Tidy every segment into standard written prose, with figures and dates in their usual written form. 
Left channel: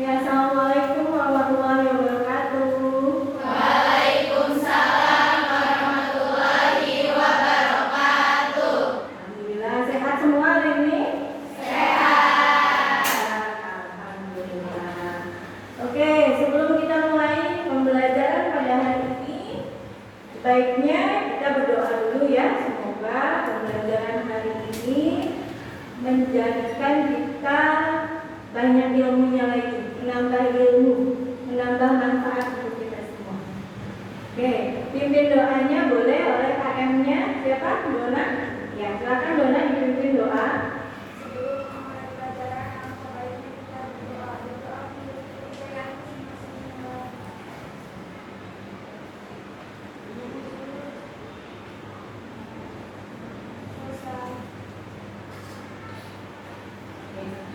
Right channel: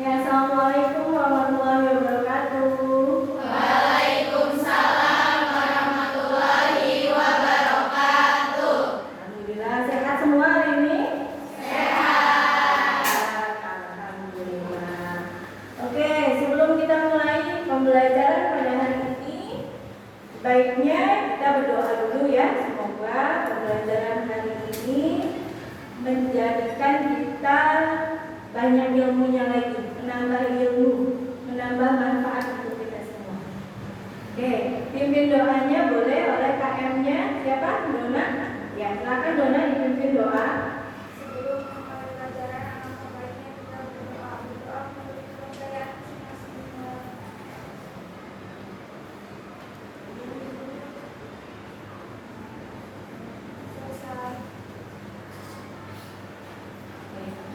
Ya, assalamualaikum warahmatullahi wabarakatuh. Waalaikumsalam warahmatullahi wabarakatuh. Alhamdulillah sehat semua hari ini. Sehat. Alhamdulillah. Oke, sebelum kita mulai pembelajaran pada hari ini, baiknya kita berdoa dulu ya. Semoga pembelajaran hari ini menjadikan kita banyak ilmunya lagi, menambah ilmu, menambah manfaat untuk kita semua. Oke, pimpin doanya boleh oleh KM-nya siapa? Dona? Ya, silakan Dona dipimpin doa. Sebelum memulai pelajaran, sebaiknya kita berdoa untuk pelajaran masing-masing.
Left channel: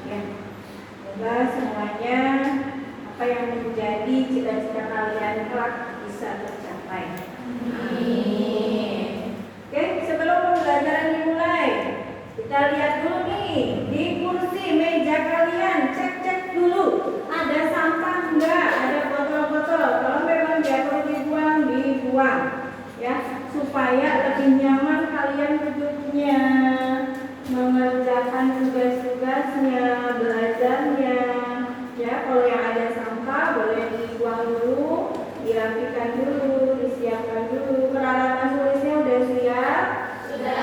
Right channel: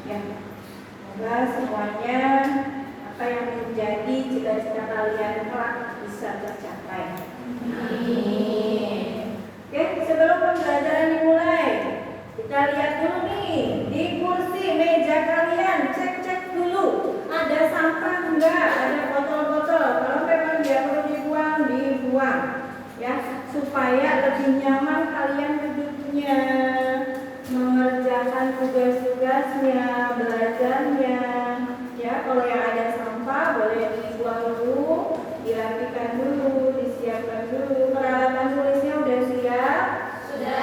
Ya, semoga semuanya apa yang menjadi cita-cita kalian kelak bisa tercapai. Amin. Oke, sebelum pembelajaran dimulai, kita lihat dulu nih di kursi meja kalian, cek dulu ada sampah enggak, ada botol-botol. Kalau memang dia perlu dibuang, ya supaya lebih nyaman kalian duduknya, mengerjakan tugas-tugasnya, belajarnya. Ya, kalau yang ada sampah boleh dibuang dulu, dirapikan dulu, disiapkan dulu. Peralatan tulisnya udah siap? Sudah.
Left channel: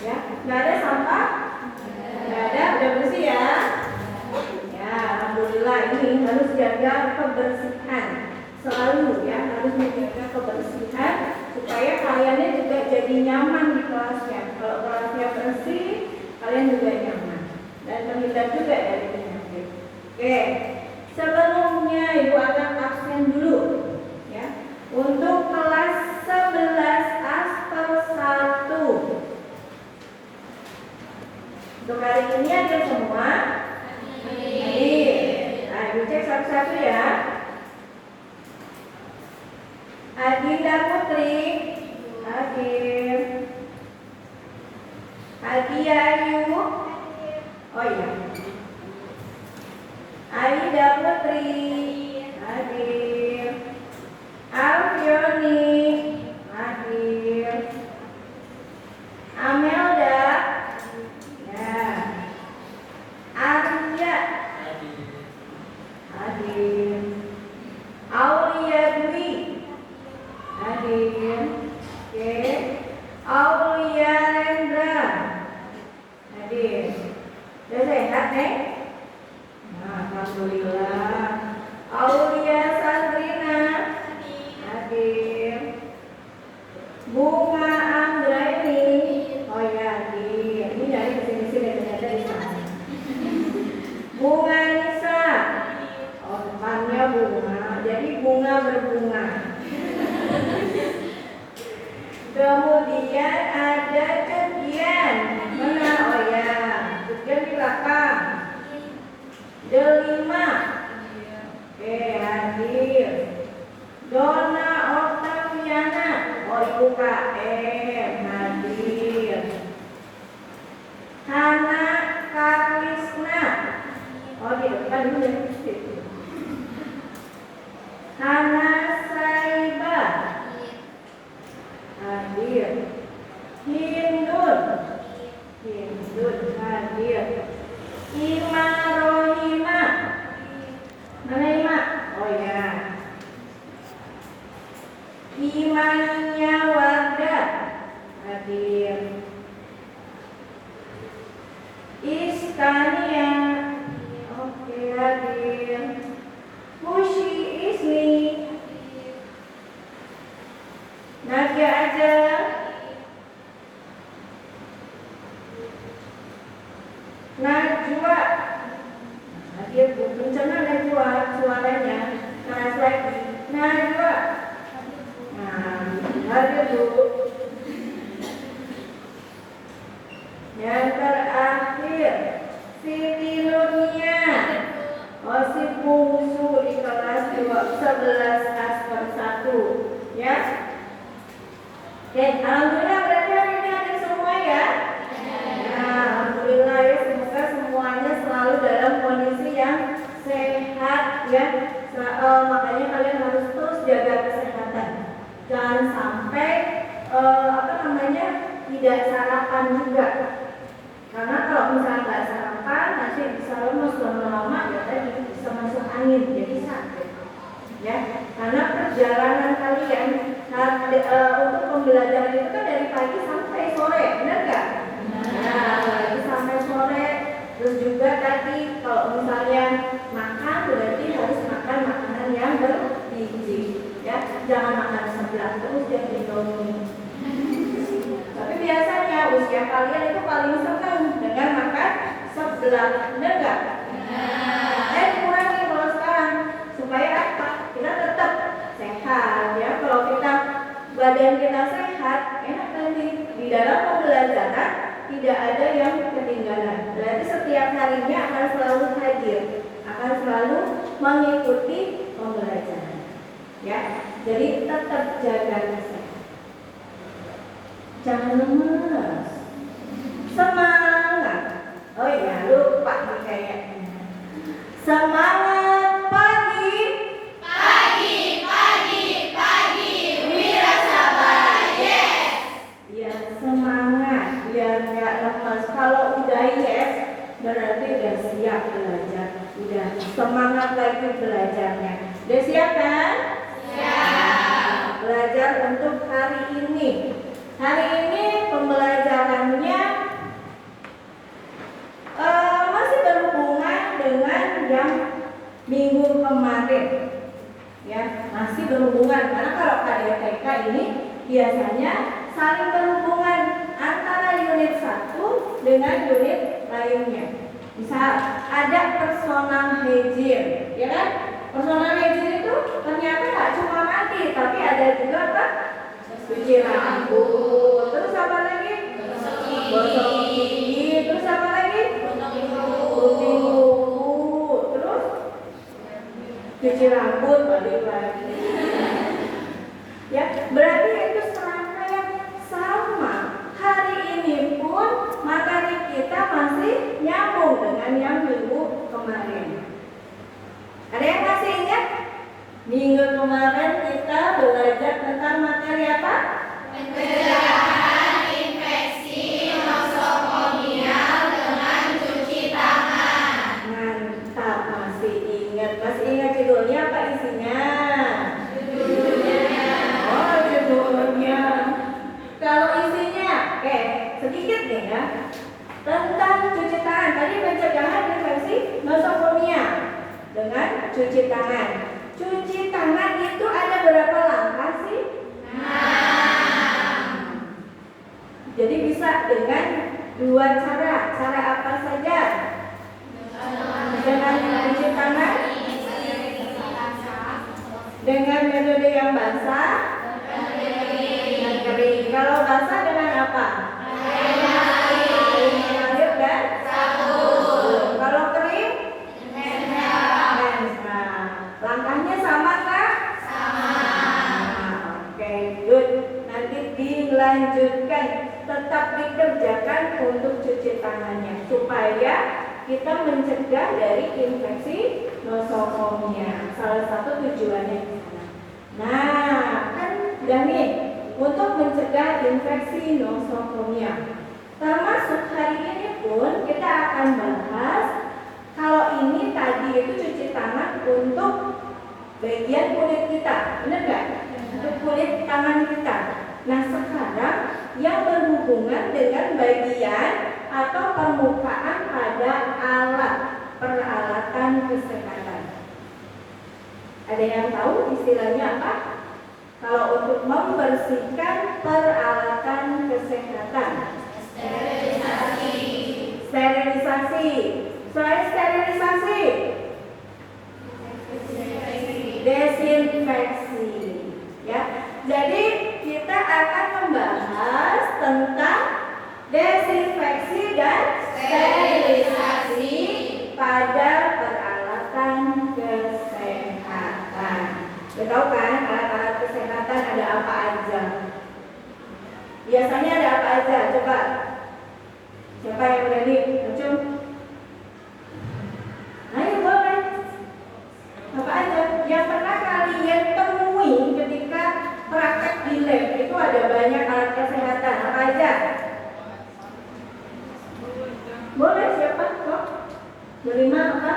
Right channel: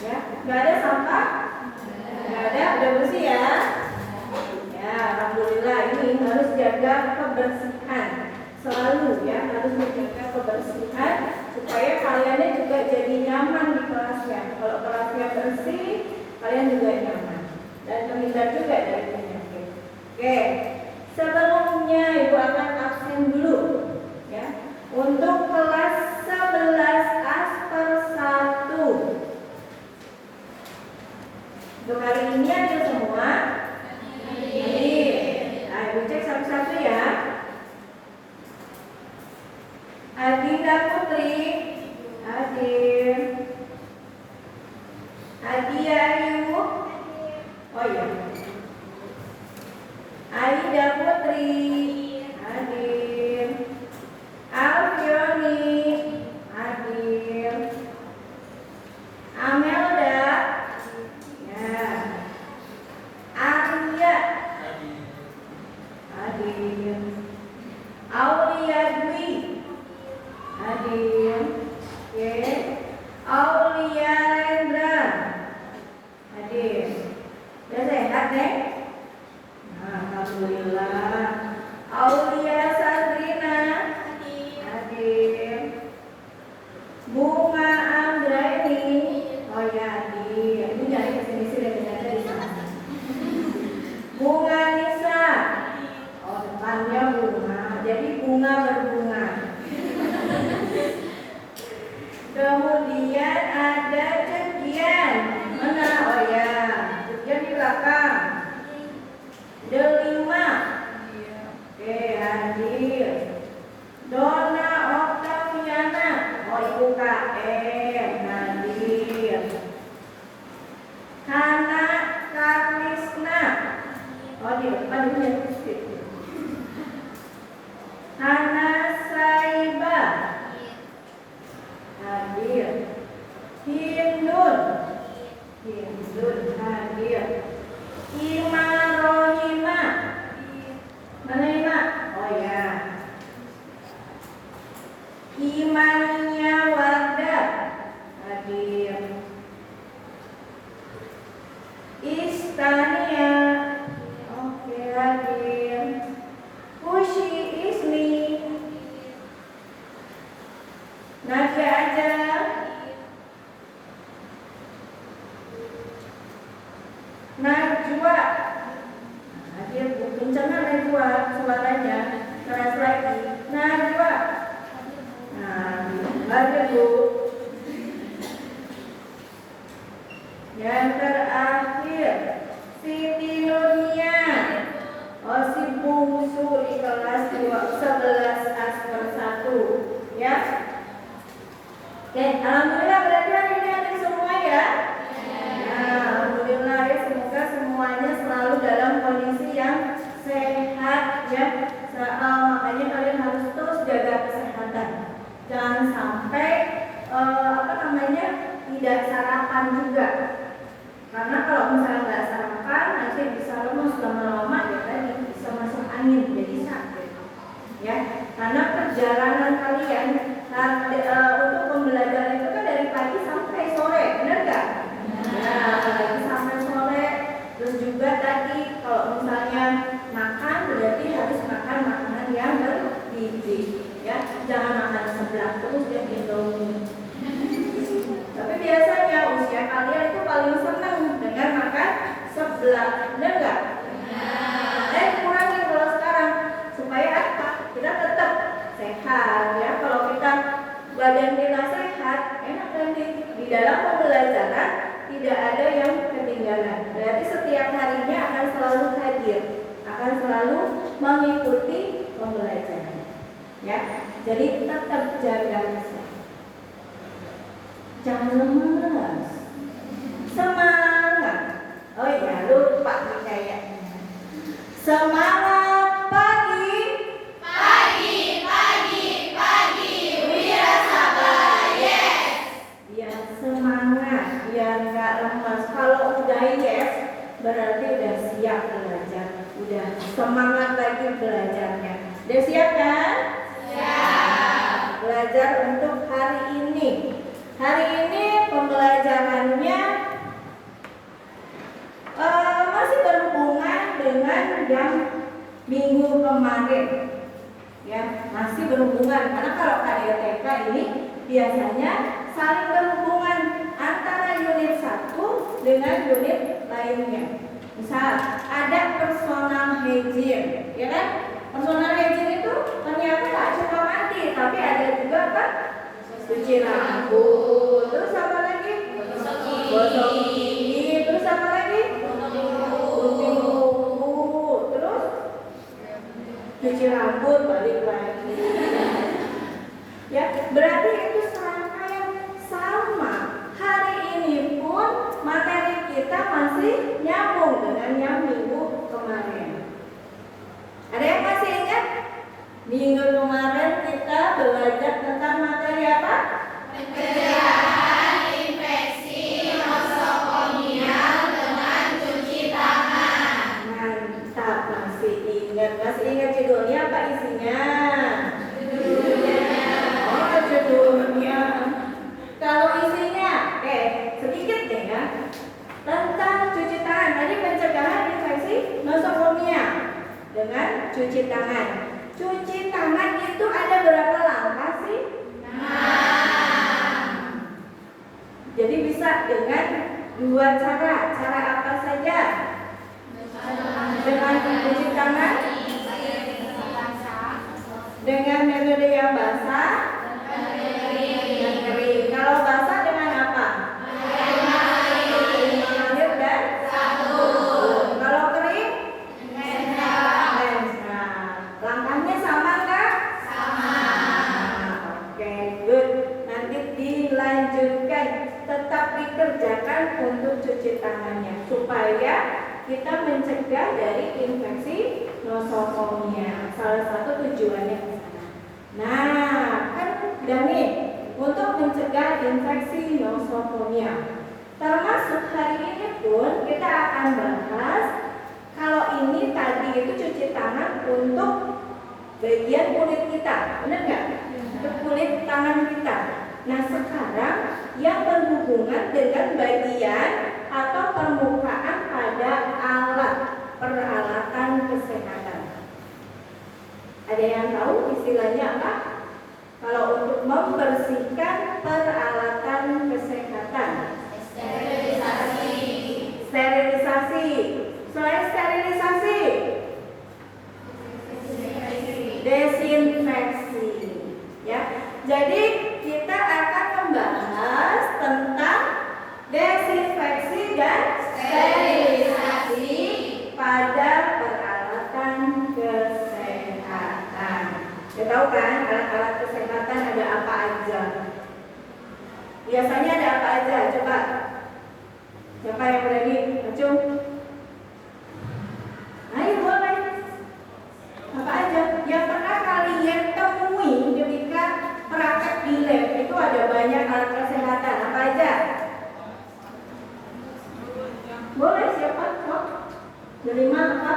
Ya, nggak ada sampah? Nggak ada, udah bersih ya? Ya, alhamdulillah ini harus jaga kebersihan selalu ya, harus menjaga kebersihan supaya kaliannya juga jadi nyaman di kelasnya. Kalau kelasnya bersih, kalian juga nyaman dan terhindar juga dari penyakit. Oke, sebelumnya Ibu akan absen dulu ya untuk kelas 11 Aster 1. Untuk hari ini ada semua? Amin. Nah, Ibu cek satu-satu ya. Adinda Putri, hadir. Adia Ayu, oh iya. Aida Putri, hadir. Alfioni, hadir. Amelda, ya. Arya, hadir. Aulia Dwi, hadir. Oke. Aulia Rendra, hadir. Udah sehat nih? Nah, alhamdulillah. Aulia Sandrina, hadir. Bunga Anggraini, oh ya hadir. Ini nyari kesini-sini ternyata di sana. Bunga Nisa, oh depannya bunga, jadi bunga berbunga. Kemudian ada Cegian, mana? Oh ya, Cegian di belakang. Delima, oke hadir. Dona Oktaviana, oh ibu KM, hadir. Hana Karisna, oh di depan dulu ya. Hana Saiba, hadir. Hindun hadir. Ima Rohima, mana Ima? Oh ya. Imania Warda, hadir. Iskania, oke hadir. Hushi Isni, Nadia aja. Najwa, hadir. Kencana Najwa suaranya, keras lagi. Najwa, nah hadir Bu. Yang terakhir Siti Nunia, oh si bungsu di kelas 11 Asker 1 ya. Oke, alhamdulillah berarti hari ini ada semua ya. Ya, alhamdulillah ya, semoga semuanya selalu dalam kondisi yang sehat. tidak sarapan juga. Karena kalau misalnya nggak sarapan, nanti bisa lemes lama-lama ya tadi bisa masuk angin jadi sakit. Ya, karena perjalanan kalian untuk pembelajaran itu kan dari pagi sampai sore, benar nggak? Nah, pagi sampai sore. Terus juga tadi kalau misalnya makan berarti harus makan makanan yang bergizi. Ya, jangan makan sebelah terus ya Indomie. Tapi biasanya usia kalian itu paling senang dengan makan sebelah, benar nggak? Kurangi kalau sekarang supaya apa? Kita tetap sehat ya. Kalau kita badan kita sehat, enak nanti di dalam pembelajaran tidak ada yang ketinggalan. Berarti setiap harinya akan selalu hadir, akan selalu mengikuti pembelajaran. Ya, jadi tetap jaga kesehatan. Jangan lemas, semangat. Oh iya, lupa nih kayaknya. Semangat pagi. Wira sabar, yes. Biar semangat, biar nggak lemas. Kalau udah yes, berarti udah siap belajar, udah semangat lagi belajarnya. Udah siap kan? Siap. Belajar untuk hari ini. Hari ini pembelajarannya masih berhubungan dengan yang minggu kemarin. Ya, masih berhubungan karena kalau KDTK ini biasanya saling berhubungan antara unit 1 dengan unit lainnya. Misal ada personal hygiene, ya kan? Personal hygiene itu ternyata tak cuma mandi, tapi ada juga apa? Cuci rambut, terus apa lagi? Gosok gigi, terus apa lagi? Cuci mulut, terus cuci rambut, balik lagi. Ya, berarti itu serangkaian sama. Hari ini pun materi kita masih nyambung dengan yang minggu kemarin. Ada yang masih ingat? Minggu kemarin kita belajar tentang materi apa? Pencegahan infeksi nosokomial dengan cuci tangan. Mantap, masih ingat. Masih ingat judulnya apa isinya? Oh, judulnya. Kalau isinya, oke, sedikit nih ya. Tentang cuci tangan. Tadi pencegahan infeksi nosokomia dengan cuci tangan. Cuci tangan itu ada berapa langkah sih? Jadi bisa dengan 2 cara. Cara apa saja? Dengan cuci tangan, dengan metode yang basah, dan kering. Kalau basah dengan apa? Air mengalir dan sabun. Kalau kering? Langkahnya sama nggak? Sama. Oke, good. Nanti dilanjutkan, tetap dikerjakan untuk cuci tangannya supaya kita mencegah dari infeksi nosokomia. Salah satu tujuannya di sana. Nah, kan udah nih untuk mencegah infeksi nosokomia. Termasuk hari ini pun kita akan bahas. Kalau ini tadi itu cuci tangan untuk bagian kulit kita, benar nggak? Untuk kulit tangan kita. Nah sekarang yang berhubungan dengan bagian atau permukaan pada alat peralatan kesehatan. Ada yang tahu istilahnya apa? Kalau untuk membersihkan peralatan kesehatan, sterilisasi. Selain sterilisasi, desinfeksi. Ya, jadi kita akan membahas tentang desinfeksi dan sterilisasi pada peralatan kesehatan. Kita tahu kan alat-alat kesehatan ada apa aja? Biasanya ada apa aja? Coba, siapa yang berani? Acung? Kelima apa?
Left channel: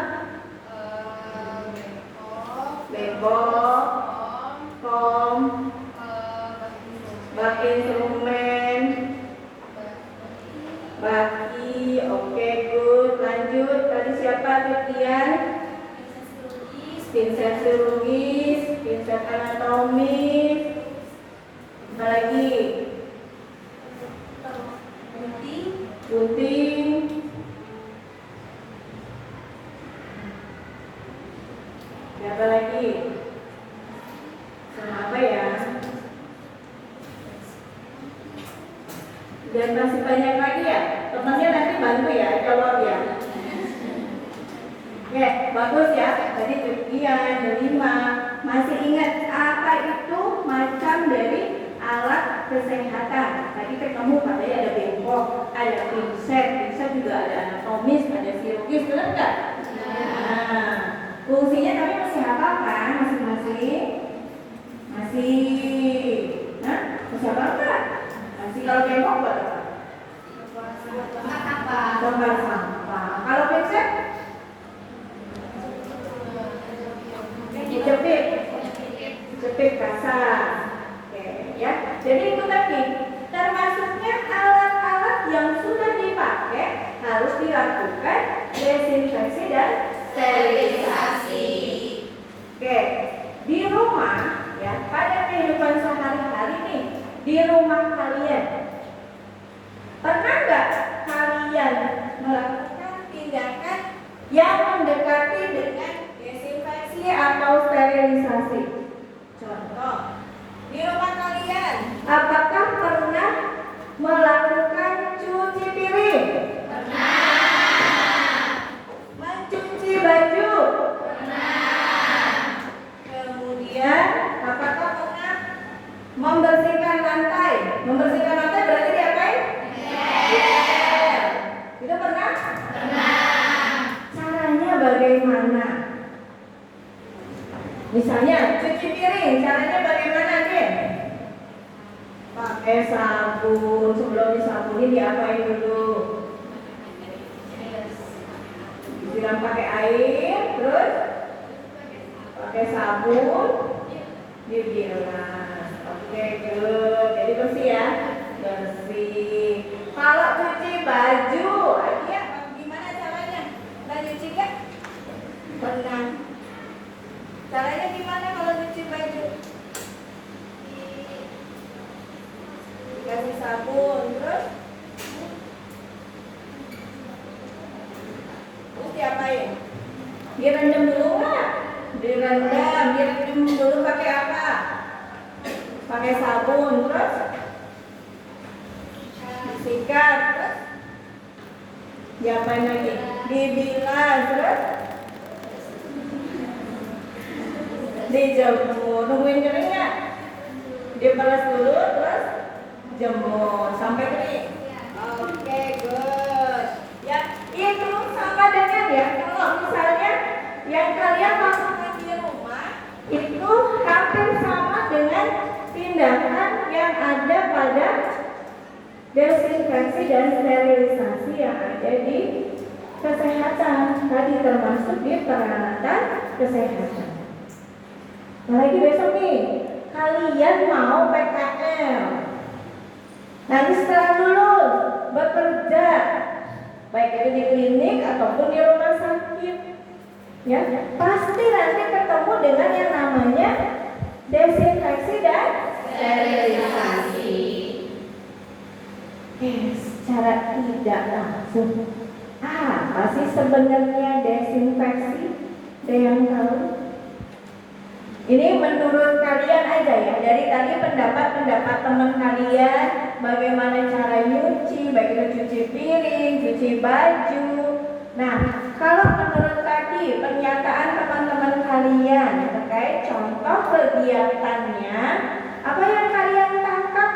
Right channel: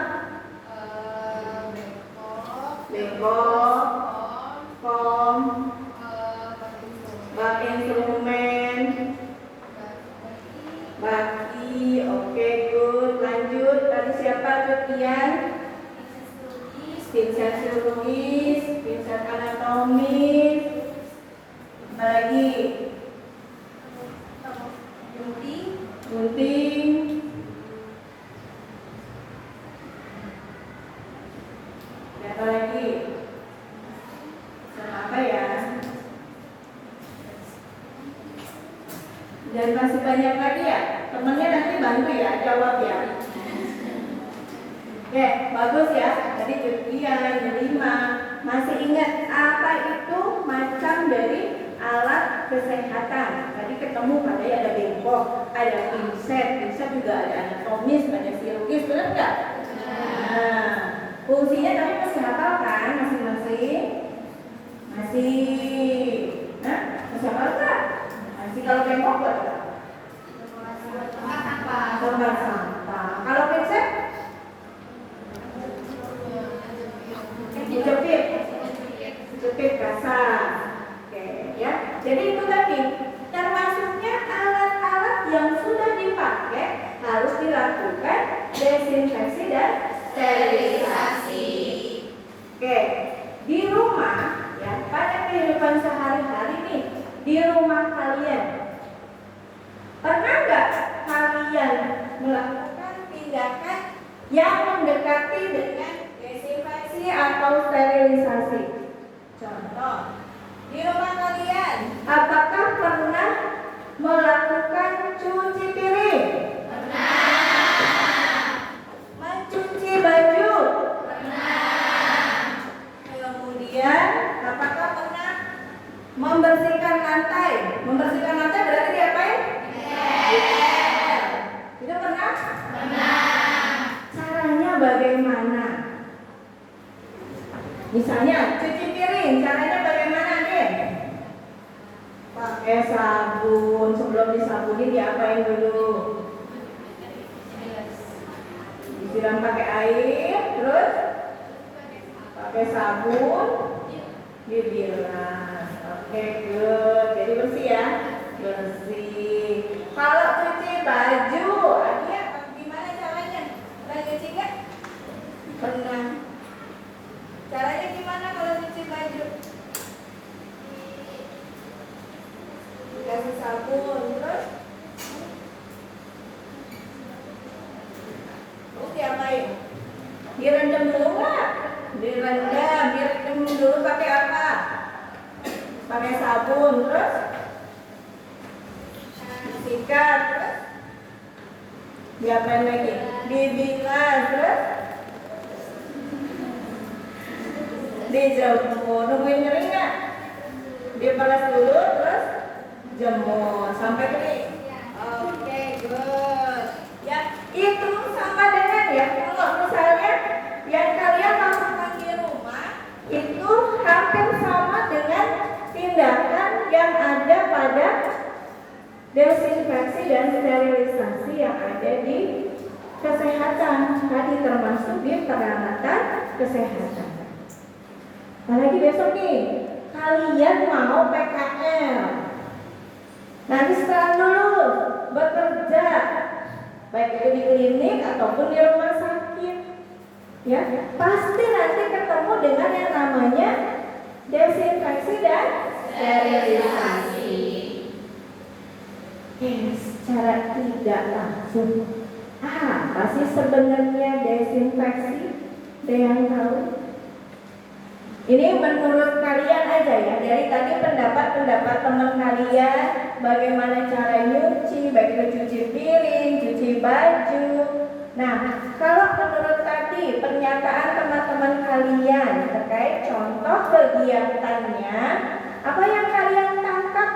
Bengkok, Kom, bak instrumen, baki, oke, good. Lanjut, tadi siapa Titian? Pinset chirurgis, pinset anatomis, apa lagi? Gunting, apa lagi? Sama apa ya? Dan masih banyak lagi ya. Temannya nanti bantu ya, jawab ya. Oke, bagus ya. Tadi Titian, 5. Masih ingat apa itu macam dari alat kesehatan? Tadi ketemu katanya ada bengkok, ada pinset juga ada anatomis, ada chirurgis, benar nggak? Nah, fungsinya tapi masih hafal kan masing-masing? Masih. Nah, masih hafal nggak? Masih. Kalau bengkok nggak? Tempat sampah. Kalau pinset? Jepit kasar. Oke ya. Jadi itu tadi termasuknya alat-alat yang sudah dipakai harus dilakukan desinfeksi dan sterilisasi. Oke, di rumah ya, pada kehidupan sehari-hari nih, di rumah kalian pernah nggak kalian melakukan tindakan yang mendekati dengan desinfeksi atau sterilisasi? Contoh, di rumah kalian, apakah pernah melakukan cuci piring? pernah, Mencuci baju? pernah, Kemudian, apakah pernah membersihkan lantai? Membersihkan lantai berarti diapain? Ngepel. Itu pernah? pernah, Caranya bagaimana? Misalnya cuci piring, caranya bagaimana nih? Pakai sabun, sebelum disabunin diapain dulu? Disiram pakai air, terus pakai sabun, dibilas. Oke, good. Jadi bersih ya, bersih. Kalau cuci baju, Adia gimana caranya? Pernah cuci nggak? Pernah. Caranya gimana kalau cuci baju? Dikasih sabun, terus diapain? Direndam dulu nggak? Direndam dulu pakai apa? Pakai sabun, terus disikat, terus diapain lagi? Dibilas, terus dijemur. Nungguin kering nggak? Diperas dulu, terus jemur sampai kering. Oke, good. Ya, itu sama dengan ya. Kalau misalnya yang kalian lakukan di rumah itu hampir sama dengan tindakan yang ada pada desinfeksi dan sterilisasi yang ada di kesehatan. Tadi termasuk di peralatan kesehatan. Apalagi besok nih, kalian mau PKL. Nanti setelah lulus bekerja, baik itu di klinik ataupun di rumah sakit, ya pasti nanti ketemu dengan yang namanya desinfeksi dan sterilisasi. Secara tidak langsung, apa sih sebenarnya desinfeksi? Ada yang tahu? Ini menurut kalian aja ya, dari tadi pendapat teman kalian, bagaimana cara nyuci, baik itu cuci piring, cuci baju. Nah, kalau menurut tadi pernyataan teman-teman kalian terkait contoh kegiatannya, apa yang kalian tangkap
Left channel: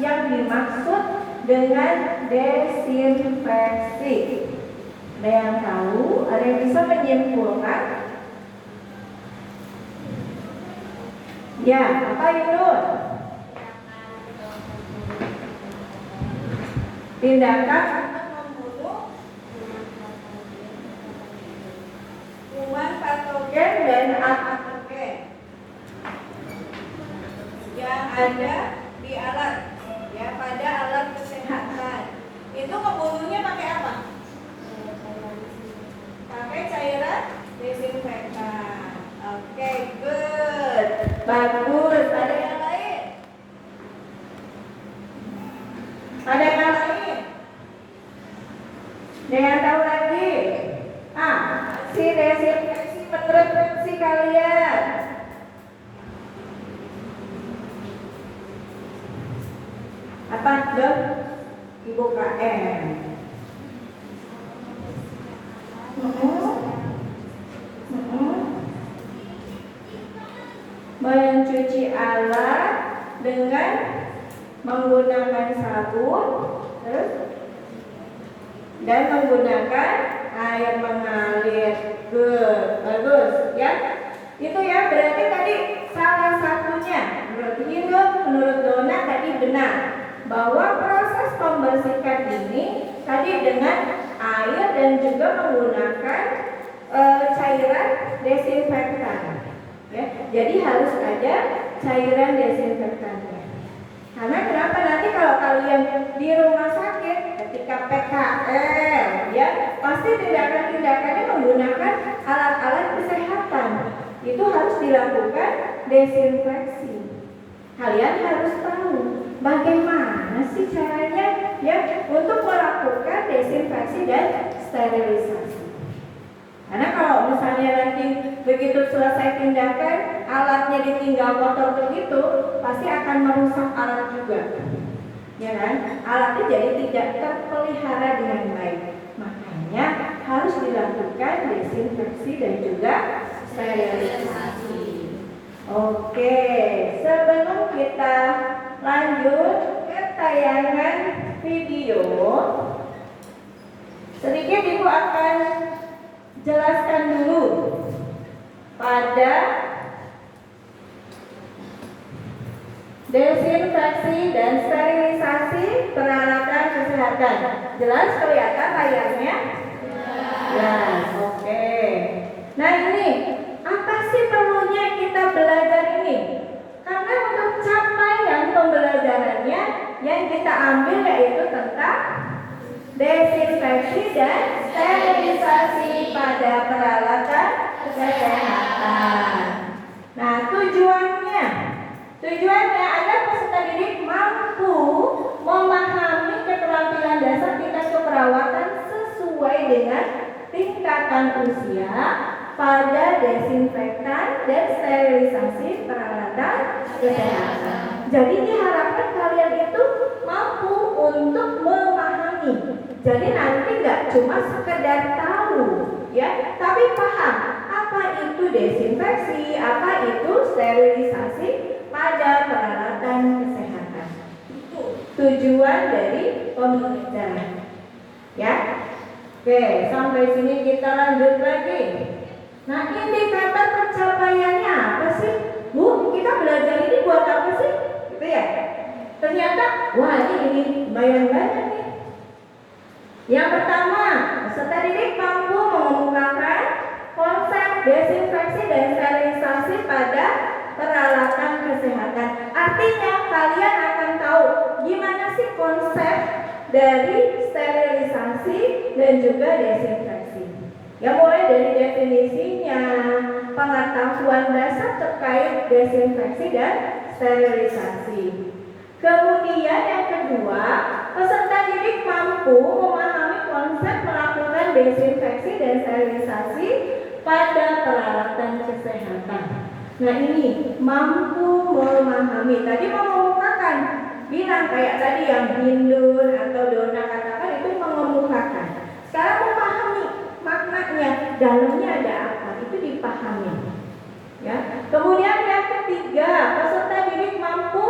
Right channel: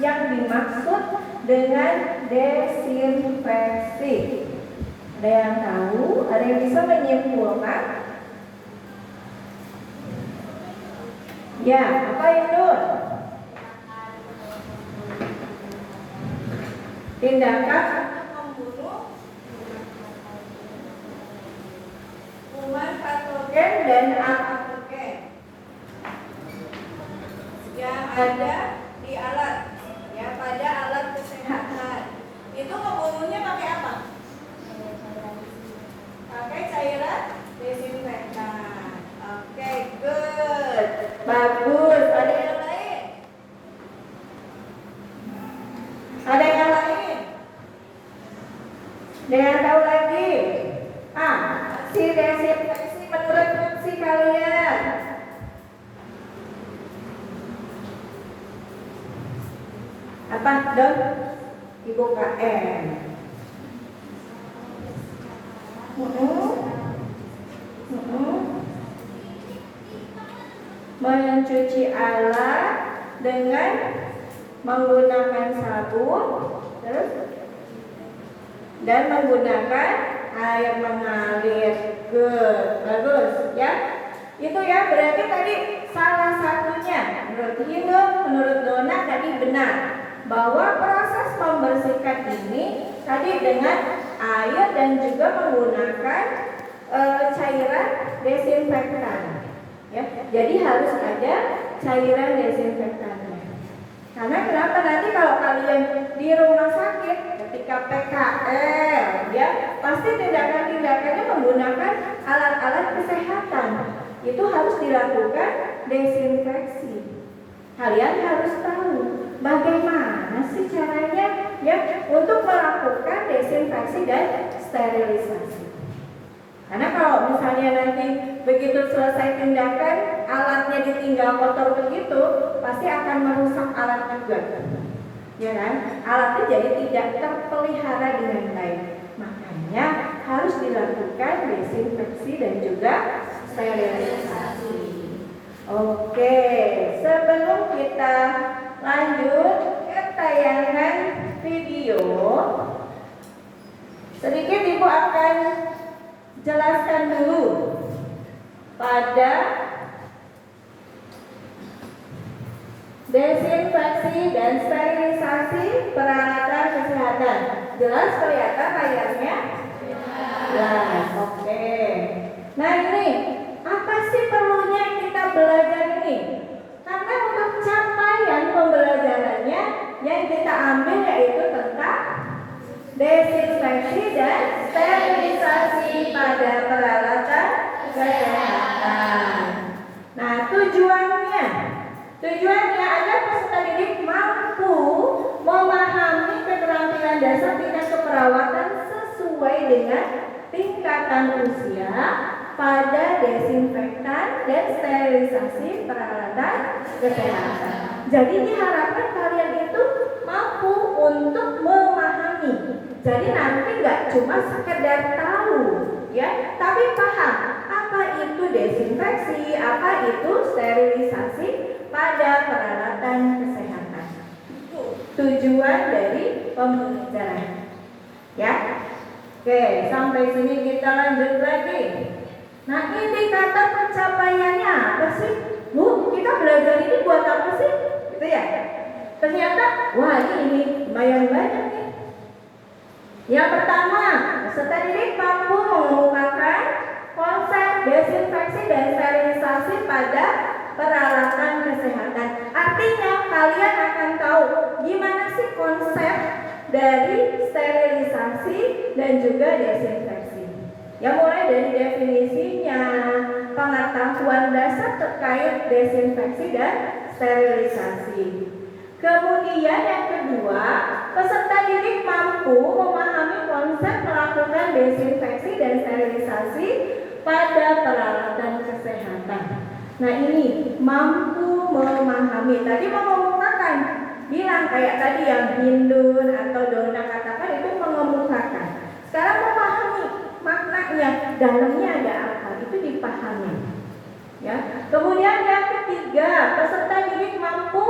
yang dimaksud dengan desinfeksi? Ada yang tahu? Ada yang bisa menyimpulkan? Ya, apa itu? Tindakan untuk membunuh kuman patogen dan apatogen yang ada di alat, ya, pada alat kesehatan. Itu ngebunuhnya pakai apa? Pakai cairan desinfektan. Oke, good, bagus. Ada yang lain? Ada yang lain? Ada yang tahu lagi? Si desinfeksi menurut fungsi kalian. Apa dong? Ibu KM. Mencuci alat dengan menggunakan sabun, terus dan menggunakan air mengalir. Good, bagus ya. Itu ya, berarti tadi salah satunya menurut Hindu, menurut Dona tadi benar bahwa proses membersihkan ini tadi dengan air dan juga menggunakan cairan desinfektan. Ya, jadi harus ada cairan desinfektannya. Karena kenapa, nanti kalau kalian di rumah sakit ketika PKL, ya pasti tindakan-tindakannya menggunakan alat-alat kesehatan. Itu harus dilakukan desinfeksi. Kalian harus tahu bagaimana sih caranya ya untuk melakukan desinfeksi dan sterilisasi. Karena kalau misalnya nanti begitu selesai tindakan, alatnya ditinggal kotor begitu, pasti akan merusak alat juga, ya kan? Alatnya jadi tidak terpelihara dengan baik. Makanya harus dilakukan desinfeksi dan juga sterilisasi. Oke, sebelum kita lanjut ke tayangan video, sedikit Ibu akan jelaskan dulu pada desinfeksi dan sterilisasi peralatan kesehatan. Jelas kelihatan layarnya? Jelas, oke. Nah ini, apa sih perlunya kita belajar ini? Karena untuk capaian pembelajarannya yang kita ambil yaitu tentang desinfeksi dan sterilisasi pada peralatan kesehatan. Nah, tujuannya agar peserta didik mampu memahami keterampilan dasar tingkat keperawatan sesuai dengan tingkatan usia pada desinfektan dan sterilisasi peralatan kesehatan. Jadi diharapkan kalian itu mampu untuk memahami. Jadi nanti nggak cuma sekedar tahu, ya, tapi paham apa itu desinfeksi, apa itu sterilisasi pada peralatan kesehatan. Itu tujuan dari pembelajaran. Ya, oke, sampai sini kita lanjut lagi. Nah, indikator pencapaiannya apa sih? Bu, kita belajar ini buat apa sih? Gitu ya. Ternyata, wah ini lumayan banyak nih. Yang pertama, peserta didik mampu mengemukakan konsep desinfeksi dan sterilisasi pada peralatan kesehatan. Artinya kalian akan tahu gimana sih konsep dari sterilisasi dan juga desinfeksi. Ya, mulai dari definisinya, pengetahuan dasar terkait desinfeksi dan sterilisasi. Kemudian yang kedua, peserta didik mampu memahami konsep melakukan desinfeksi dan sterilisasi pada peralatan kesehatan. Nah ini mampu memahami. Tadi mengemukakan, bilang kayak tadi yang Hindun atau Dona katakan itu mengemukakan. Sekarang memahami maknanya, dalamnya ada apa, itu dipahami. Ya. Kemudian yang ketiga, peserta didik mampu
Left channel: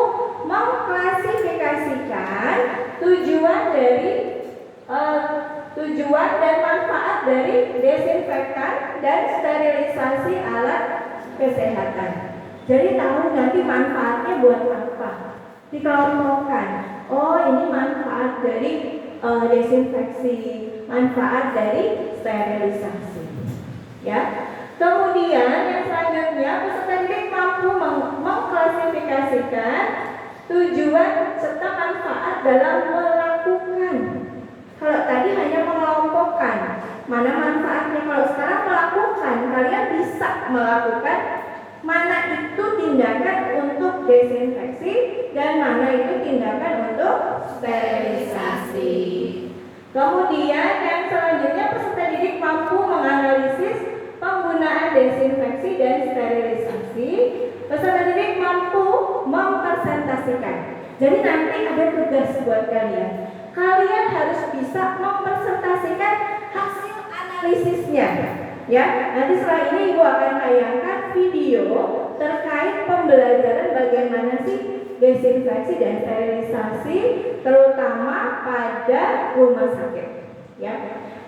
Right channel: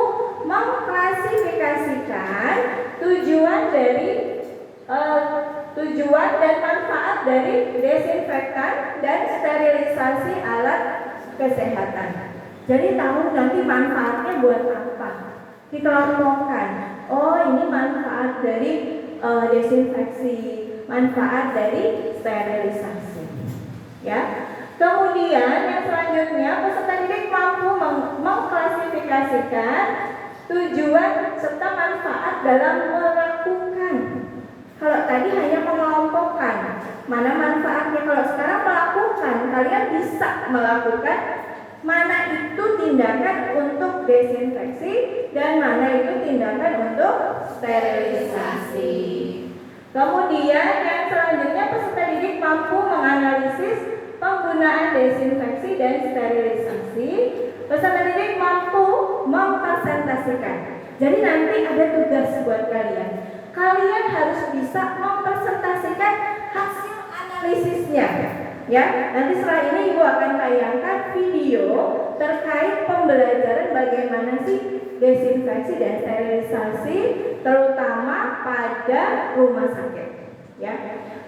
mengklasifikasikan tujuan dan manfaat dari desinfektan dan sterilisasi alat kesehatan. Jadi tahu nanti manfaatnya buat apa, dikelompokkan. Oh, ini manfaat dari desinfeksi, manfaat dari sterilisasi. Ya. mengklasifikasikan tujuan serta manfaat dalam melakukan. Kalau tadi hanya mengelompokkan, mana manfaatnya. Kalau sekarang melakukan, kalian bisa melakukan mana itu tindakan untuk desinfeksi dan mana itu tindakan untuk sterilisasi. Kemudian yang selanjutnya peserta didik mampu menganalisis penggunaan desinfeksi dan sterilisasi. Peserta didik mampu mempresentasikan. Jadi nanti ada tugas buat kalian. Kalian harus bisa mempresentasikan hasil analisisnya. Ya, nanti setelah ini Ibu akan tayangkan video terkait pembelajaran bagaimana sih desinfeksi dan sterilisasi, terutama pada rumah sakit. Ya.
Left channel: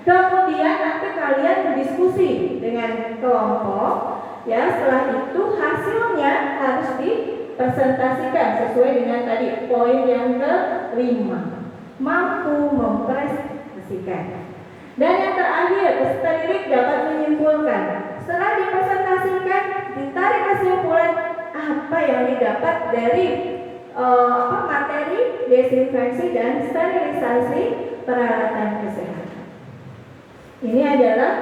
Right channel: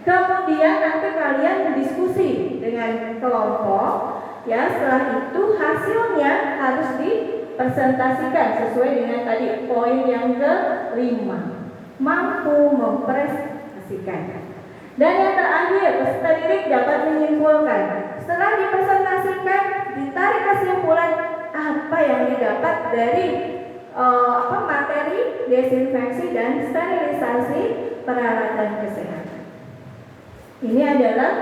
Kemudian nanti kalian berdiskusi dengan kelompok. Ya, setelah itu hasilnya harus dipresentasikan sesuai dengan tadi poin yang kelima. Mampu mempresentasikan. Dan yang terakhir, peserta didik dapat menyimpulkan. Setelah dipresentasikan, ditarik kesimpulan apa yang didapat dari materi desinfeksi dan sterilisasi peralatan kesehatan. Ini adalah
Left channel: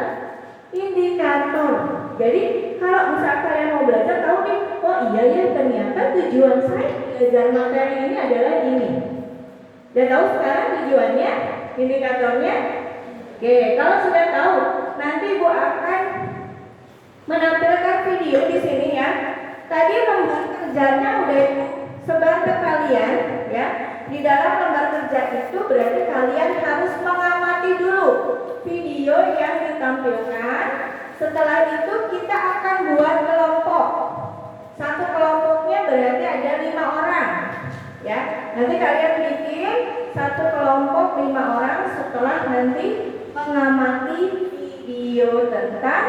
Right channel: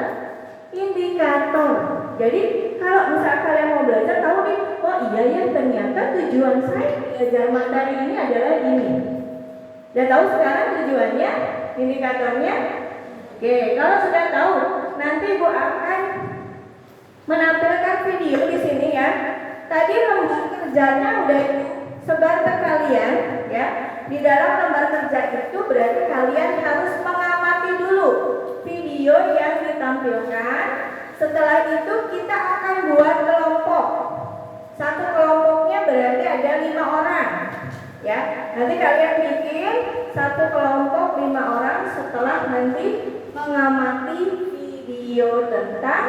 indikator. Jadi kalau misalnya kalian mau belajar, tahu nih, oh iya ya ternyata tujuan saya belajar materi ini adalah ini. Dan tahu sekarang tujuannya, indikatornya. Oke, kalau sudah tahu, nanti Ibu akan menampilkan video di sini ya. Tadi lembar kerjanya udah sebar ke kalian ya. Di dalam lembar kerja itu berarti kalian harus mengamati dulu video yang ditampilkan. Setelah itu kita akan buat kelompok. Satu kelompoknya berarti ada 5 orang. Ya, nanti kalian bikin satu kelompok 5 orang setelah nanti mengamati video tentang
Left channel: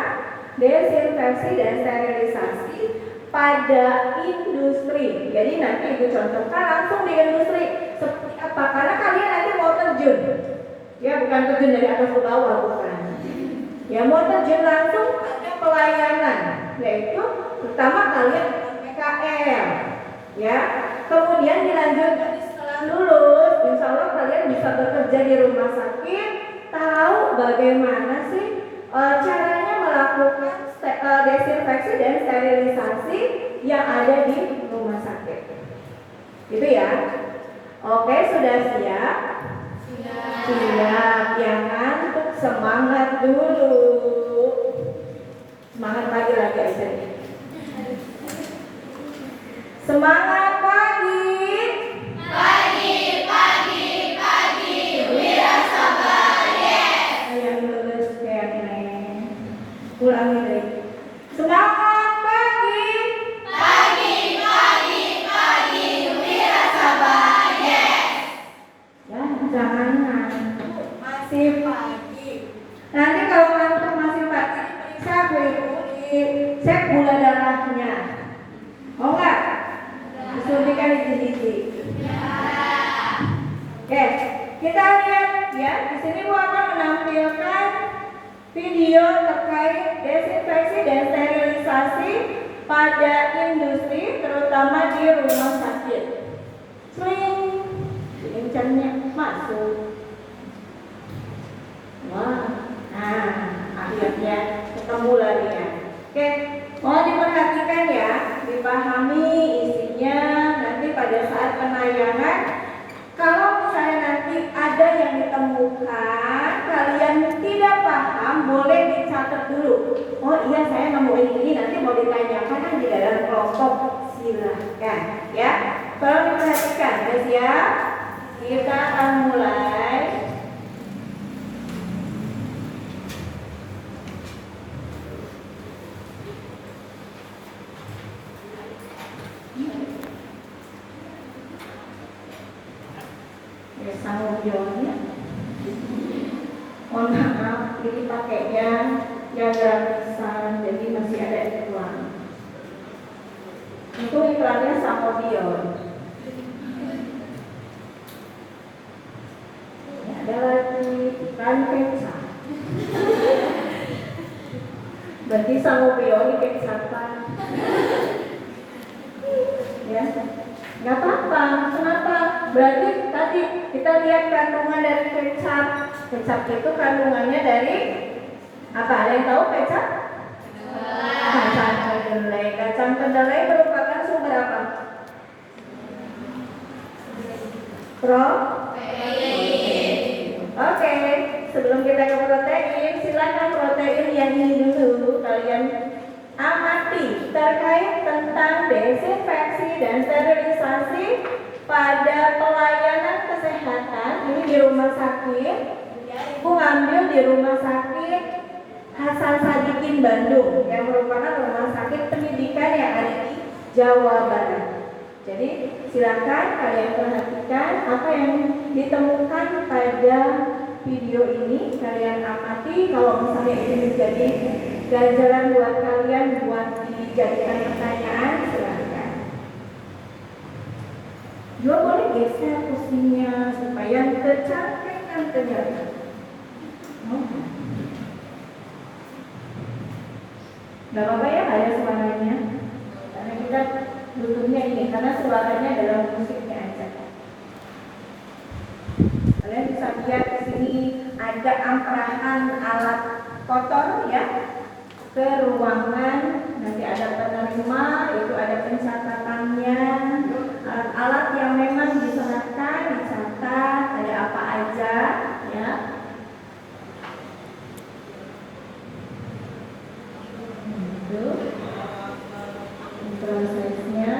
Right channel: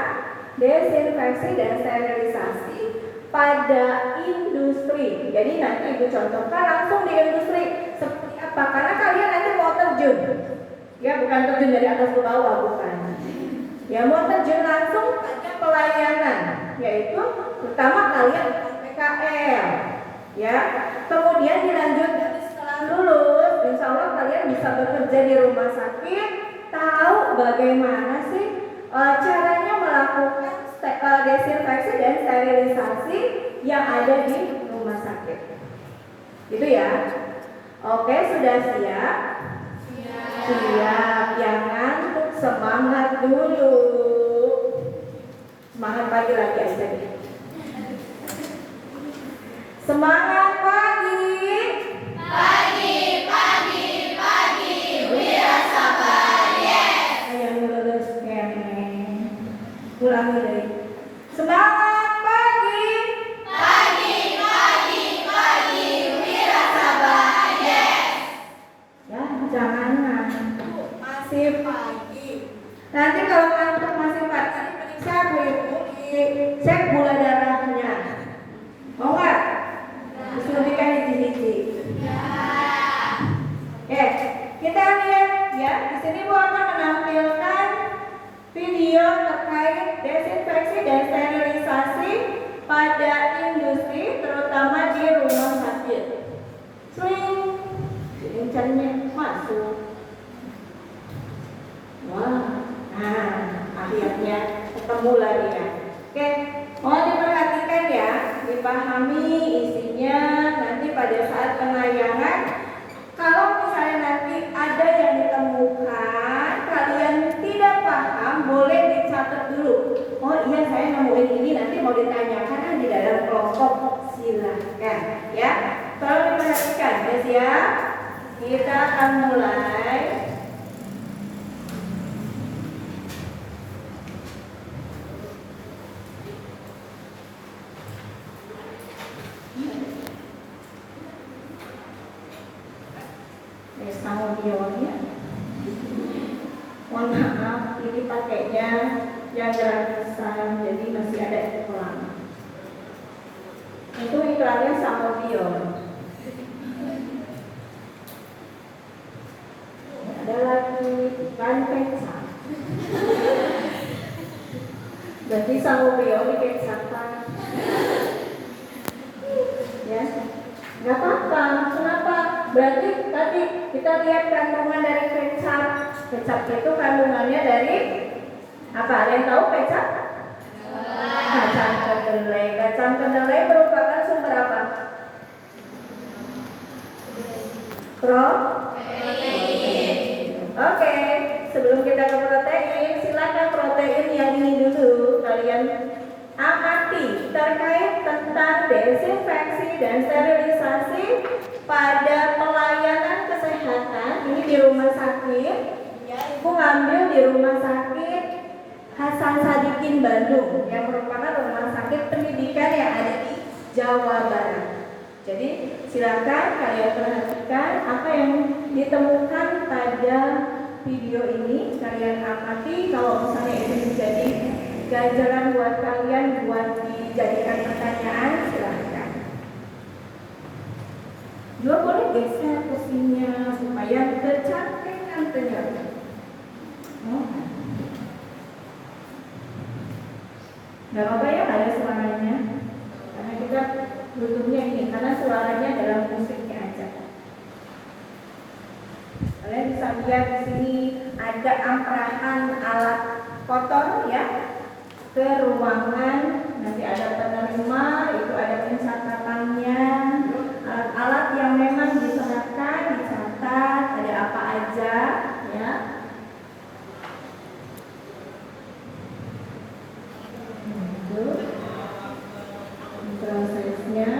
desinfeksi dan sterilisasi pada industri. Jadi nanti Ibu contohkan langsung di industri seperti apa, karena kalian nanti mau terjun. Ya, bukan terjun dari atas ke bawah, bukan. Ya, mau terjun langsung pada pelayanan, yaitu pertama kalian PKL. Ya, kemudian dilanjutkan setelah lulus, insya Allah kalian bisa bekerja di rumah sakit, tahu bagaimana sih caranya melakukan desinfeksi dan sterilisasi yang ada di rumah sakit. Gitu ya. Oke, sudah siap? Siap. Yang ngantuk semangat dulu. Semangat pagi lagi aja nih. Semangat pagi. Ulangi lagi. Semangat pagi. Wira sabar. Yes. Ya, jangan ngantuk. Masih pagi. Nanti kalau ngantuk masih pagi, periksa Bu Ibu, cek gula darahnya. Mau nggak? Disuntikan gigi-gigi. Oke, kita lihat ya. Di sini Bu akan menampilkan video terkait desinfeksi dan sterilisasi pada industri, terutama di rumah sakit. Swing, kencangnya masuk. Wah, nah akhirnya ketemu lagi ya. Oke, mau diperhatikan ya, dipahami isinya nanti pada saat penayangan. Kalau misalnya nanti ada yang ditemukan, kalian tidak paham, boleh dicatat dulu. Oh iya, saya nemuin ini, nanti mau ditanyakan di dalam kelompok, silakan ya. Kalau diperhatikan, guys ya, kita akan mulai. Sama videonya. Mohon maaf, ini pakainya yang gratisan, jadi masih ada iklan. Itu iklannya sama video. Ada lagi iklan peksan. Berarti sama video ini peksan. Ya, nggak apa-apa. Kenapa? Berarti tadi kita lihat kandungan dari kecap. Kecap itu kandungannya dari apa? Ada yang tahu kecap? Kacang kedelai. Kacang kedelai merupakan sumber apa? Protein. Oke, sebelum kita ke protein, silakan protein yang ini dulu kalian amati terkait tentang desinfeksi dan sterilisasi pada pelayanan kesehatan. Ini di rumah sakit. Ibu ngambil di rumah sakit Hasan Sadikin Bandung yang merupakan rumah sakit pendidikan yang ada di Jawa Barat. Jadi silakan kalian perhatikan apa yang ditemukan pada video ini. Kalian amati, kalau misalnya ini menjadi ganjaran buat kalian buat dijadikan pertanyaan, silakan. Juga boleh geser kursinya supaya tercantik nantinya. Gak apa-apa ya, ada suaranya. Karena kita butuhnya ini, karena suaranya dalam musiknya aja. Kalian bisa lihat di sini ada angkaran alat kotor ya ke ruangan. Nanti ada penerima, itu ada pencatatannya. Alat-alat yang memang diserahkan, dicatat, ada apa aja ya. Prosesnya.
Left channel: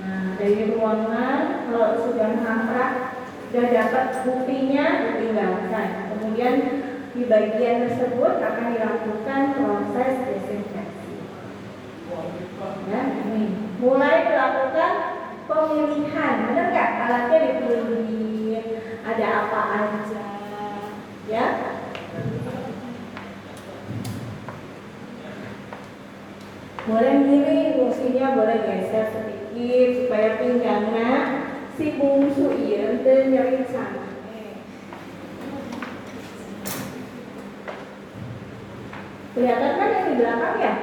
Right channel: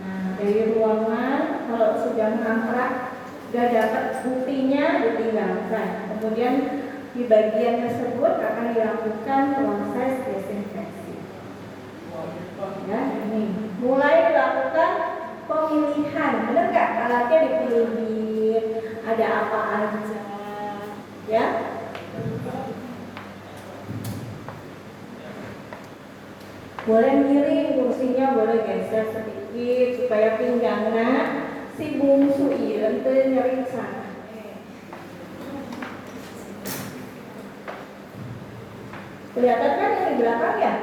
Nah, dari ruangan kalau sudah mangkrak, sudah dapat buktinya, ditinggalkan. Kemudian di bagian tersebut akan dilakukan proses desinfeksi. Ya, ini mulai dilakukan pemilihan. Benar nggak? Alatnya dipilih, ada apa aja, ya. Boleh miring kursinya, boleh geser sedikit supaya pinggangnya si bungsu ieu teu nyeri sana. Kelihatan kan yang di belakang ya?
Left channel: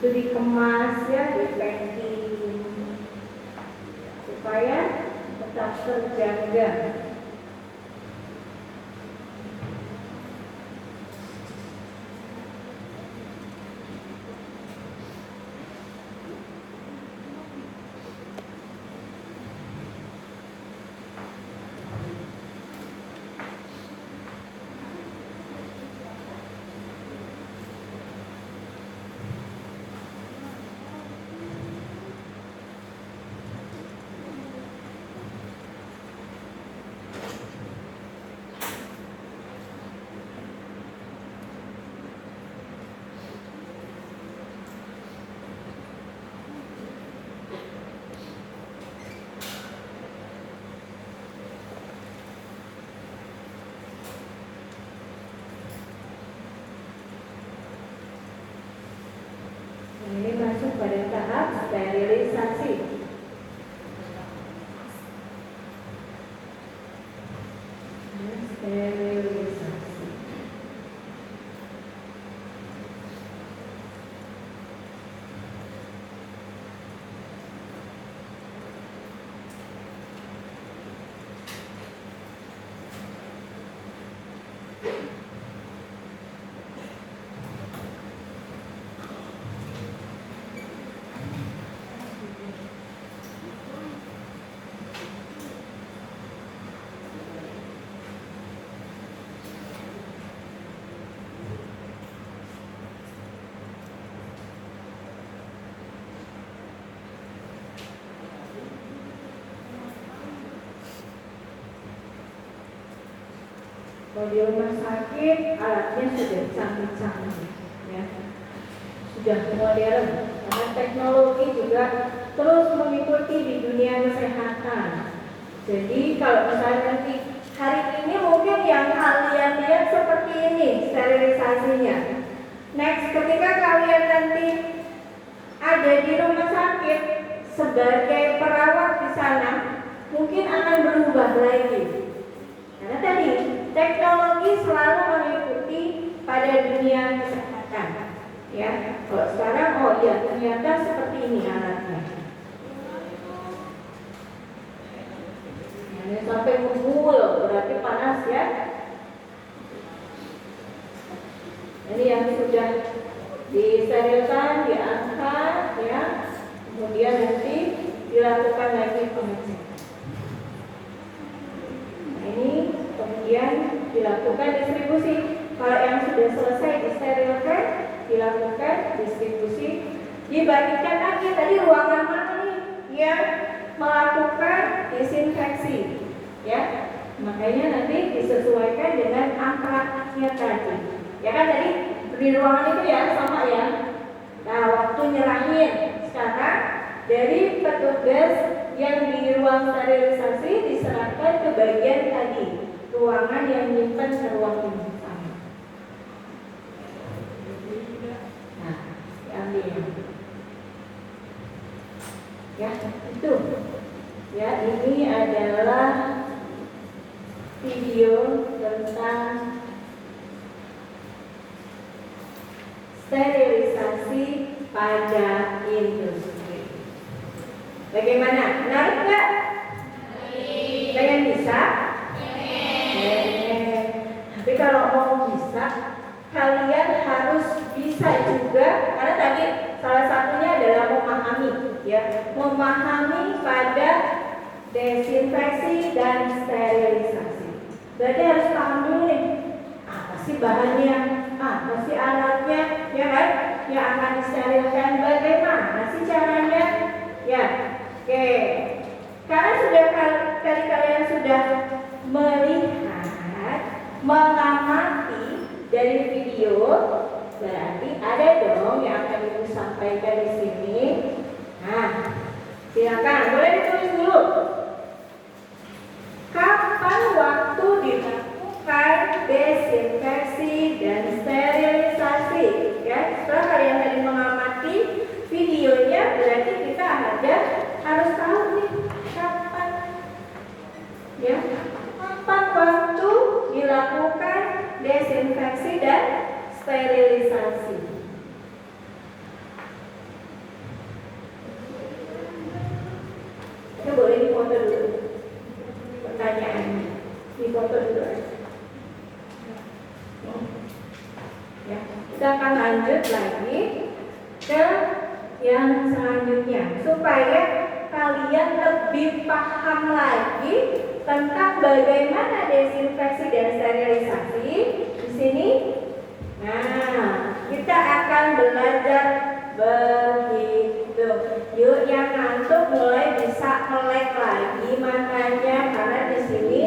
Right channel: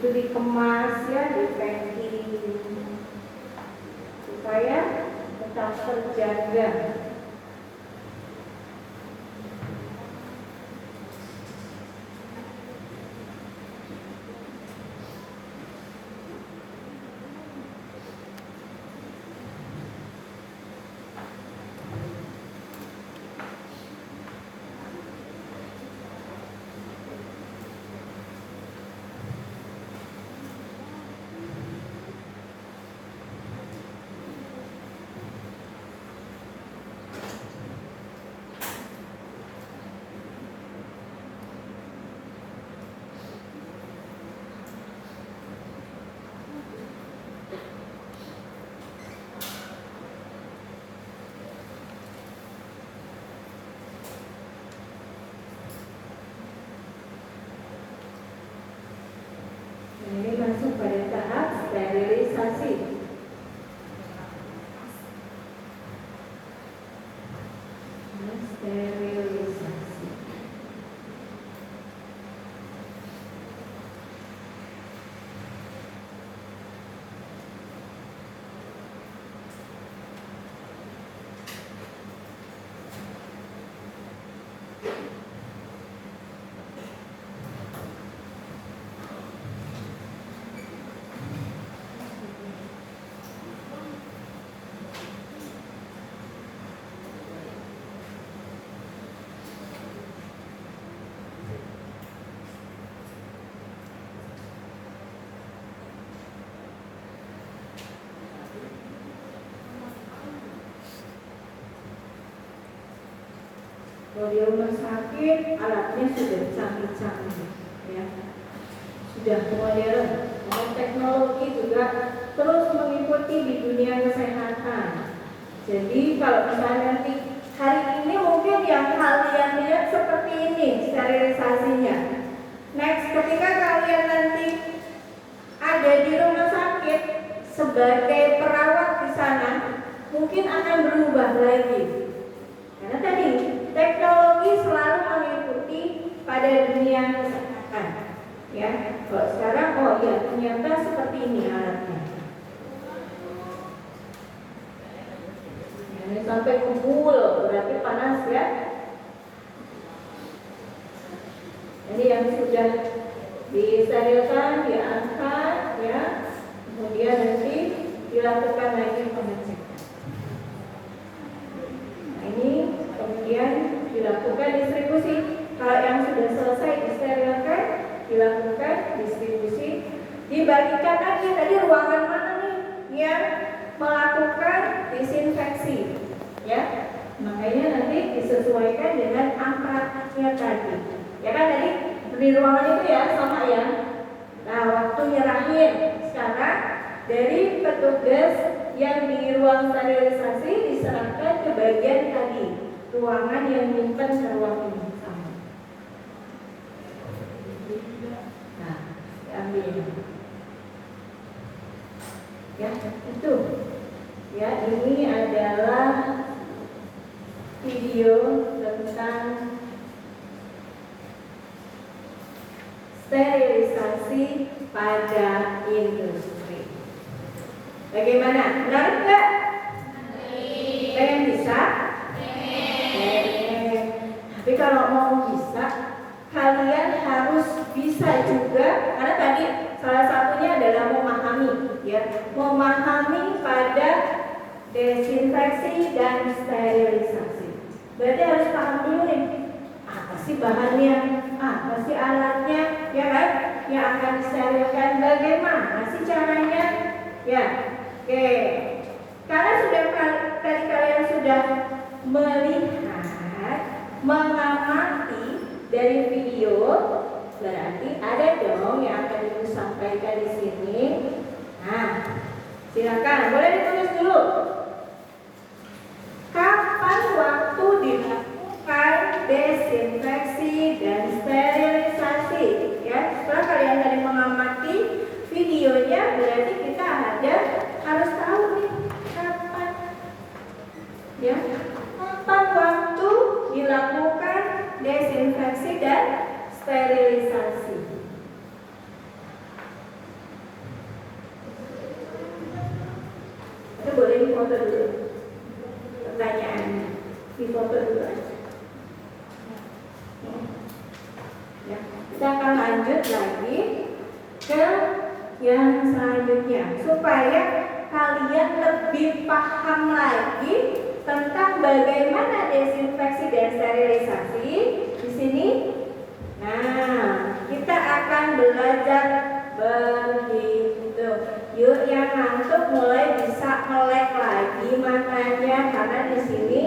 Itu dikemas ya, di packing supaya tetap terjaga. Sterilisasi. Kalau di rumah sakit alatnya sudah canggih-canggih, ya, sudah modern. Karena teknologi juga terus mengikuti di dunia kesehatan. Jadi kalau misalnya nanti hari ini mungkin yang kalian lihat seperti ini sterilisasinya. Next, ketika kalian nanti ada di rumah sakit sebagai perawat di sana, mungkin akan berubah lagi. Karena tadi teknologi selalu mengikuti pada dunia kesehatan, ya. Kalau sekarang, oh ya ternyata seperti ini alatnya. Ini sampai ngebul, berarti panas ya. Ini yang sudah disterilkan, diangkat, ya. Kemudian nanti dilakukan lagi pengecekan. Ini kemudian dilakukan distribusi. Kalau yang sudah selesai disterilkan, dilakukan distribusi, dibagikan lagi. Tadi ruangan mana nih yang melakukan disinfeksi, ya. Makanya nanti disesuaikan dengan angkanya tadi. Ya kan tadi di ruangan itu ya sama ya. Nah waktu nyerahin sekarang dari petugas yang di ruang sterilisasi diserahkan ke bagian tadi ruangan yang nyimpen ke ruang ini sama. Nah, diambil. Ya, itu. Ya, ini adalah video tentang sterilisasi pada industri. Bagaimana? Menarik nggak? Pengen bisa? Pengen. Tapi kalau mau bisa, kalian harus bisa juga. Karena tadi salah satunya adalah memahami, ya, memahami pada desinfeksi dan sterilisasi. Berarti harus paham dulu nih, apa sih bahannya, apa sih alatnya, ya kan? Yang akan disterilkan, bagaimana sih caranya, ya. Oke, karena sudah tadi kalian sudah melihat, mengamati dari video, berarti ada dong yang akan Ibu sampaikan di sini. Nah, silakan, boleh ditulis dulu. Kapan waktu dilakukan desinfeksi dan sterilisasi? Ya, setelah kalian tadi mengamati videonya, berarti kita harus tahu nih kapan, ya, kapan waktu dilakukan desinfeksi dan sterilisasi. Itu boleh difoto dulu pertanyaannya, difoto dulu aja. Ya, kita akan lanjut lagi ke yang selanjutnya supaya kalian lebih paham lagi tentang bagaimana desinfeksi dan sterilisasi di sini. Nah, kita akan belajar begitu. Yuk, yang ngantuk mulai bisa melek lagi matanya karena di sini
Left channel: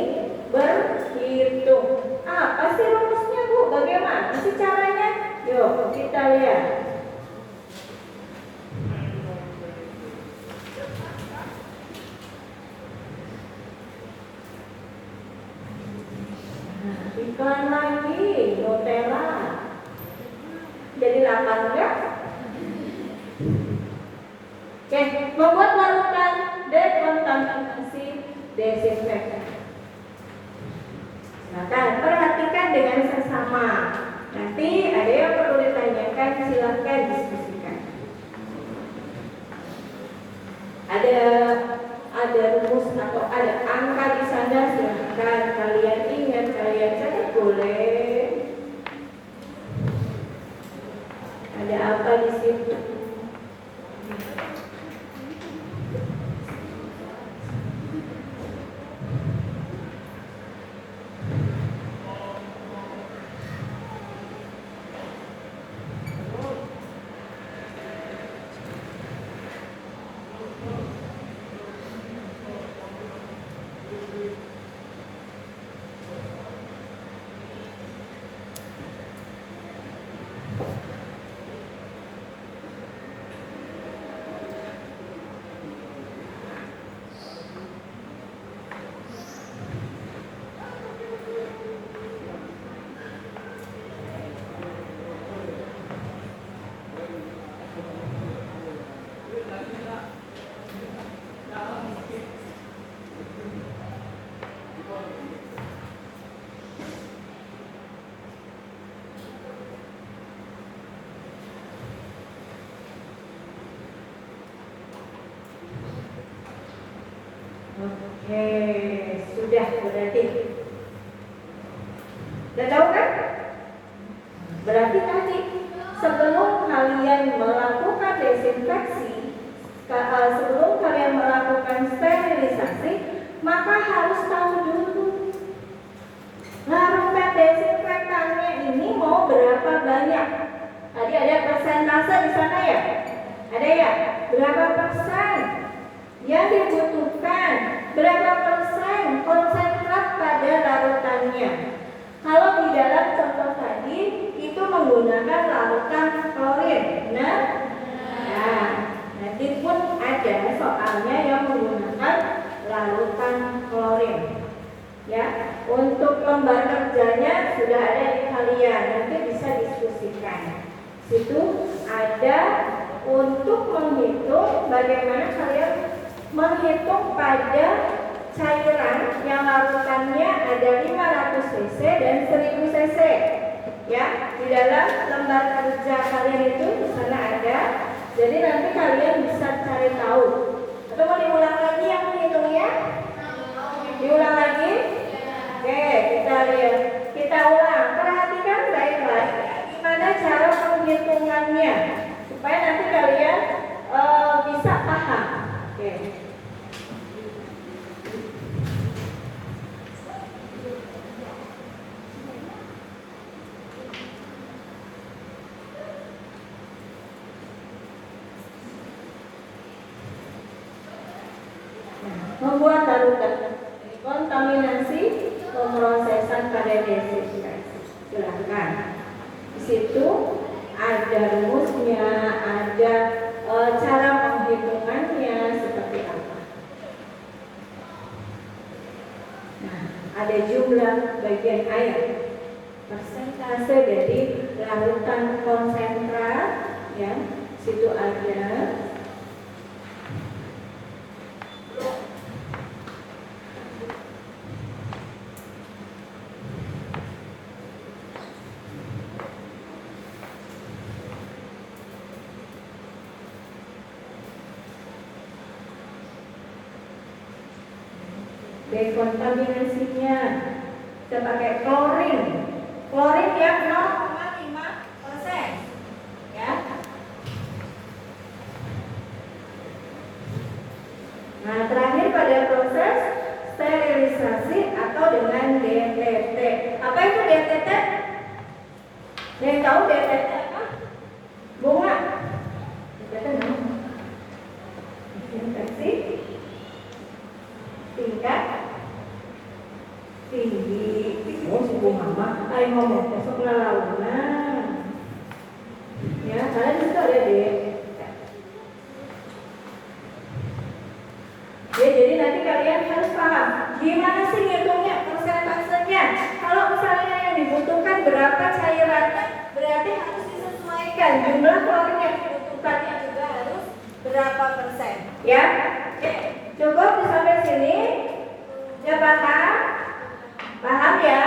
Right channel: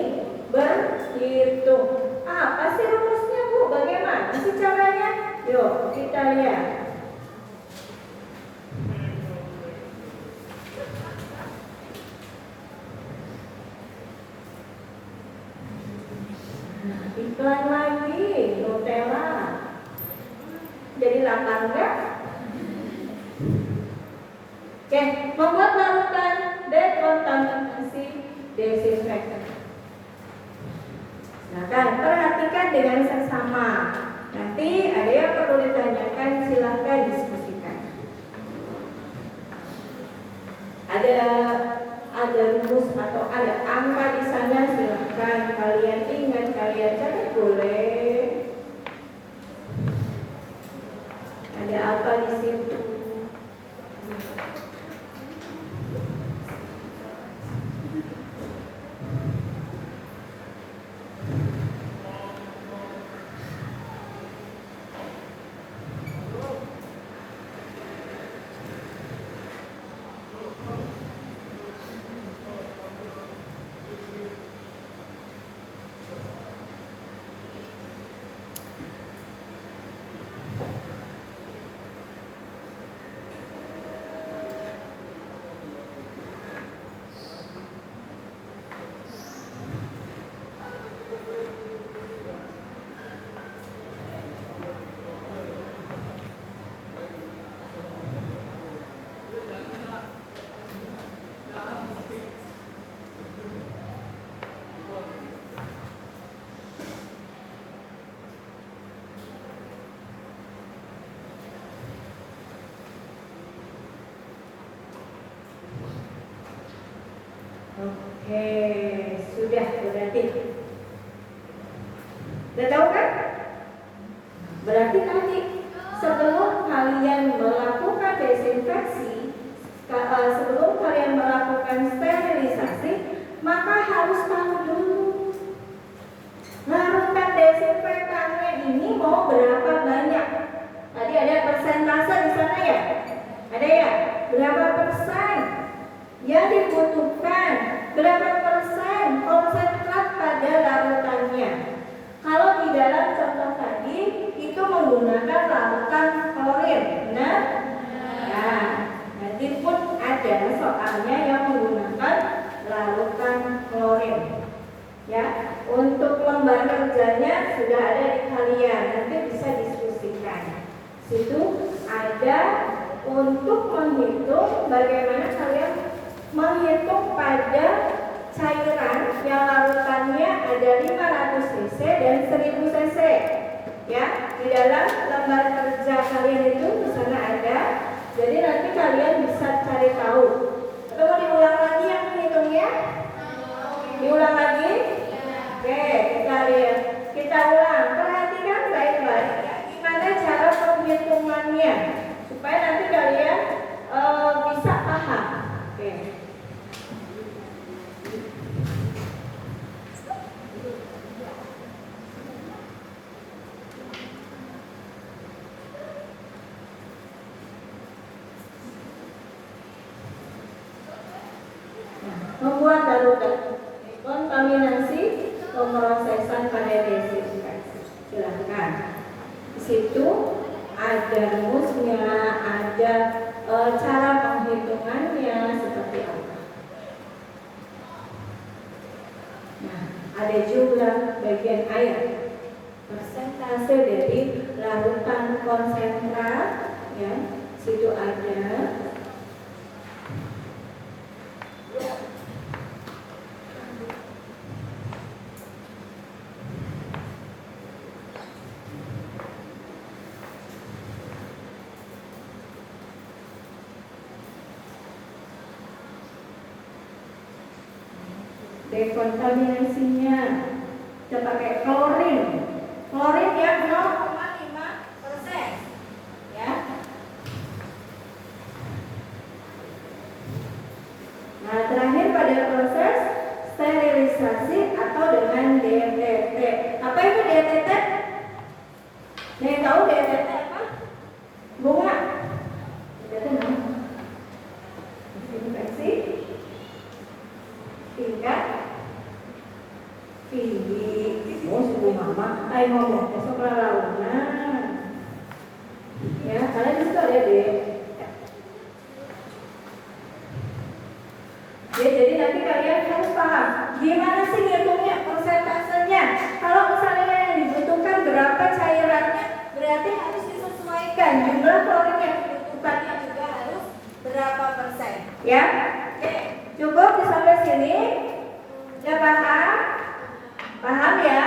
berhitung. Apa sih rumusnya, Bu? Bagaimana sih caranya? Yuk, kita lihat. Iklan lagi, Nutella. Jadi lapar enggak? Oke, membuat larutan dekontaminasi desinfektan. Silakan perhatikan dengan seksama. Nanti ada yang perlu ditanyakan, silakan diskusikan. Ada rumus atau ada angka di sana, silakan kalian ingat, kalian catat boleh. Ada apa di situ? Oke, sudah berarti. Udah tahu kan? Berarti nanti sebelum kalian melakukan desinfeksi, sebelum kalian melakukan sterilisasi, maka harus tahu dulu larutan desinfektannya ini mau berapa banyak. Tadi ada persentase di sana ya? Ada ya? Berapa persen yang dibutuhkan, berapa persen konsentrat pada larutannya. Kalau di dalam contoh tadi itu menggunakan larutan klorin, benar? Nah, nanti pun ada soalnya yang menggunakan larutan klorin. Ya, untuk lembar kerjanya sudah ada di kalian, nanti bisa diskusikan. Situ ada untuk menghitung bagaimana kalian menghitung pada cairan yang larutannya ada 500 cc dan 1000 cc. Ya, di dalam lembar kerja kalian itu di sana ada. Jadi nanti kalian bisa cari tahu. Atau mau diulang lagi yang menghitungnya? Diulang lagi? Oke, kita lihat. Kita ulang. Perhatikan baik-baik gimana cara penghitungannya supaya nanti kalian bisa paham. Oke. Membuat larutan kontaminasi pemrosesan pada desinfeksi. Silahkan. Di situ ada rumusnya, ada cara penghitungannya seperti apa. Nah, ada jumlah bagian air, persentase dari larutan konsentrat, ya, situ ada. Dekontaminasinya kita pakai klorin yang 0,5%, ya. Nah, terakhir pada proses sterilisasi atau dengan DTT. Apa itu DTT? Ada yang tahu DTT apa? Bunga? DTT apa? Desinfeksi tingkat tinggi. Oh, si Bu Mama, ayo ngomong besok lalunan. Ya, kalian di situ ada deh. Ya, jadi nanti kalian harus paham gimana sih ngitungnya, persentasenya. Kalau misalnya yang dibutuhkan berapa cairannya, berarti harus disesuaikan jumlah klorin yang dibutuhkannya juga harus berapa persen. Ya, oke. Cukup sampai sini. Ya, paham? Paham ya?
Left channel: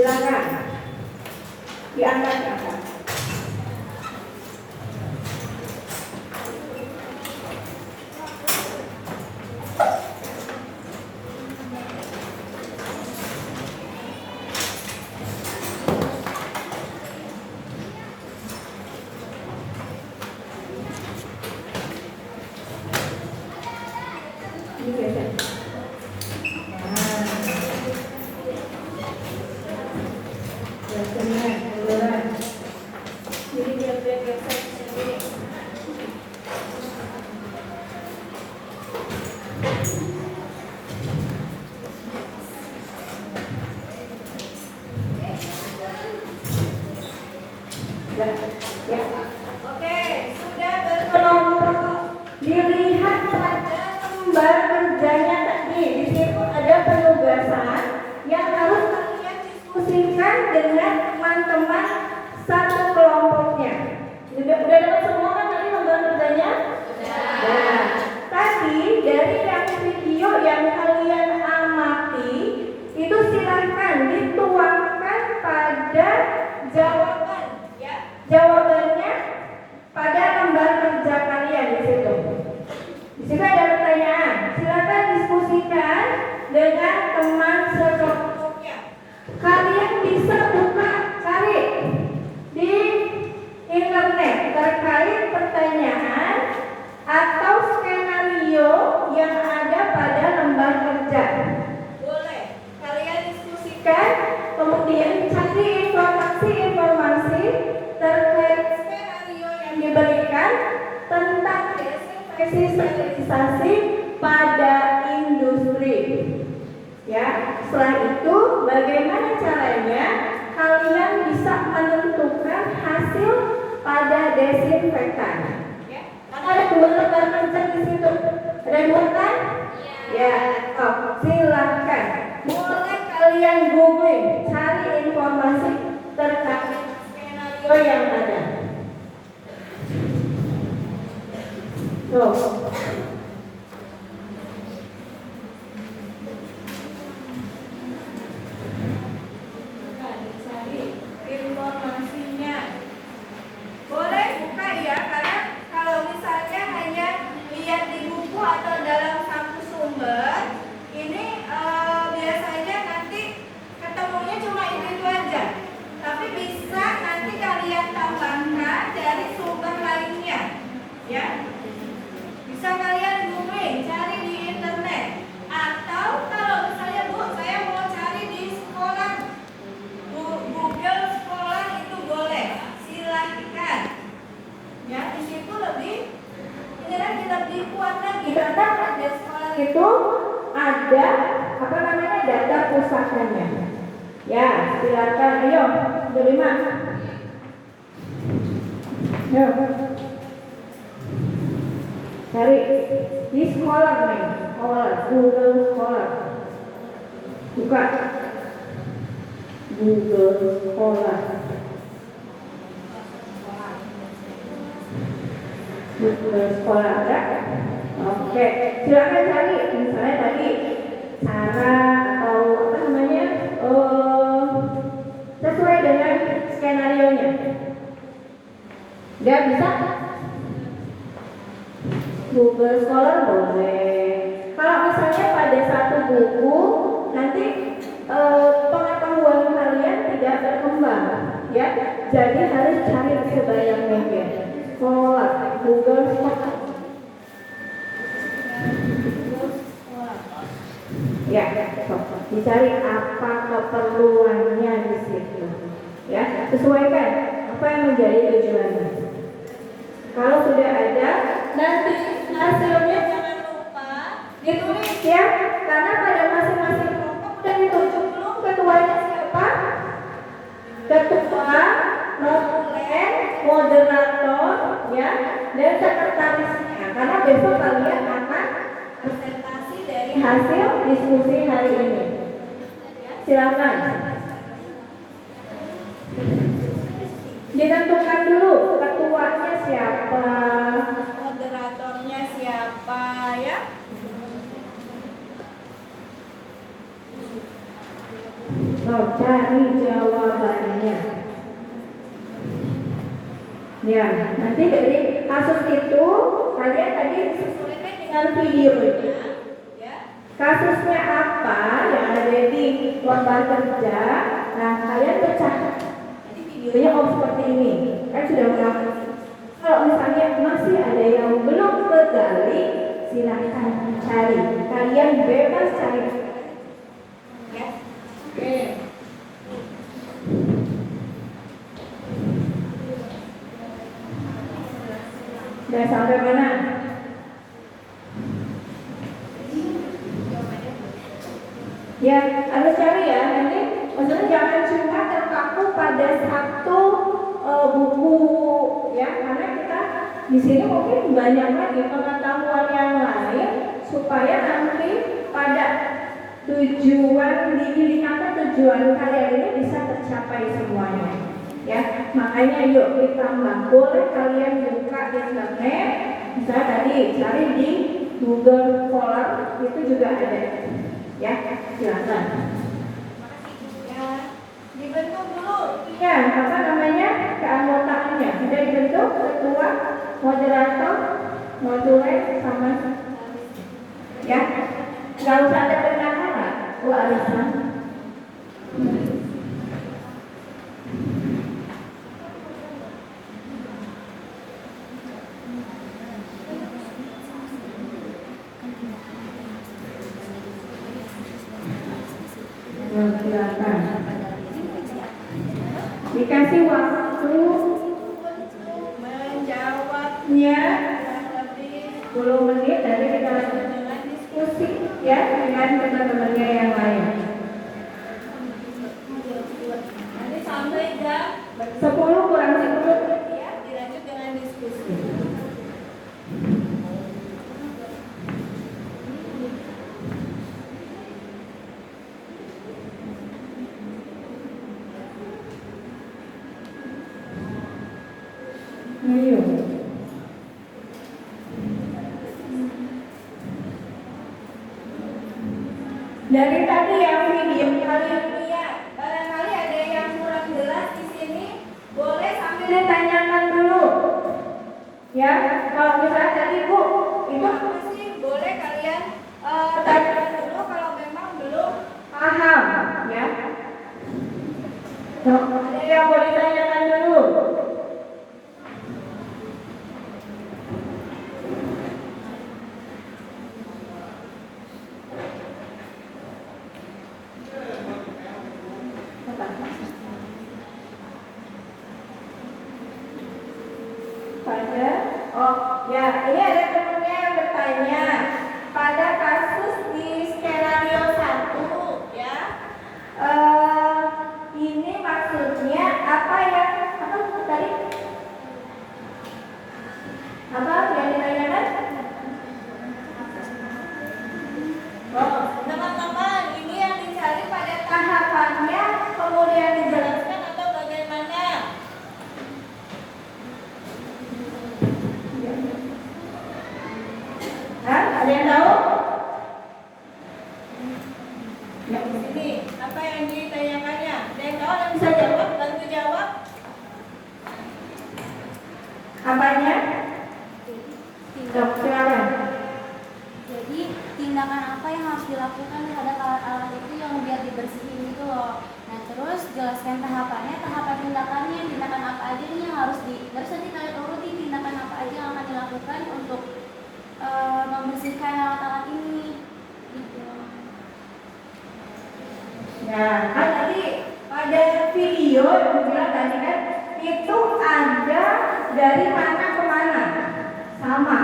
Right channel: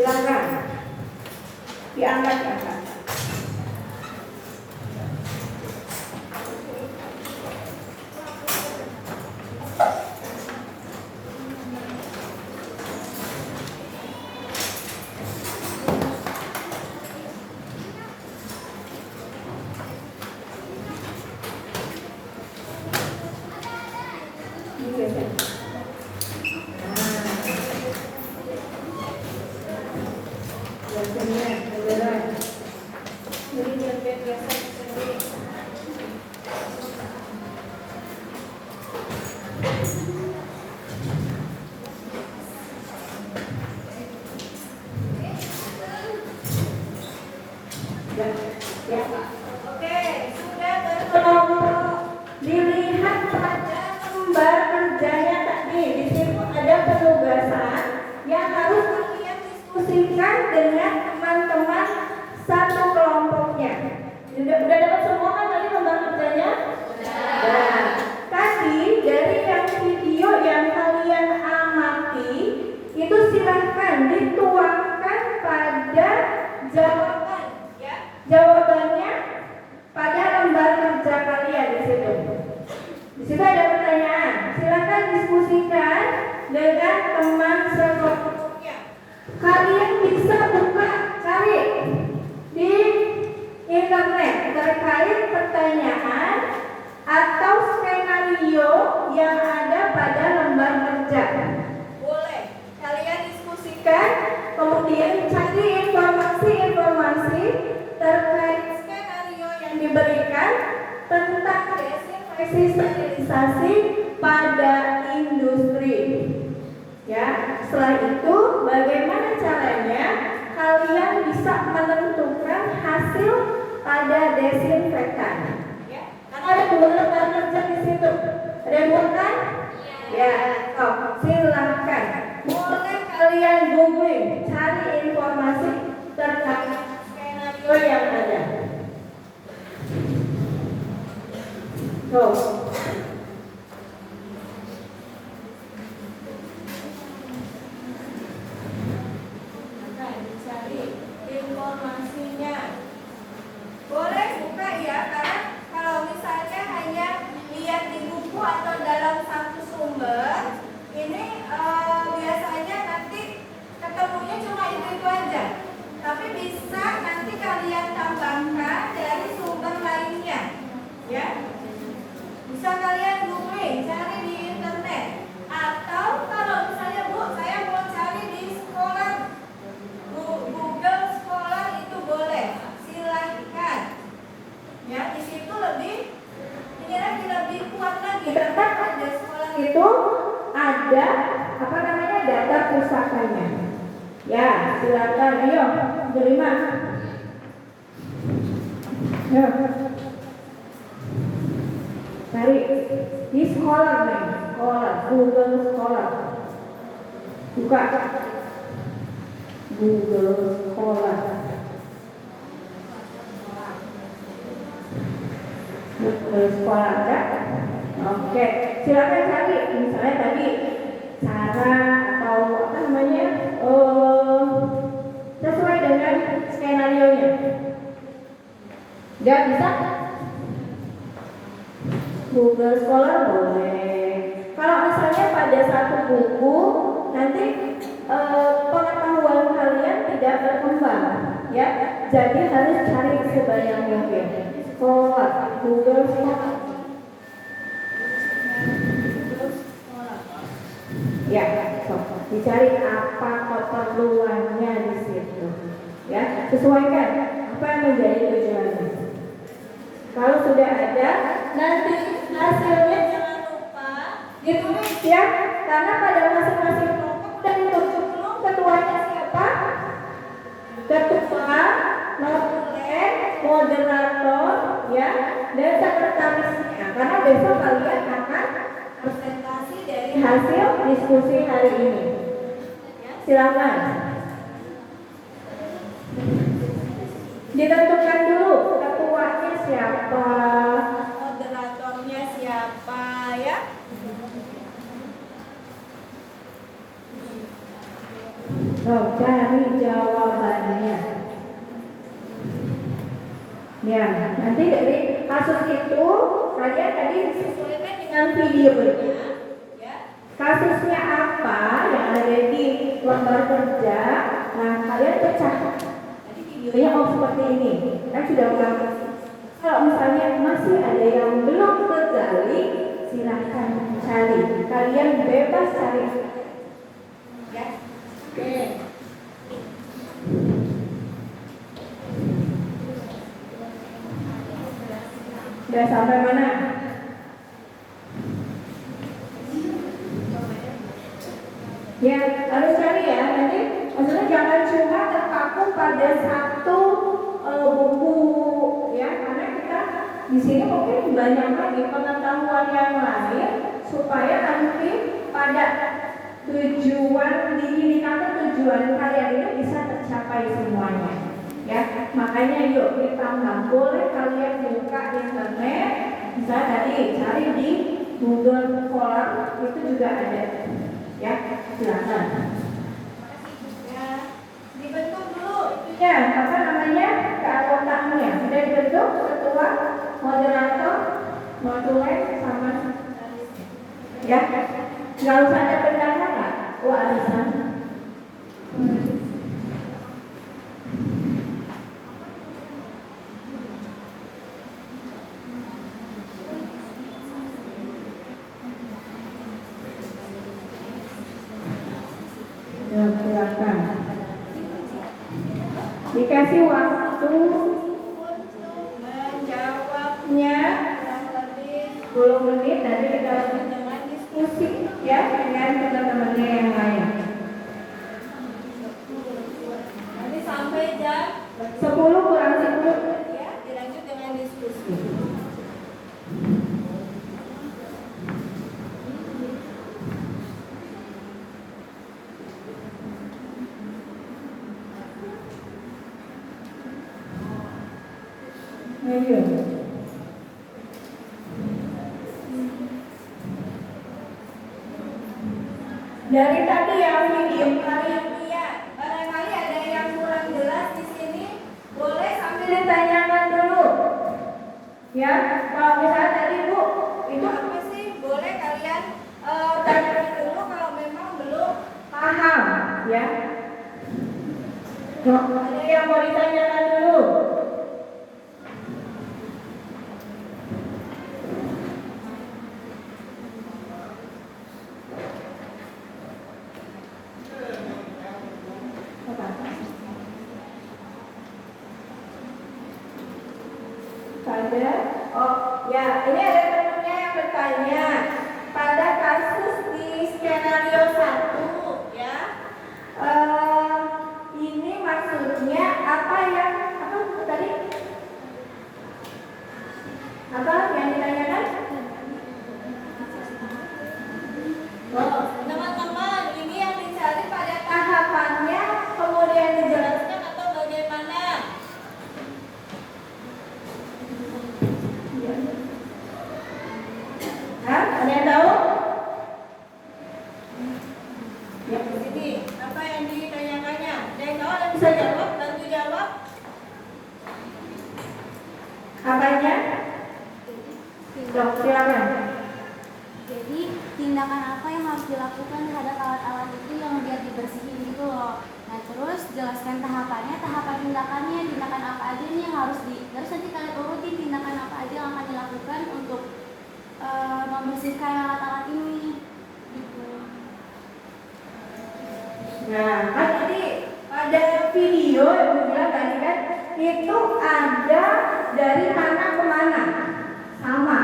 Silakan. Diangkat. Ya. Oke, sudah berkelompok. Dilihat pada lembar kerjanya tadi. Di situ ada penugasan yang harus kalian diskusikan dengan teman-teman satu kelompoknya. Udah dapat semua kan tadi lembar kerjanya? Nah, tadi dari yang video yang kalian amati itu silakan dituangkan pada jawaban. Jawabannya pada lembar kerja kalian di situ. Di situ ada pertanyaan. Silakan diskusikan dengan teman sekelompoknya. Kalian bisa buka cari di internet terkait pertanyaan atau skenario yang ada pada lembar kerja. Boleh. Kalian diskusikan, kemudian cari informasi terkait skenario yang diberikan tentang desinfeksi pada industri. Ya, setelah itu bagaimana caranya kalian bisa menentukan hasil pada desinfektan? Ya, karena ada dua lembar kerja di situ. Ada dua kan? Ya, silakan. Boleh kalian googling, cari informasi terkait skenario yang ada. Cari informasinya. Boleh buka ya, karena kalau misalnya hanya lihat di buku atau dalam satu sumber, ini biasanya nanti ketemunya cuma itu aja. Tapi bisa nanti kalian tambahkan dari sumber lainnya, ya. Bisa kalian googling, cari di internet. Atau kalau misalnya saya mau cari di sekolah, Google sekolah itu boleh, silahkan. Ya, di situ ini lagi lebih kuat lagi. Karena pada sekolah itu ada data pusakanya. Ya, silakan. Ayo, terima. Ayo. Cari di sekolah nih, Google sekolah. Buka Google sekolah. Google sekolah ada? Oke, silakan cari. Misalnya tadi cara atau sesuai dengan skenario-nya. Dia bisa? Google Scholar boleh. Kalau misalnya pada satu buku nanti pengetahuan kalian tidak berkembang, ya. Jadi harus cari sebanyak mungkin. Google Scholar. Ya, dicari apa keperluannya di situ. Ya, sesuaikan apa yang menjadi tujuannya. Kalau sudah ada, nanti hasilnya jangan lupa ditulis ya, karena pada masing-masing kelompok udah ditunjuk belum ketuanya siapa? Ketua, notulen, moderator, ya, dan sekretarisnya. Karena besok kalian akan presentasi dari hasil diskusi hari ini. Silakan. Ditentukan dulu ketuanya siapa, moderatornya siapa, ya. So, cari jawabannya. Ya, nanti dari kasus itu kalian tadi sesuaikan dengan videonya. Ya. Kasusnya apa yang ada di lembar kerja? Nah, kalian pecah. Tadi videonya seperti ini. Kan sudah melakukan. Kalau misalnya masih ada yang belum tergali, silahkan cari. Kalian bebas cari. Ya. Oke. Sudah sampai mana? Ya, harus cari ya. Nanti maksudnya jangan cuma terpaku pada satu buku ya, karena kita di sini mungkin banyak lagi pengetahuan yang lain supaya nanti pada tujuan di indikator tujuan kalian itu bisa tercapai semuanya. Ya, makanya yuk ditambah. Boleh kalian buka internet, bisa tadi cari di Google Scholar, itu juga ada. Ya, silakan. Ya, dibentuk dulu. Ya, apa namanya keanggotaannya? Sudah dibentuk ketua, moderator, modulek sama. Ya, nggak usah ada bendahara. Oh, Alisa. Silakan. Dikasih waktu menjawabnya lebih 10 menit. Nanti kita lanjut dengan diskusi ya dengan teman-temannya yang lain. Nanti sampai jam 10 kurang 10 ya dilanjut dengan diskusi. Ayo. Dari tadi yang video kalian lihat, barangkali ada yang kurang jelas di sini, boleh sambil ditanyakan dulu. Ya, kalau misalnya tadi Bu, itu apa sih? Boleh kalian tanyakan dulu kalau memang belum paham, ya. So, ada yang mau ditanyakan dulu? Ya, ini ada temennya yang bertanya pada kasus di skenario 1 ya, ini maksudnya apa yang tadi apa yang ditanyakan? Oh, teman-teman, ini yang dicari pada tahapannya kemudian dijelaskan atau bagaimana? Ada yang tahu? Ya, di sini apa yang ditanyakannya? Ada yang tahu? Ada yang bisa jawab? Bantu jawab. Apanya? Silakan. Jadi tindakan apa yang harus dilakukan terhadap alat-alat itu yang biar dibersihin itu loh. Nah terus jelaskan tahapannya, tahapan tindakan apa aja nih yang harus terus nanti kalian urutin tindakan apa aja yang akan dilakukan untuk membersihkan alat-alat ini gitu. Nah, kan tadi pada video yang bilang tadi kan itu ada dari mana ke mana sama.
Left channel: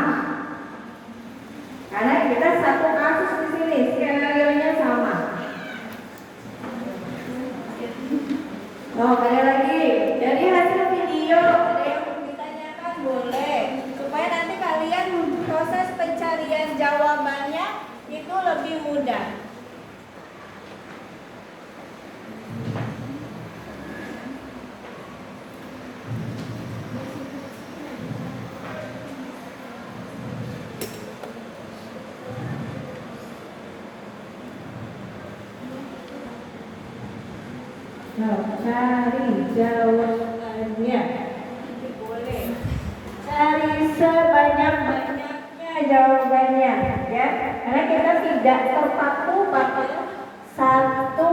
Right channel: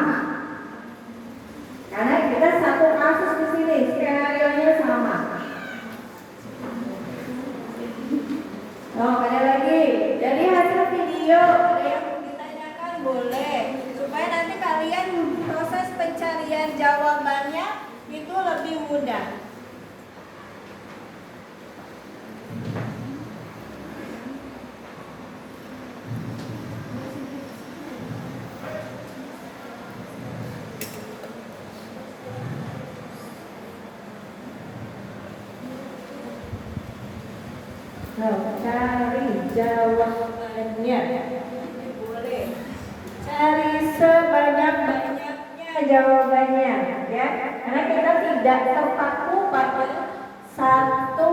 Karena kita satu kasus di sini, skenario-nya sama. Oh, ada lagi. Dari hasil video ada yang ditanyakan boleh supaya nanti kalian proses pencarian jawabannya itu lebih mudah. Oh, cari jawabannya. Boleh. Cari sebanyak-banyaknya jawabannya, ya. Karena kita tidak terpaku pada satu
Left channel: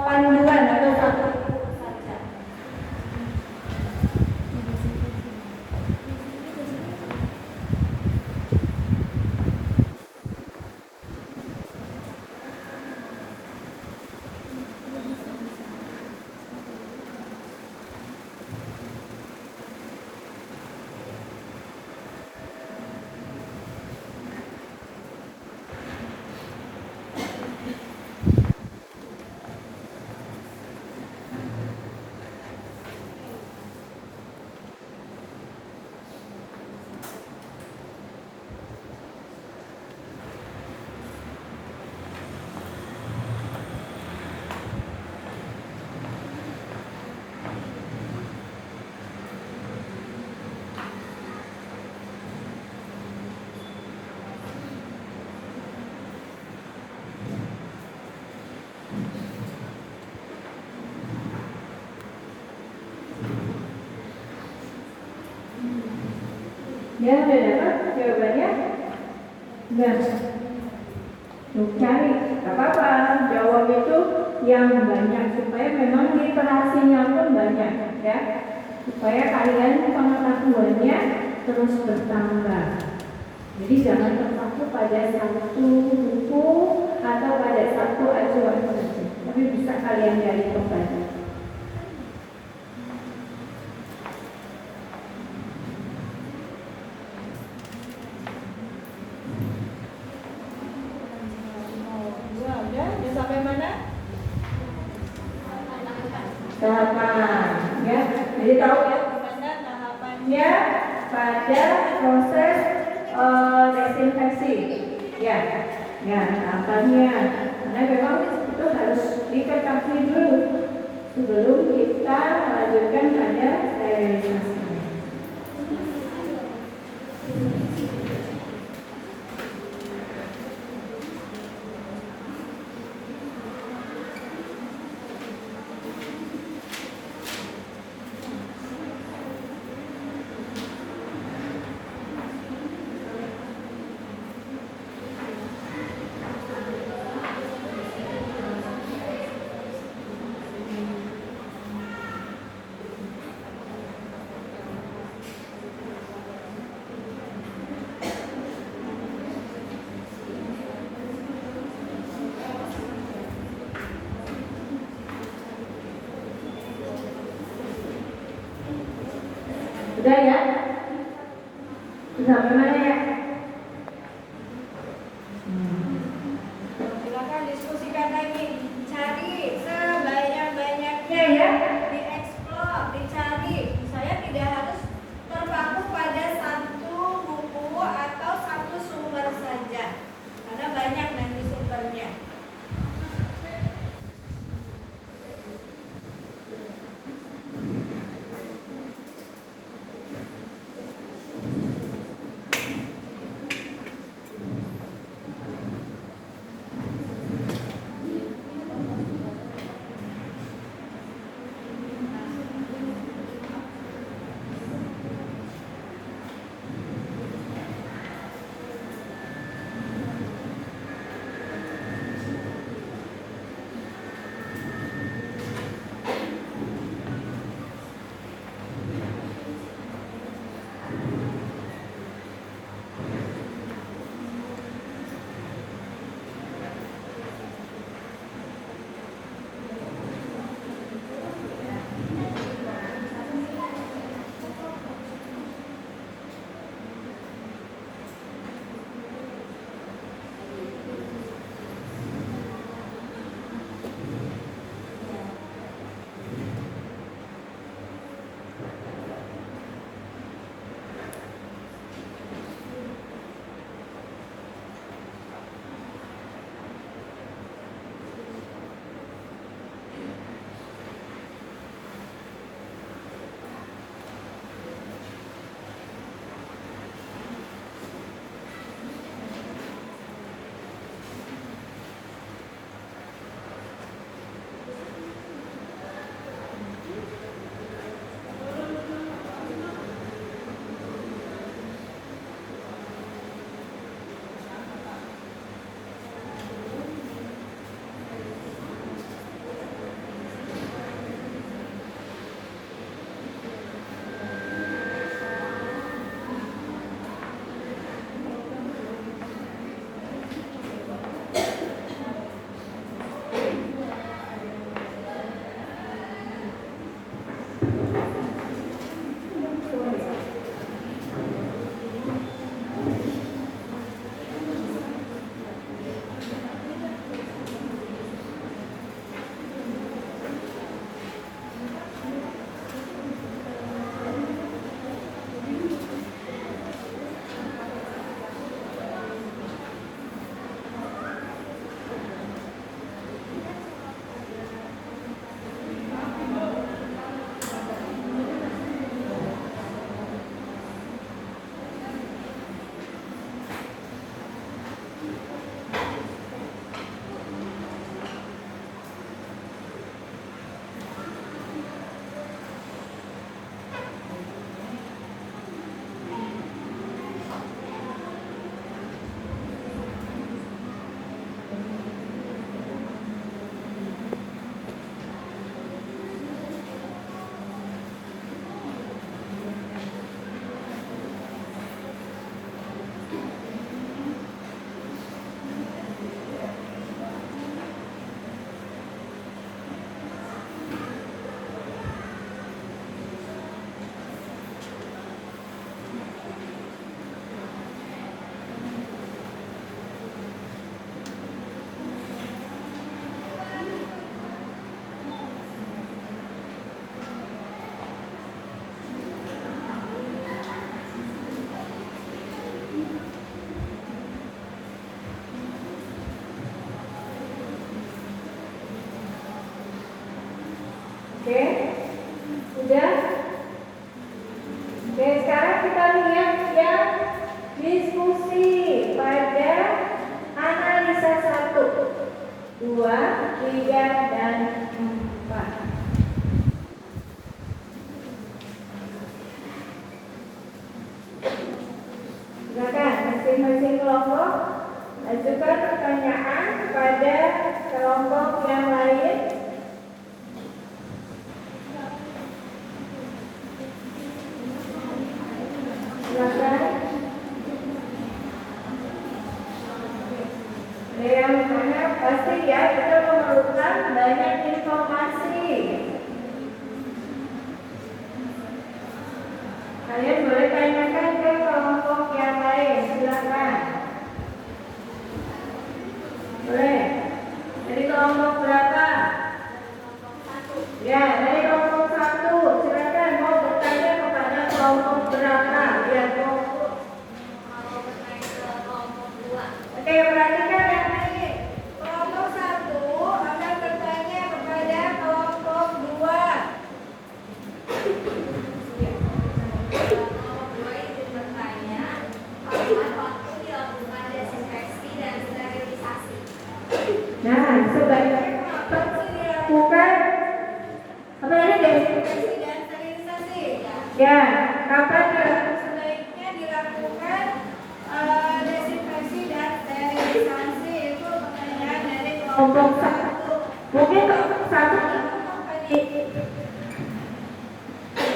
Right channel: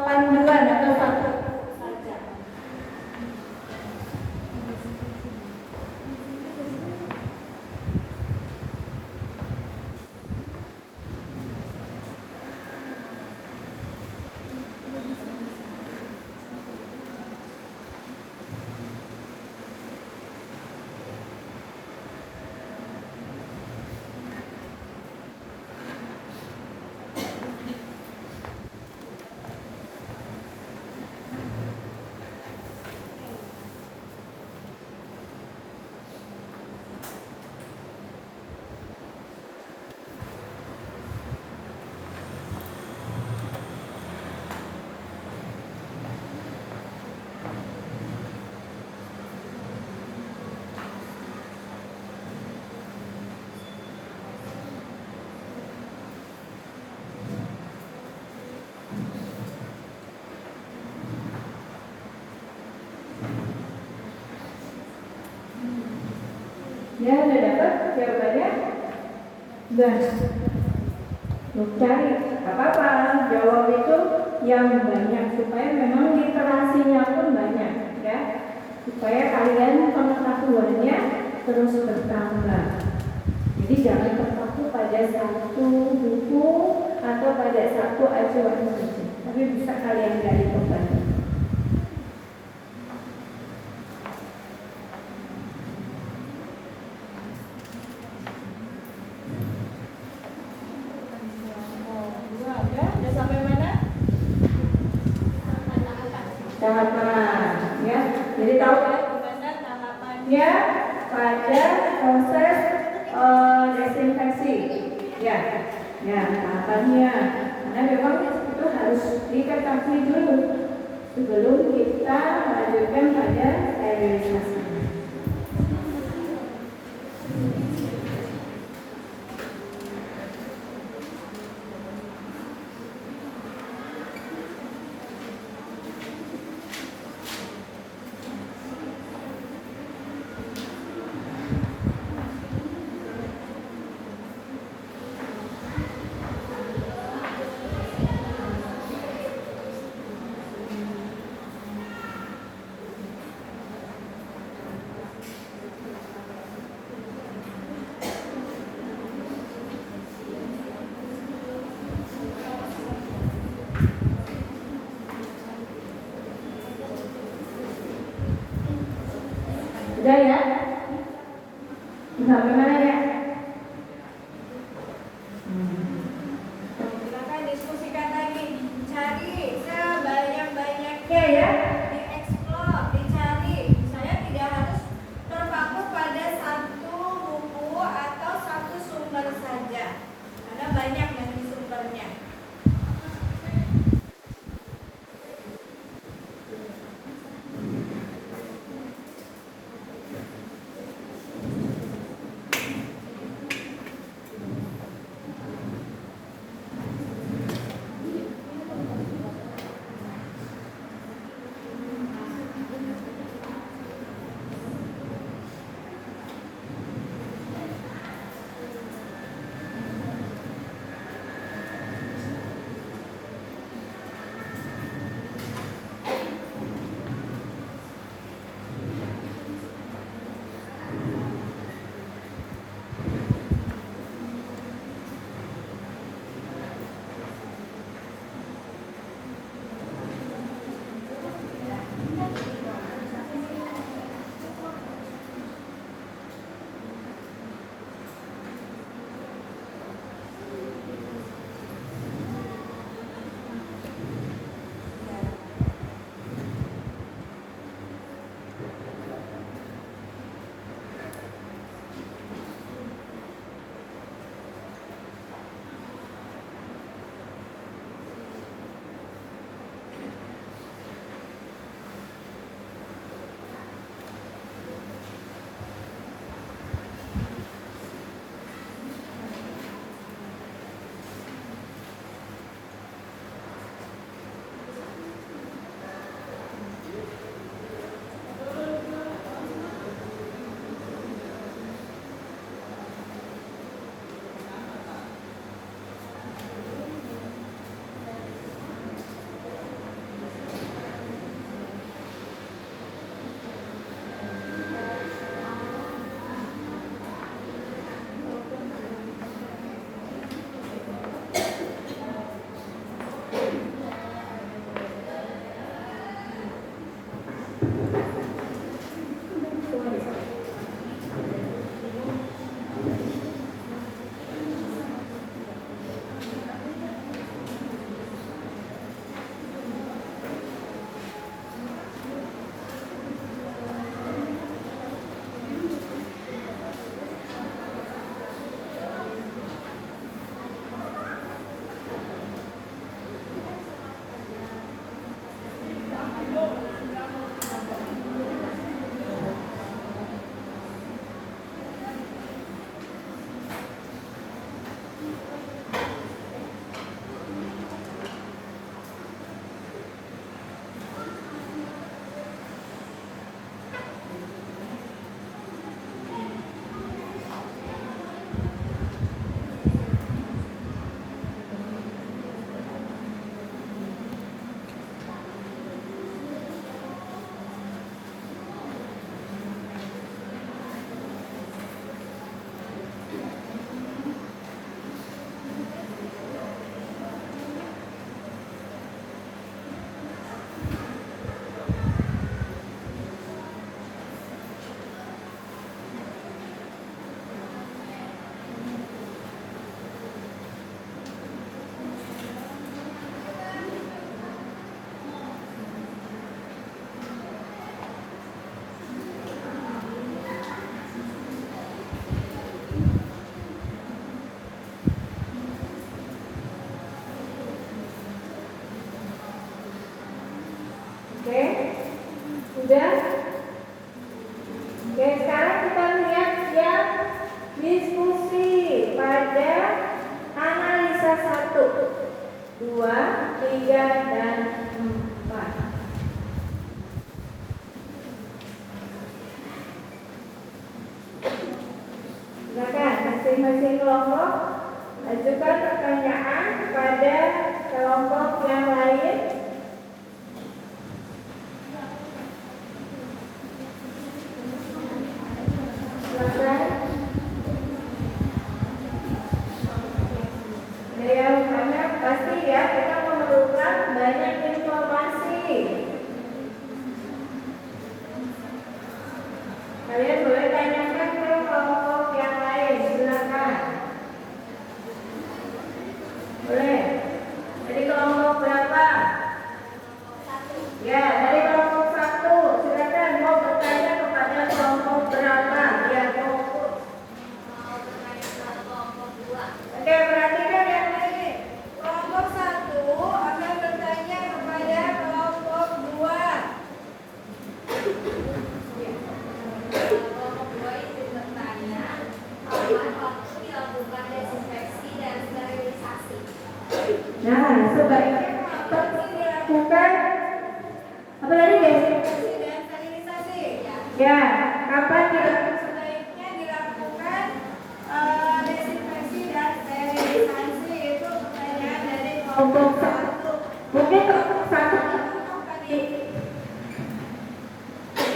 panduan atau satu saja. Ya, udah dapat jawabannya? Udah. Lu cari, apa-apa. Jawab itu yang banyak supaya memang literasinya pun banyak, ya. Supaya kalian pengetahuannya terus bertambah. Jadi jangan terpaku pada satu buku atau pada satu acuan saja, tapi bisa kalian gali kembali. Udah sampai mana? Tahapan, ya. Jadi tahu ya gimana tahapannya pada proses desinfeksi, ya. Ya, tahapannya. Karena memang itu harus diketahui dulu sebelum kita melanjutkan pada sterilisasi. Udah ya? Sampai mana ya? Silakan diskusikan lagi. Cari sebanyak-banyaknya ya. Dieksplor, dicari. Saya tidak harus terpaku pada satu buku atau satu sumber saja. Karena banyak nanti sumbernya. Diskusi pada analisa 1, 2, 3, dan 4. Silakan masing-masing kelompok ajukan pertanyaan kepada kelompok yang lain. Silakan. Yang mana pasti ya kita memerlukan banyak informasi. Kalian boleh tanyakan ke kelompok yang lain, silakan. Boleh. Dari kelompok berapa? Ya, dari kelompok 1. Silakan mau bertanya kepada kelompok berapa? Ya, kelompok. Oke, perhatikan yang lain. Kelompok 1 akan bertanya kepada kelompok 2. Kelompok 2 itu bertanya kapan waktu dilakukan desinfeksi dan sterilisasi. Nah, sebaiknya kapan dilakukan apa tadi desinfeksi dan sterilisasi? Ya, kapan dilakukan? Sebaiknya dilakukan desinfeksi dan sterilisasi. Itu pertanyaan dari kelompok 1. Mungkin kelompok 1 tadi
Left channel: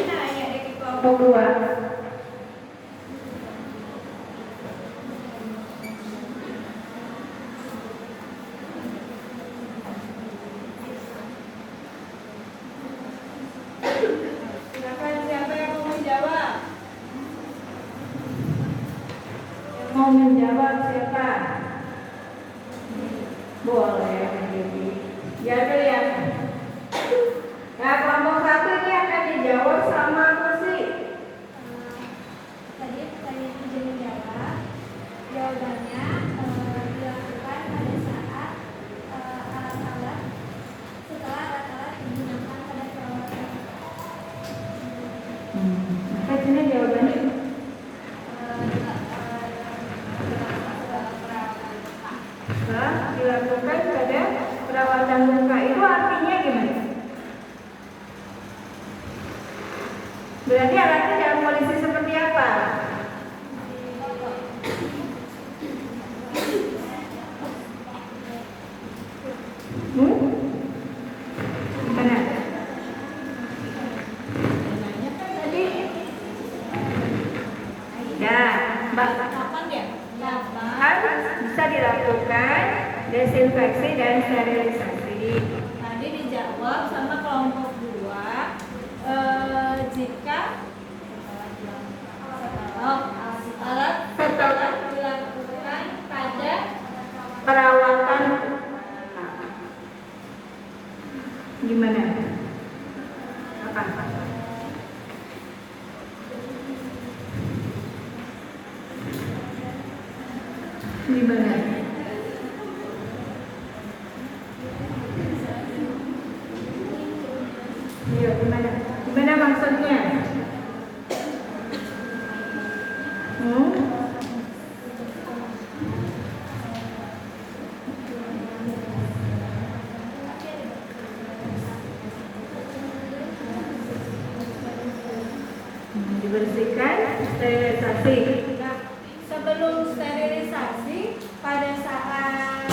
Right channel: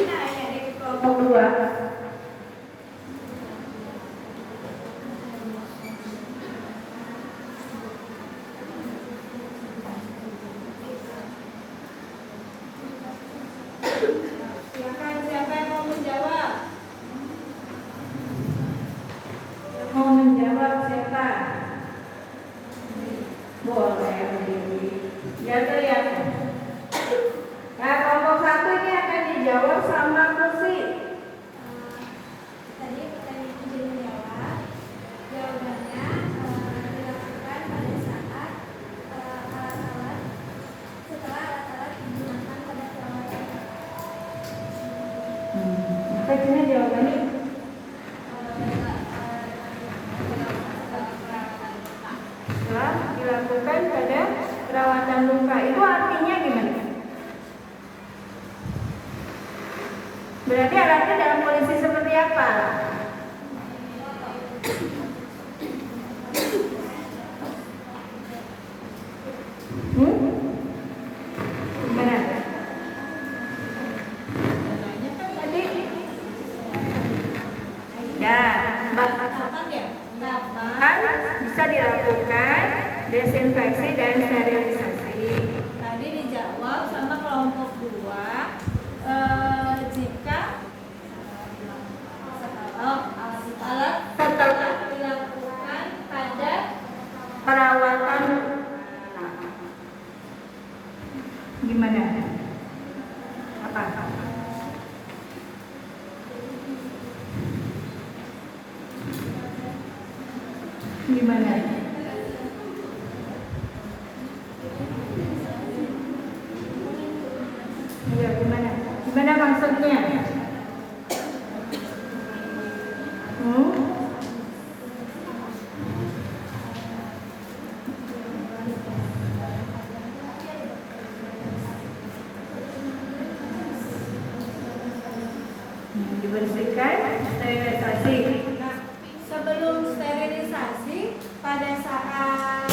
nanya dari kelompok 2. Silakan, siapa yang mau menjawab? Yang mau menjawab siapa? Boleh. Ya, ya. Ya, kelompok 1 ini akan dijawab sama kursi. Tadi pertanyaan izin menjawab. Jawabannya dilakukan pada saat alat-alat setelah alat-alat digunakan pada perawatan. Apa ini jawabannya? Dilakukan pada perawatan luka. Itu artinya gimana? Berarti alatnya dalam kondisi seperti apa? Gimana? Namanya kan tadi. Ya, kapan ya? Kapan bisa dilakukan desinfeksi dan sterilisasi? Tadi dijawab sama kelompok 2. Jika alat setelah dilakukan pada perawatan gimana? Apa? Gimana? Ya, gimana? Gimana maksudnya? Dibersihkan, sterilisasi. Nah, sebelum sterilisasi, pada saat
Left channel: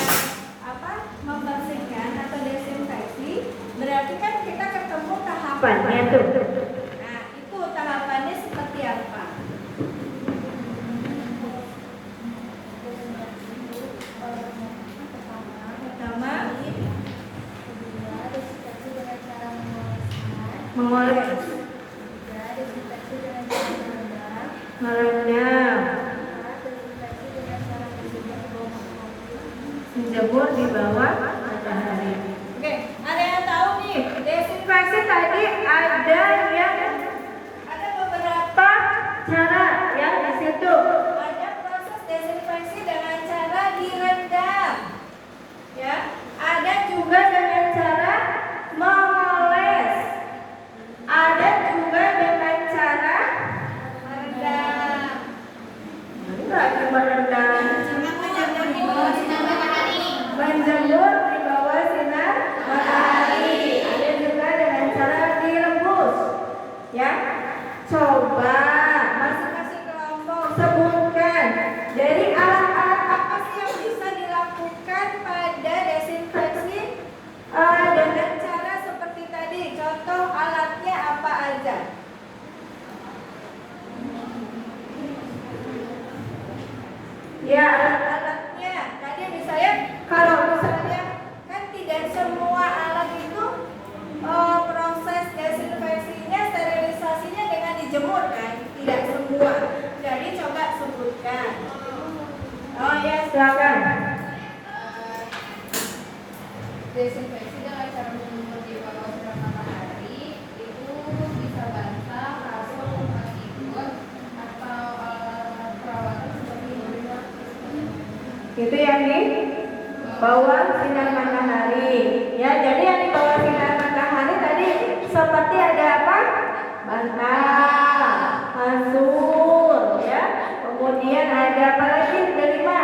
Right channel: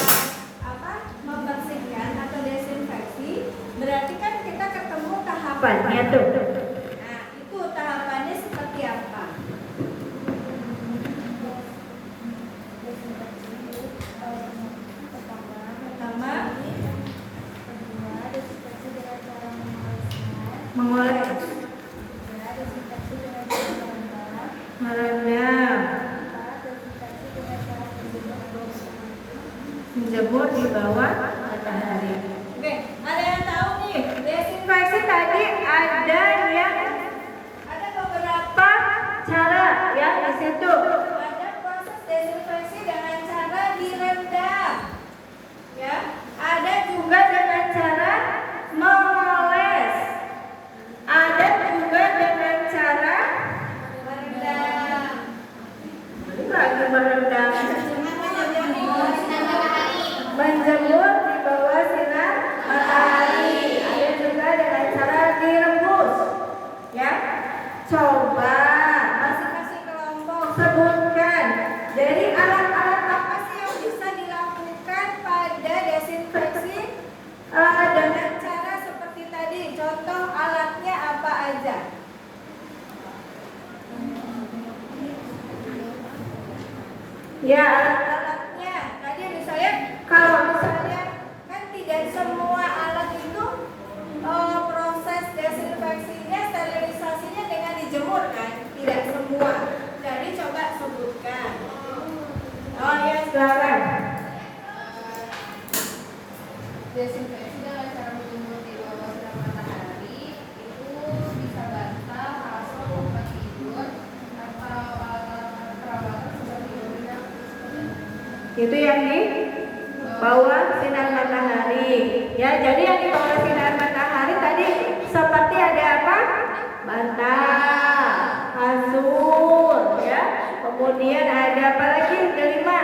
membersihkan atau desinfeksi, berarti kan kita ketemu tahapannya tuh. Nah, itu tahapannya seperti apa? Pertama, Kedua, desinfeksi dengan cara mengoleskan. mengoles, Ketiga, desinfeksi dengan cara merendam. merendam, Keempat, desinfeksi dengan cara menjemur di bawah matahari. Oke, ada yang tahu nih, desinfeksi tadi ada beberapa cara yang di situ. Ada proses desinfeksi dengan cara direndam. Ya, ada juga dengan cara mengoles. Ada juga dengan cara merendam. Enggak Jadi alat-alat apa sih yang bisa dilakukan pada desinfeksi dengan cara seperti tadi? Contoh alatnya apa aja? Ya, alat-alatnya. Tadi misalnya kalau misalnya kan tidak semua alat itu proses desinfeksinya, sterilisasinya dengan dijemur kan? Tidak semua. Jadi coba sebutkan. Oh ya, silakan. Desinfeksi dengan cara menjemur di bawah sinar matahari itu bisa basah, kasur, tempat tidur, atau alat perawatan seperti urina. Itu yang di bawah sinar matahari. Ya, jadi yang di bawah sinar matahari tadi seperti ada apa? Bantal, kasur, ya. Kemudian ada apa lagi? Kelima.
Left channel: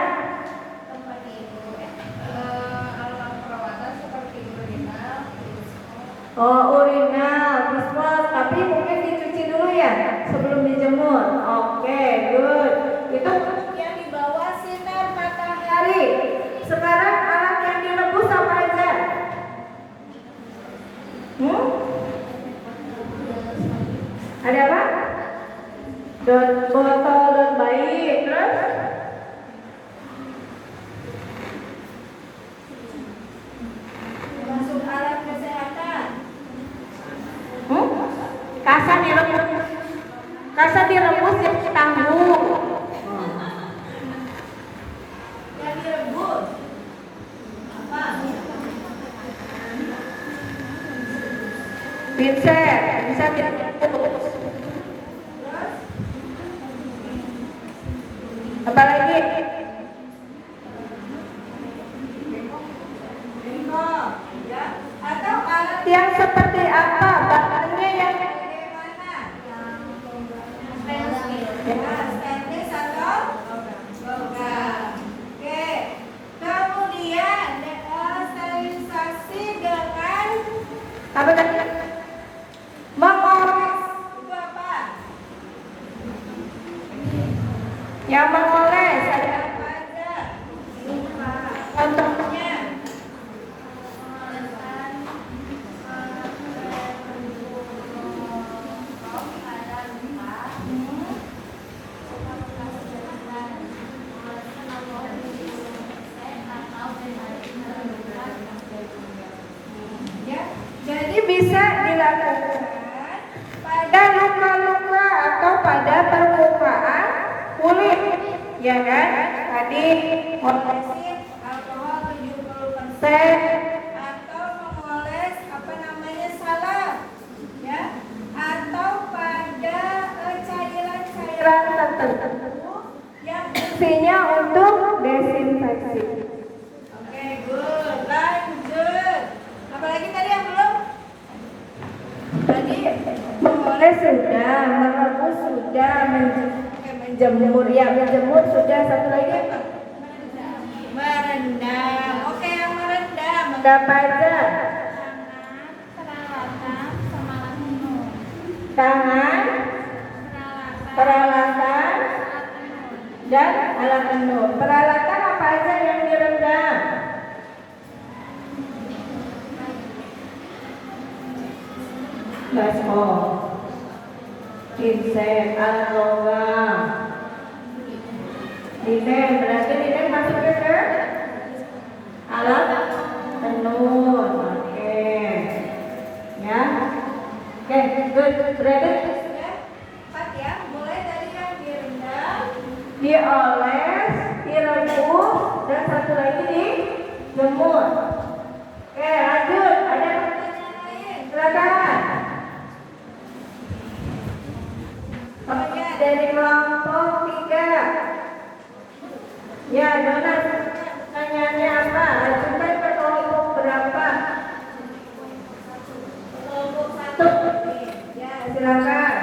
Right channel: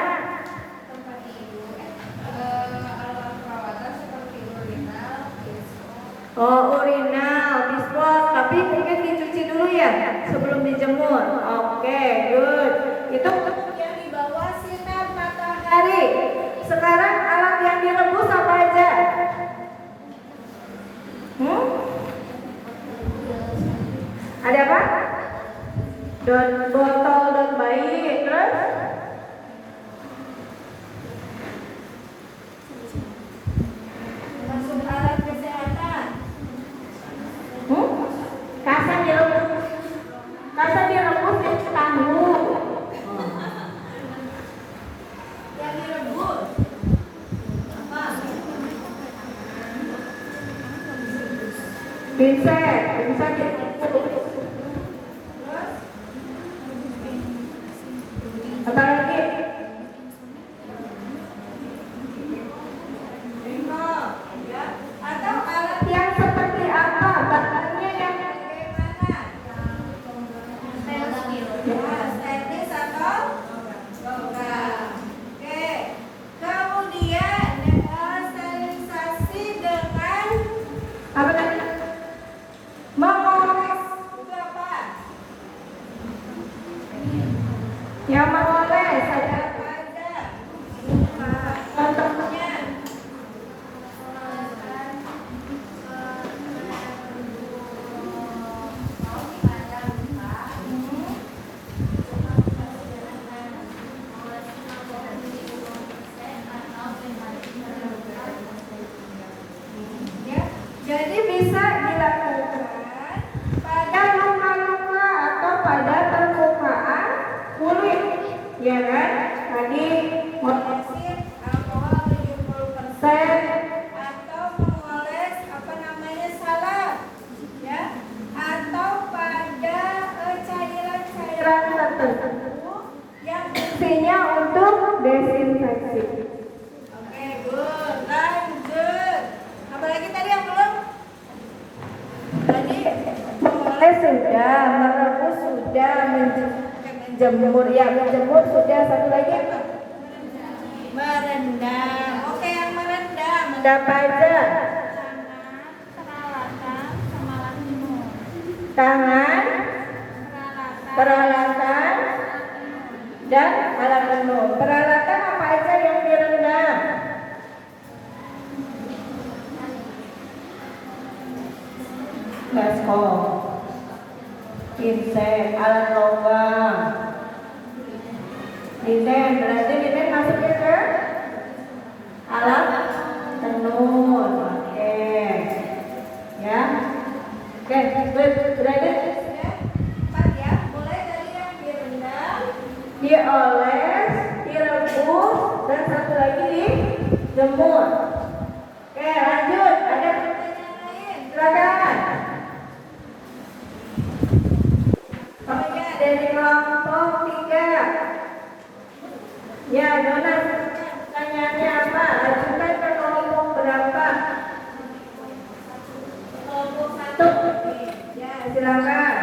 Tempat tidur, alat perawatan seperti urinal, Oh, urinal, dispose, tapi mungkin dicuci dulu ya sebelum dijemur. Oke, good. Itu yang di bawah sinar matahari. Sekarang alat yang direbus apa aja? Ada apa? Botol dan bayi, terus masuk alat kesehatan. Kasar direbus. Kasar direbus yang tangguh. Yang direbus apa? Pinset, bisa direbus. Terus apa lagi? Bengkok, ya. Atau alat yang seperti apa? Bahannya yang bagaimana? Stainless atau logam. Oke. Kemudian sterilisasi dengan apa tadi? Mengoles. Itu apa? Yang mengoles ada apa aja? Contohnya. Ya, jadi bisa dilakukan pada luka-luka atau pada permukaan kulit, ya kan? Tadi mengolesin alkohol 70% atau mengoles apa namanya salep, ya, atau pada cairan-cairan tertentu yang fungsinya untuk desinfeksi. Oke, good. Lanjut. Apalagi tadi yang belum? Tadi mengoles sudah, merebus sudah, menjemur ya, menjemur sudah. Satu lagi apa? Merendam. Oke, yang merendam ada apa aja? Tangan, peralatan, dan alat penuh. Peralatan apa aja yang direndam? Baskom, pinset, alat logam. Linen, berarti linen masuknya ke alat tenun. Oke. Ya. Oke, good. Berarti empat ya. Mulai dari yang direndam, dioles, direbus, dan satu lagi dijemur. Oke, lanjut. Ada pertanyaan lain? Silakan. Oh ya, dari kelompok 3. Ya, Dona, pertanyaannya apa? Lanjutkan ke kelompok berapa? Kelompok 1. Ya, silakan.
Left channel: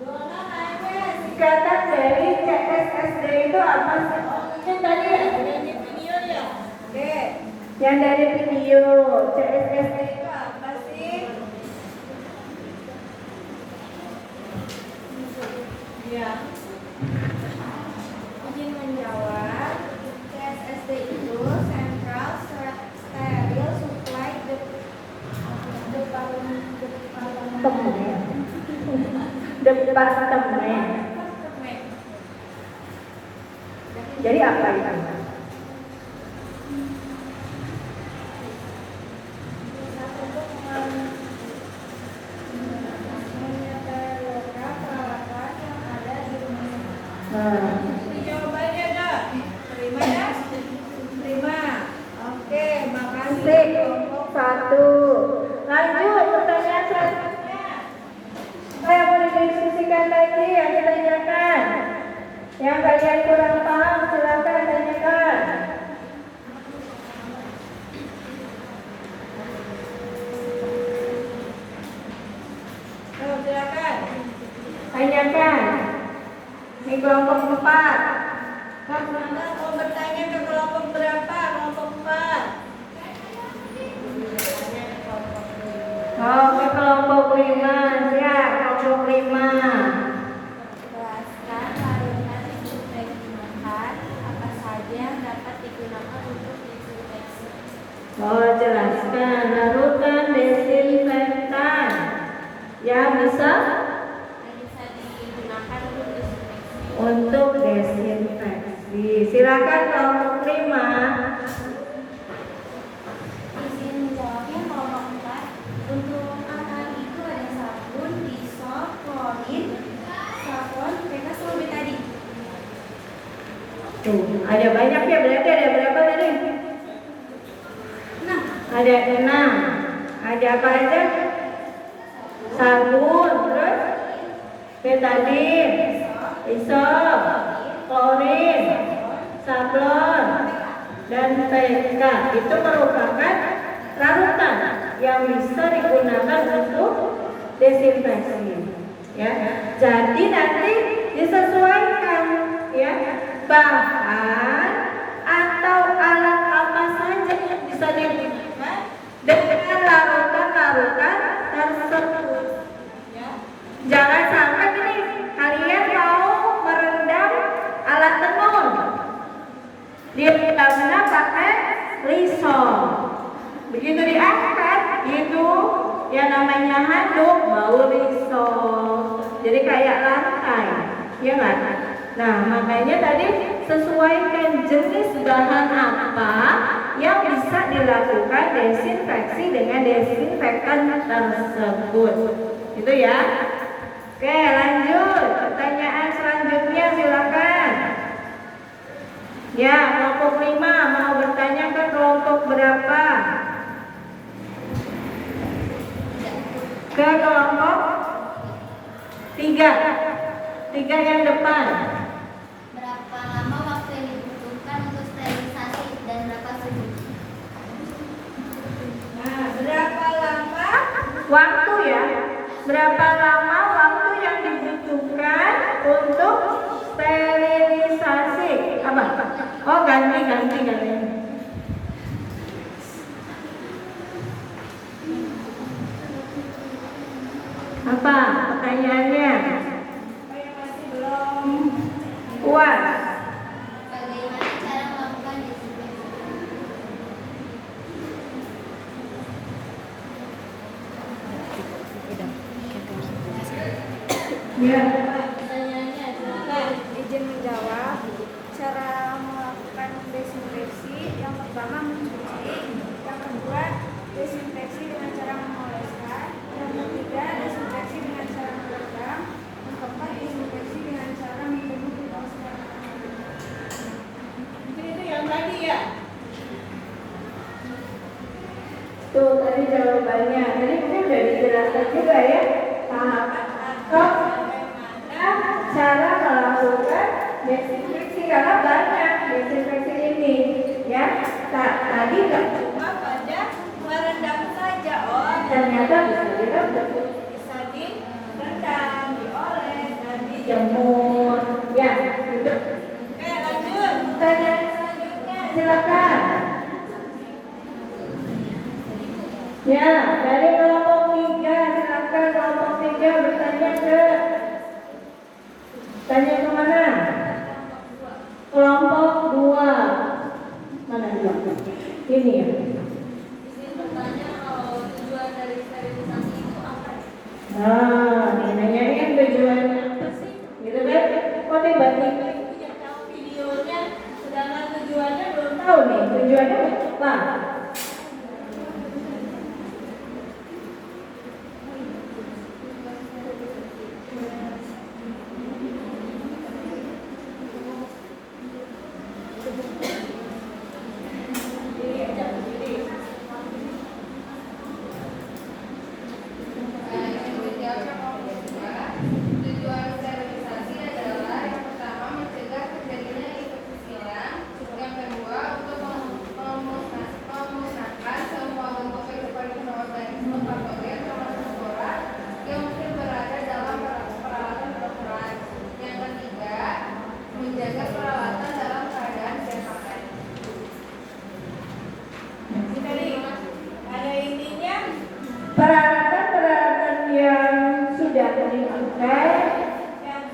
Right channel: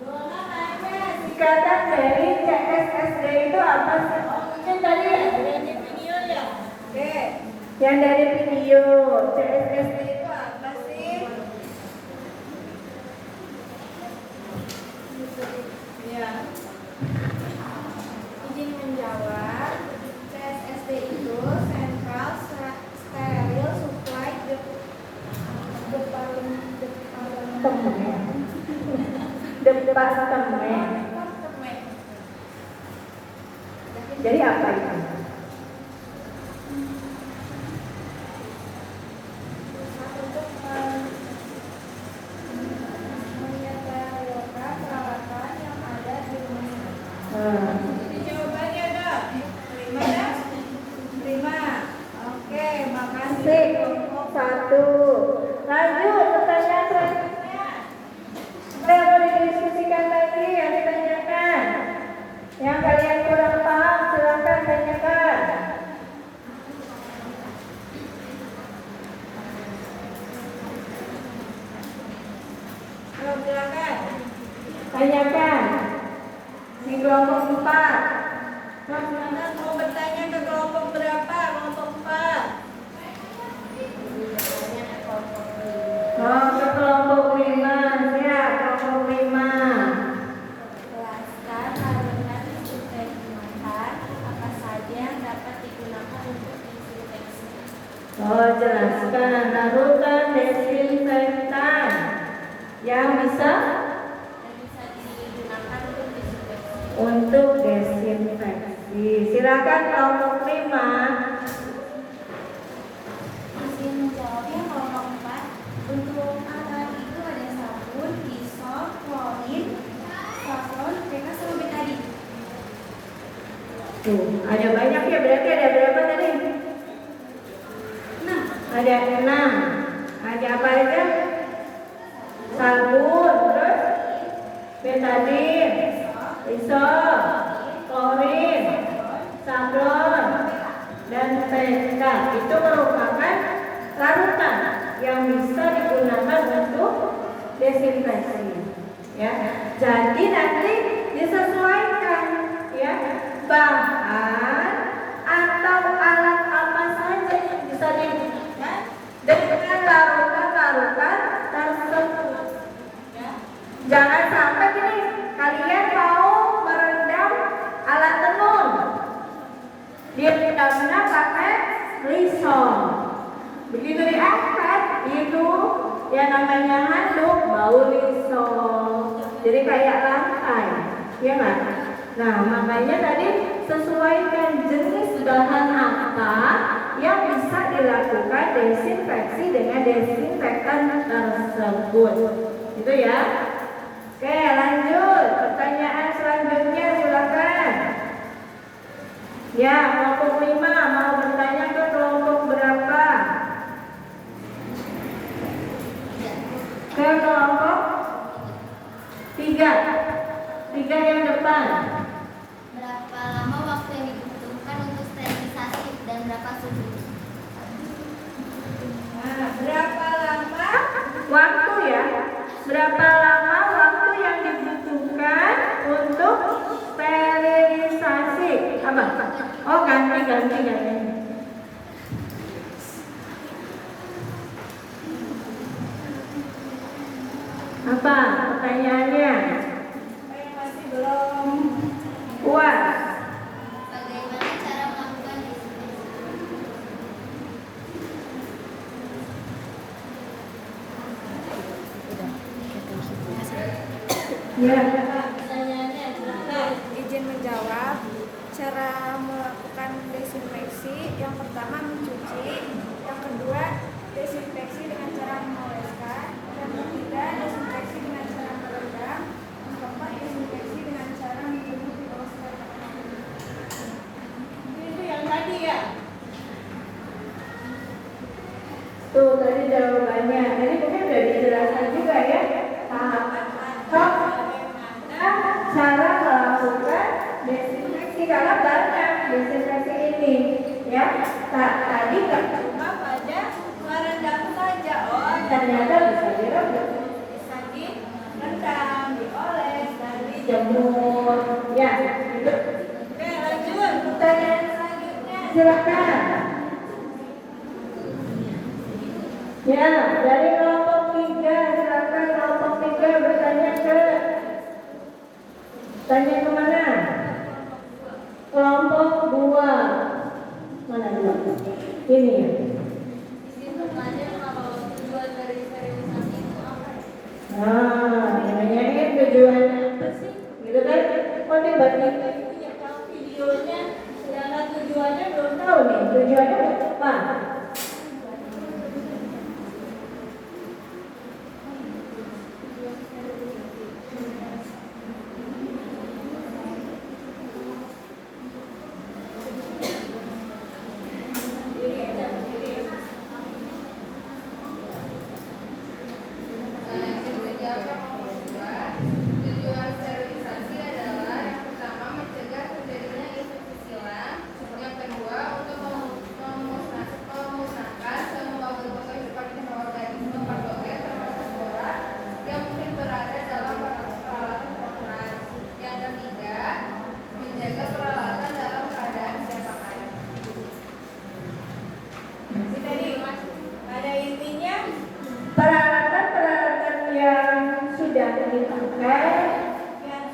Dona nanya, singkatan dari CSSD itu apa sih? Oh, mungkin tadi ya, dari video ya? Oke. Yang dari video CSSD itu apa sih? Departemen. Departemen. Jadi apa itu? Jawabannya dah. Terima dah. Terima. Oke, makasih. Sik, satu. Lanjut pertanyaan selanjutnya. Saya boleh diskusikan lagi, ada tanyakan. Yang kalian kurang paham silakan tanyakan. Silakan. Tanyakan. Di kelompok 4. Mas Nanda mau bertanya ke kelompok berapa? Kelompok 4. Oh, ke kelompok 5. Ya, kelompok 5. Jelaskan larutan disinfektan apa saja yang dapat digunakan untuk disinfeksi. Oh, jelaskan larutan desinfektan yang bisa digunakan untuk disinfeksi. untuk desinfeksi. Silakan kelompok 5. Izin menjawabnya kelompok 4. Untuk makanan itu ada sabun, disol, klorin, safron, mereka sama betadin. Tuh, ada banyak ya, berarti ada berapa tadi? Nah, Ada 6. Ada apa aja? Sabun, terus betadin, isol, klorin, sablon, dan PK. Itu merupakan larutan yang bisa digunakan untuk desinfeksi. Ya, jadi nanti disesuaikan, ya, bahan atau alat apa saja yang bisa digunakan dengan larutan-larutan tersebut. Ya. Jangan sampai gini, kalian mau merendam alat tenun, dia rendamnya pakai Lysol. Begitu diangkat, itu yang namanya handuk bau Lysol. Jadi kayak lantai, ya nggak? Nah, makanya tadi sesuaikan jenis bahan apa yang bisa dilakukan desinfeksi dengan desinfektan tersebut. Itu ya. Oke, lanjut. Pertanyaan selanjutnya silakan. Ya, kelompok 5 mau bertanya ke kelompok berapa? Ke kelompok 3. 3 yang depan. berapa lama waktu yang dibutuhkan untuk sterilisasi dan berapa suhu? Nah, berapa lama waktu ya? Berapa lama waktu yang dibutuhkan untuk sterilisasi? Apa? Oh, ganti. Apa pertanyaannya? Apa yang masih belum? Puas? Bagaimana cara melakukan disinfeksi? Ya. Pertanyaannya silakan. Izin menjawab. Cara melakukan desinfeksi yang pertama mencuci, yang kedua desinfeksi dengan cara mengoleskan, yang ketiga desinfeksi dengan cara merendam, yang keempat desinfeksi dengan cara menjemur di bawah sinar matahari. Itu yang tadi ya? Tuh tadi jawabannya. Tadi mungkin sudah dijelaskan juga ya. Bagaimana cara melakukan desinfeksi, karena banyak desinfeksi ini, ya. Tadi kan cuma pada merendam saja. Oh, ternyata bisa direbus, bisa direndam, dioles, dan dijemur. Ya, gitu. Oke, lanjut. Pertanyaan selanjutnya, silakan. Ya, dari kelompok 3, silakan kelompok 3 bertanya ke tanya kemana? Kelompok 2. Mana 2? Ini ya. Izin bertanya kalau tujuan dari sterilisasi itu apa?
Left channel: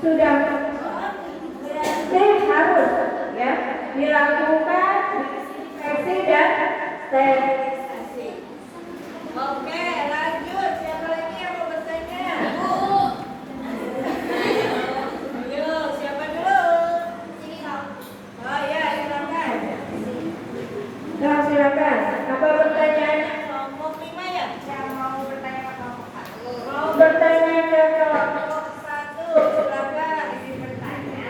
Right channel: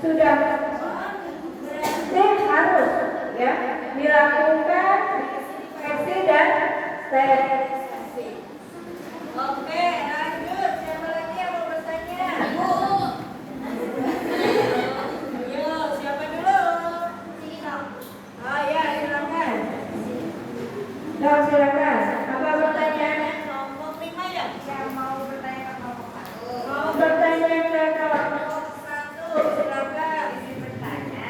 sudah berarti harus ya dilakukan desinfeksi dan sterilisasi. Oke, lanjut. Siapa lagi yang mau bertanya? Bu. Ayo, siapa dulu? Oh ya, silakan. Silakan. Apa pertanyaannya? Kelompok 5 ya? Yang mau bertanya ke kelompok 1. Mau bertanya ke kelompok 1, silakan. Izin bertanya,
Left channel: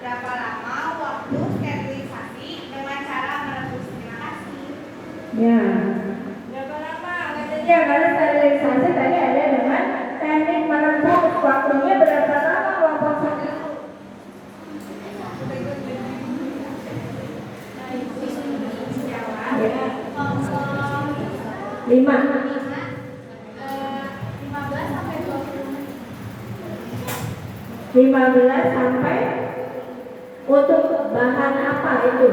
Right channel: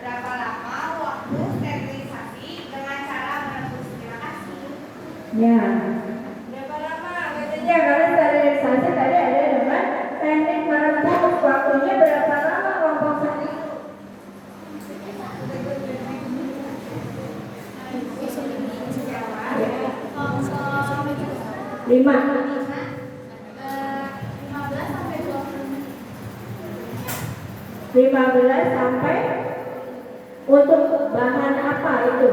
berapa lama waktu sterilisasi dengan cara merebus? Terima kasih. Ya. Berapa lama? Katanya kalau sterilisasi tadi ada dengan teknik merebus. Waktunya berapa lama kelompok 1? Ya. 5. 15 sampai 20 menit. 15 sampai untuk bahan apa itu?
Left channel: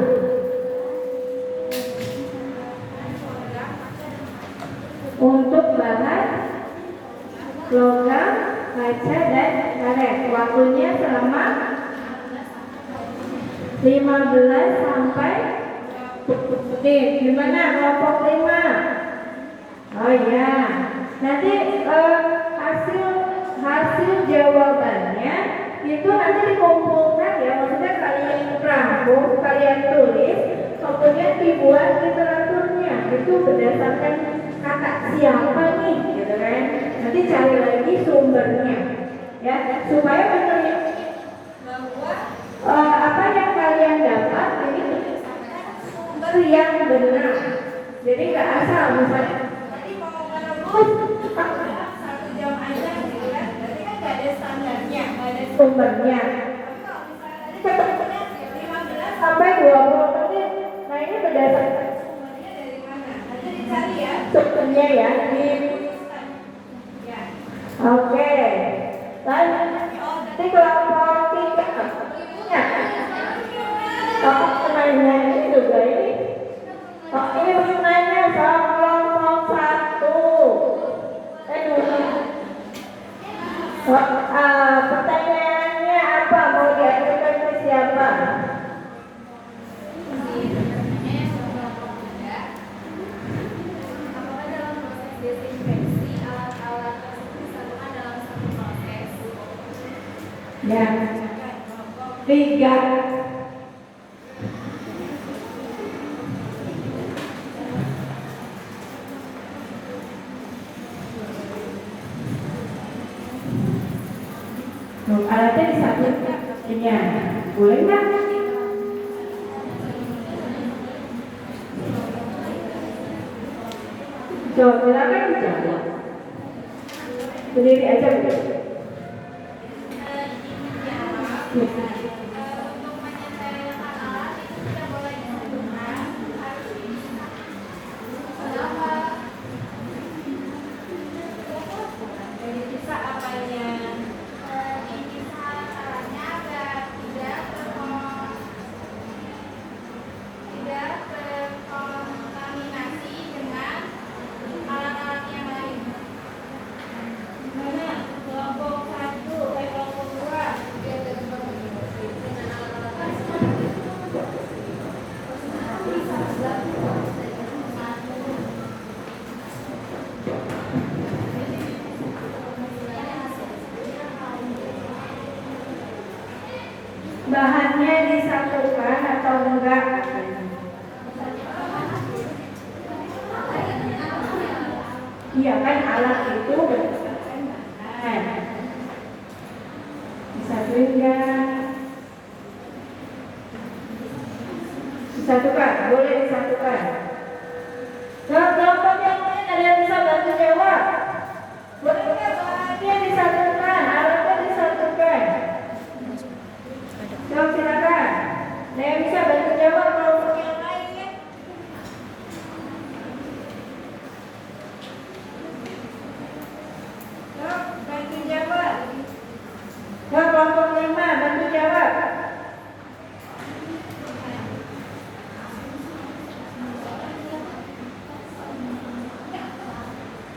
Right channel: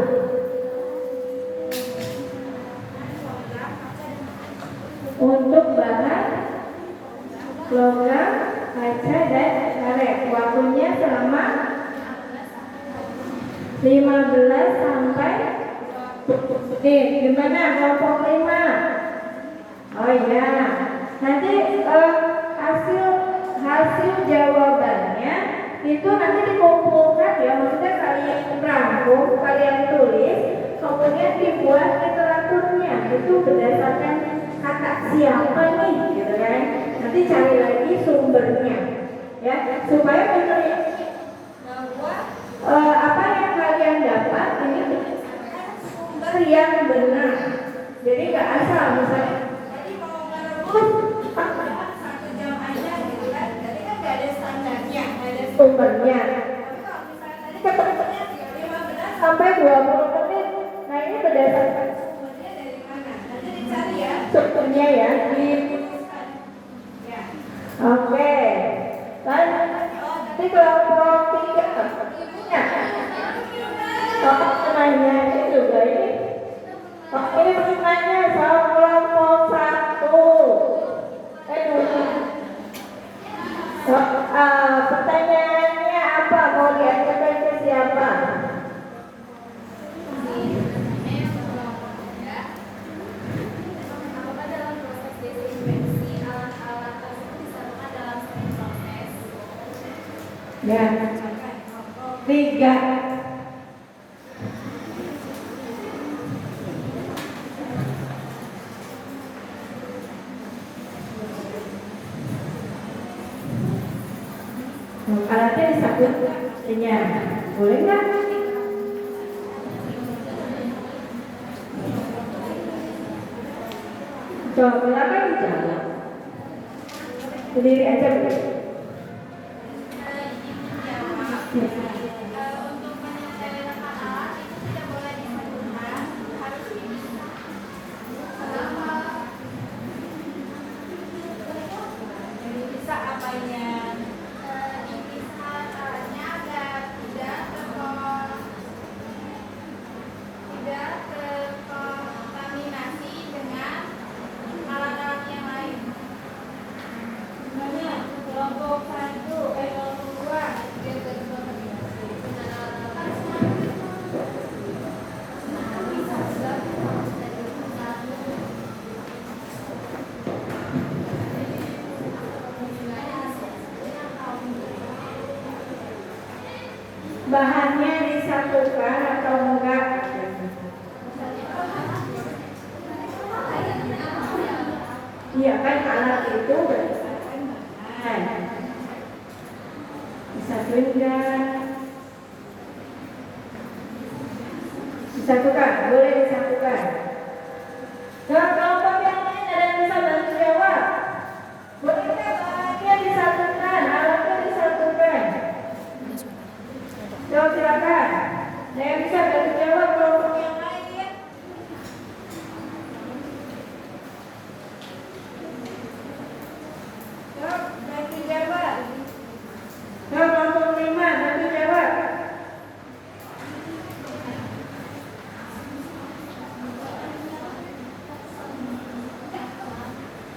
Untuk bahan logam, kaca, dan karet. Waktunya selama 15 sampai 20 menit. Gimana kelompok 5? Oh iya. Nanti hasil jawabannya itu nanti dikumpulkan ya, maksudnya kalian rangkum, kalian tulis, kemudian dibuat literaturnya. Itu berdasarkan kata siapa nih, gitu kan? Nanti cari lagi sumbernya, ya, supaya meneliti bahwa apa yang kalian dapat ini berdasarkan sumber yang benar. Jadi nggak asal, misalnya tadi mau merebus 1 jam aja gitu kan, berarti kan nggak ada standarnya, nggak ada sumbernya. Tapi kalau misalnya tadi ketemu 15 sampai 20 menit, nah ini berdasarkan sumbernya dari mana? Nanti dicari ya sumbernya ya di ya. Oke. Lalu nanti kelompok 3 ibunya. Bapak menanya ini juga ini. Pak ini menanya soal kelompok 1. Pertanyaannya apa? Mau diajukan ke siapa? Apakah dalam proses desinfeksi alat-alat tersebut disatukan dalam satu proses? Ya. 3. Alatnya disatukan pastinya. Boleh nggak? Coba silakan dijawab. Berdiri aja Bu. Untuk menyesuaikan alat itu tidak boleh disatukan, harus dipisah. Kenapa? Jadi bisa apanya? Dipisah alatnya agar tidak terkontaminasi dengan alat-alat yang lain. Mana? Kelompok 1, kelompok 2. Dia terkontaminasi dengan alat-alat Bahannya disatukan atau enggak? Iya kan alat itu berdasarkan bahan. Disatuin enggak? Disatukan, boleh disatukan. Kelompok yang lain ada yang bisa bantu jawab? Boleh nggak bahannya disatukan, alatnya disatukan? Silakan. Ada yang bisa bantu jawab kelompok yang lain? Bantu jawab. Kelompok 5 bantu jawab.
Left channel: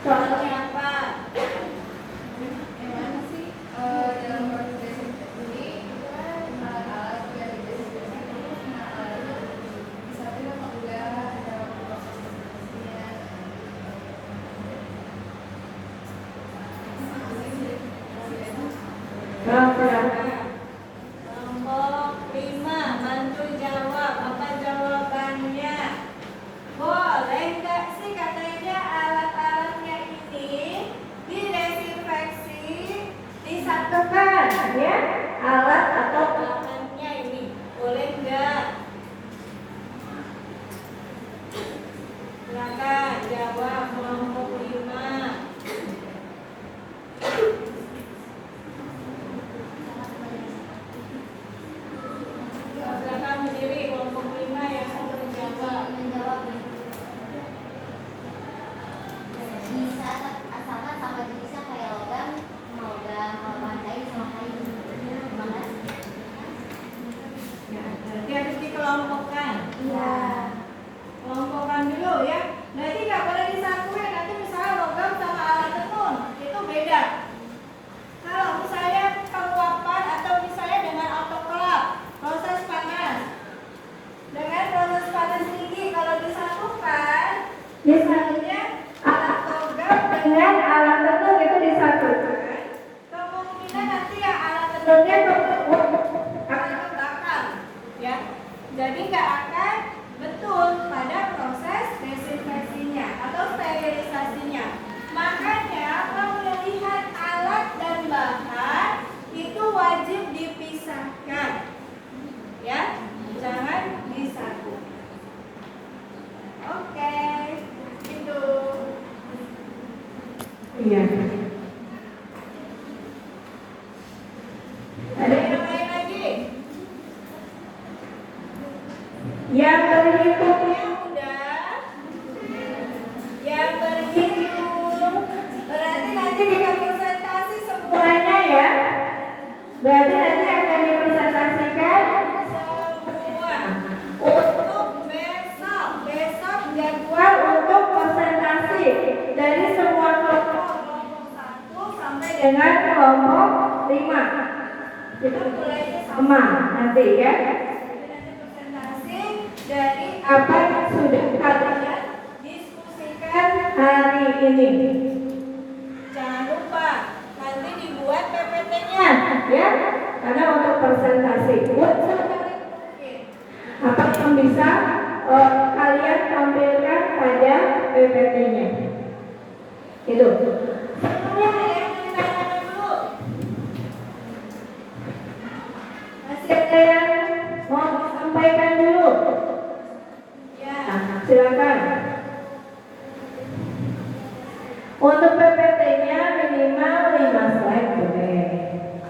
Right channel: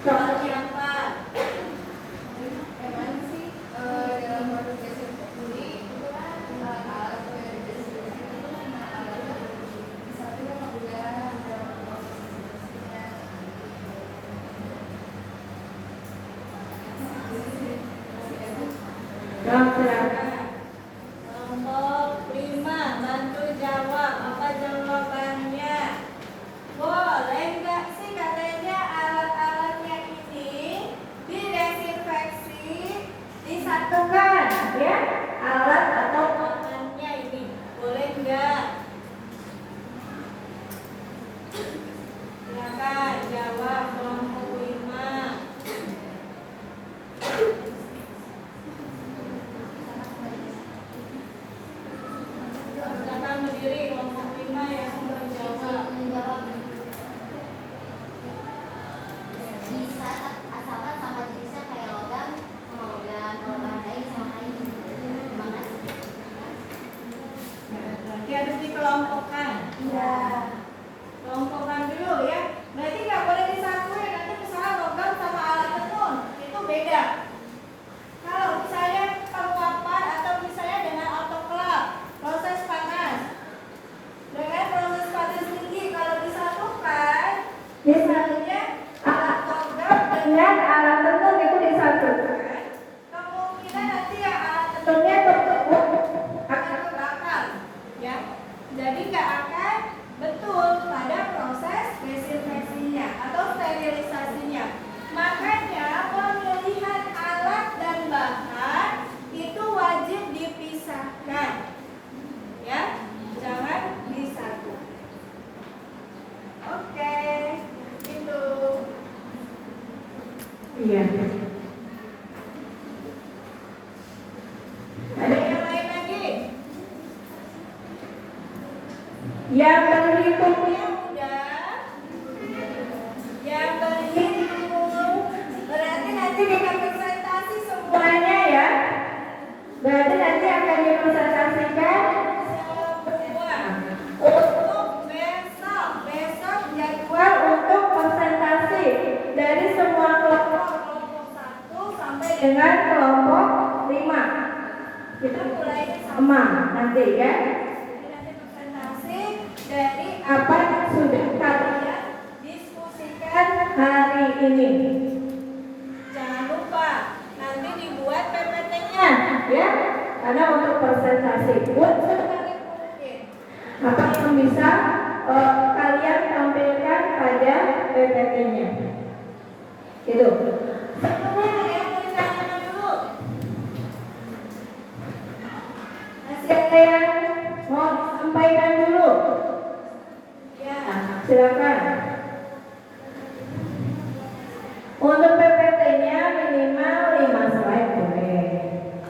Soalnya apa? Yang mana sih dalam proses desinfeksi bisa asalkan sama jenisnya kayak logam sama logam, kalau bahan kain sama kain. Terima kasih. Nanti harus dikelompokkan. Iya. Kelompokkan dulu ya. Berarti nggak boleh disatuin. Nanti misalnya logam sama alat tenun itu beda. Kalau misalnya penguapan atau misalnya dengan autoklaf, proses panas. Dengan proses panas tinggi kalau disatukan, misalnya alat logam dengan alat tenun itu disatukan, kemungkinan nanti yang alat tenunnya akan terbakar, ya. Jadi nggak akan betul pada proses desinfeksinya atau sterilisasinya. Makanya pemilihan alat dan bahan itu wajib dipisahkan, ya, jangan disatu. Oke, itu. Iya. Ada yang lain lagi? Yang berhitungnya udah. Yang berhitung. Berarti nanti kita presentasi semuanya ya. Berarti nanti akan dipresentasikan semua untuk besok. Besok jadwal untuk presentasi dari semua kelompok 1 sampai dengan kelompok 5. Kita mulai sama nanti ya. Dari apa yang sudah kalian diskusikan hari ini. Jangan lupa nanti dibuat PPT-nya ya, karena untuk presentasi buat sebaik mungkin apa yang bisa kalian tampilkan pada PPT-nya. Itu. Sebelumnya ada yang mau ditanyakan dulu? Masih ada yang mau disampaikan dulu? Ya, silakan. Untuk PPT-nya minimal 5 slide boleh.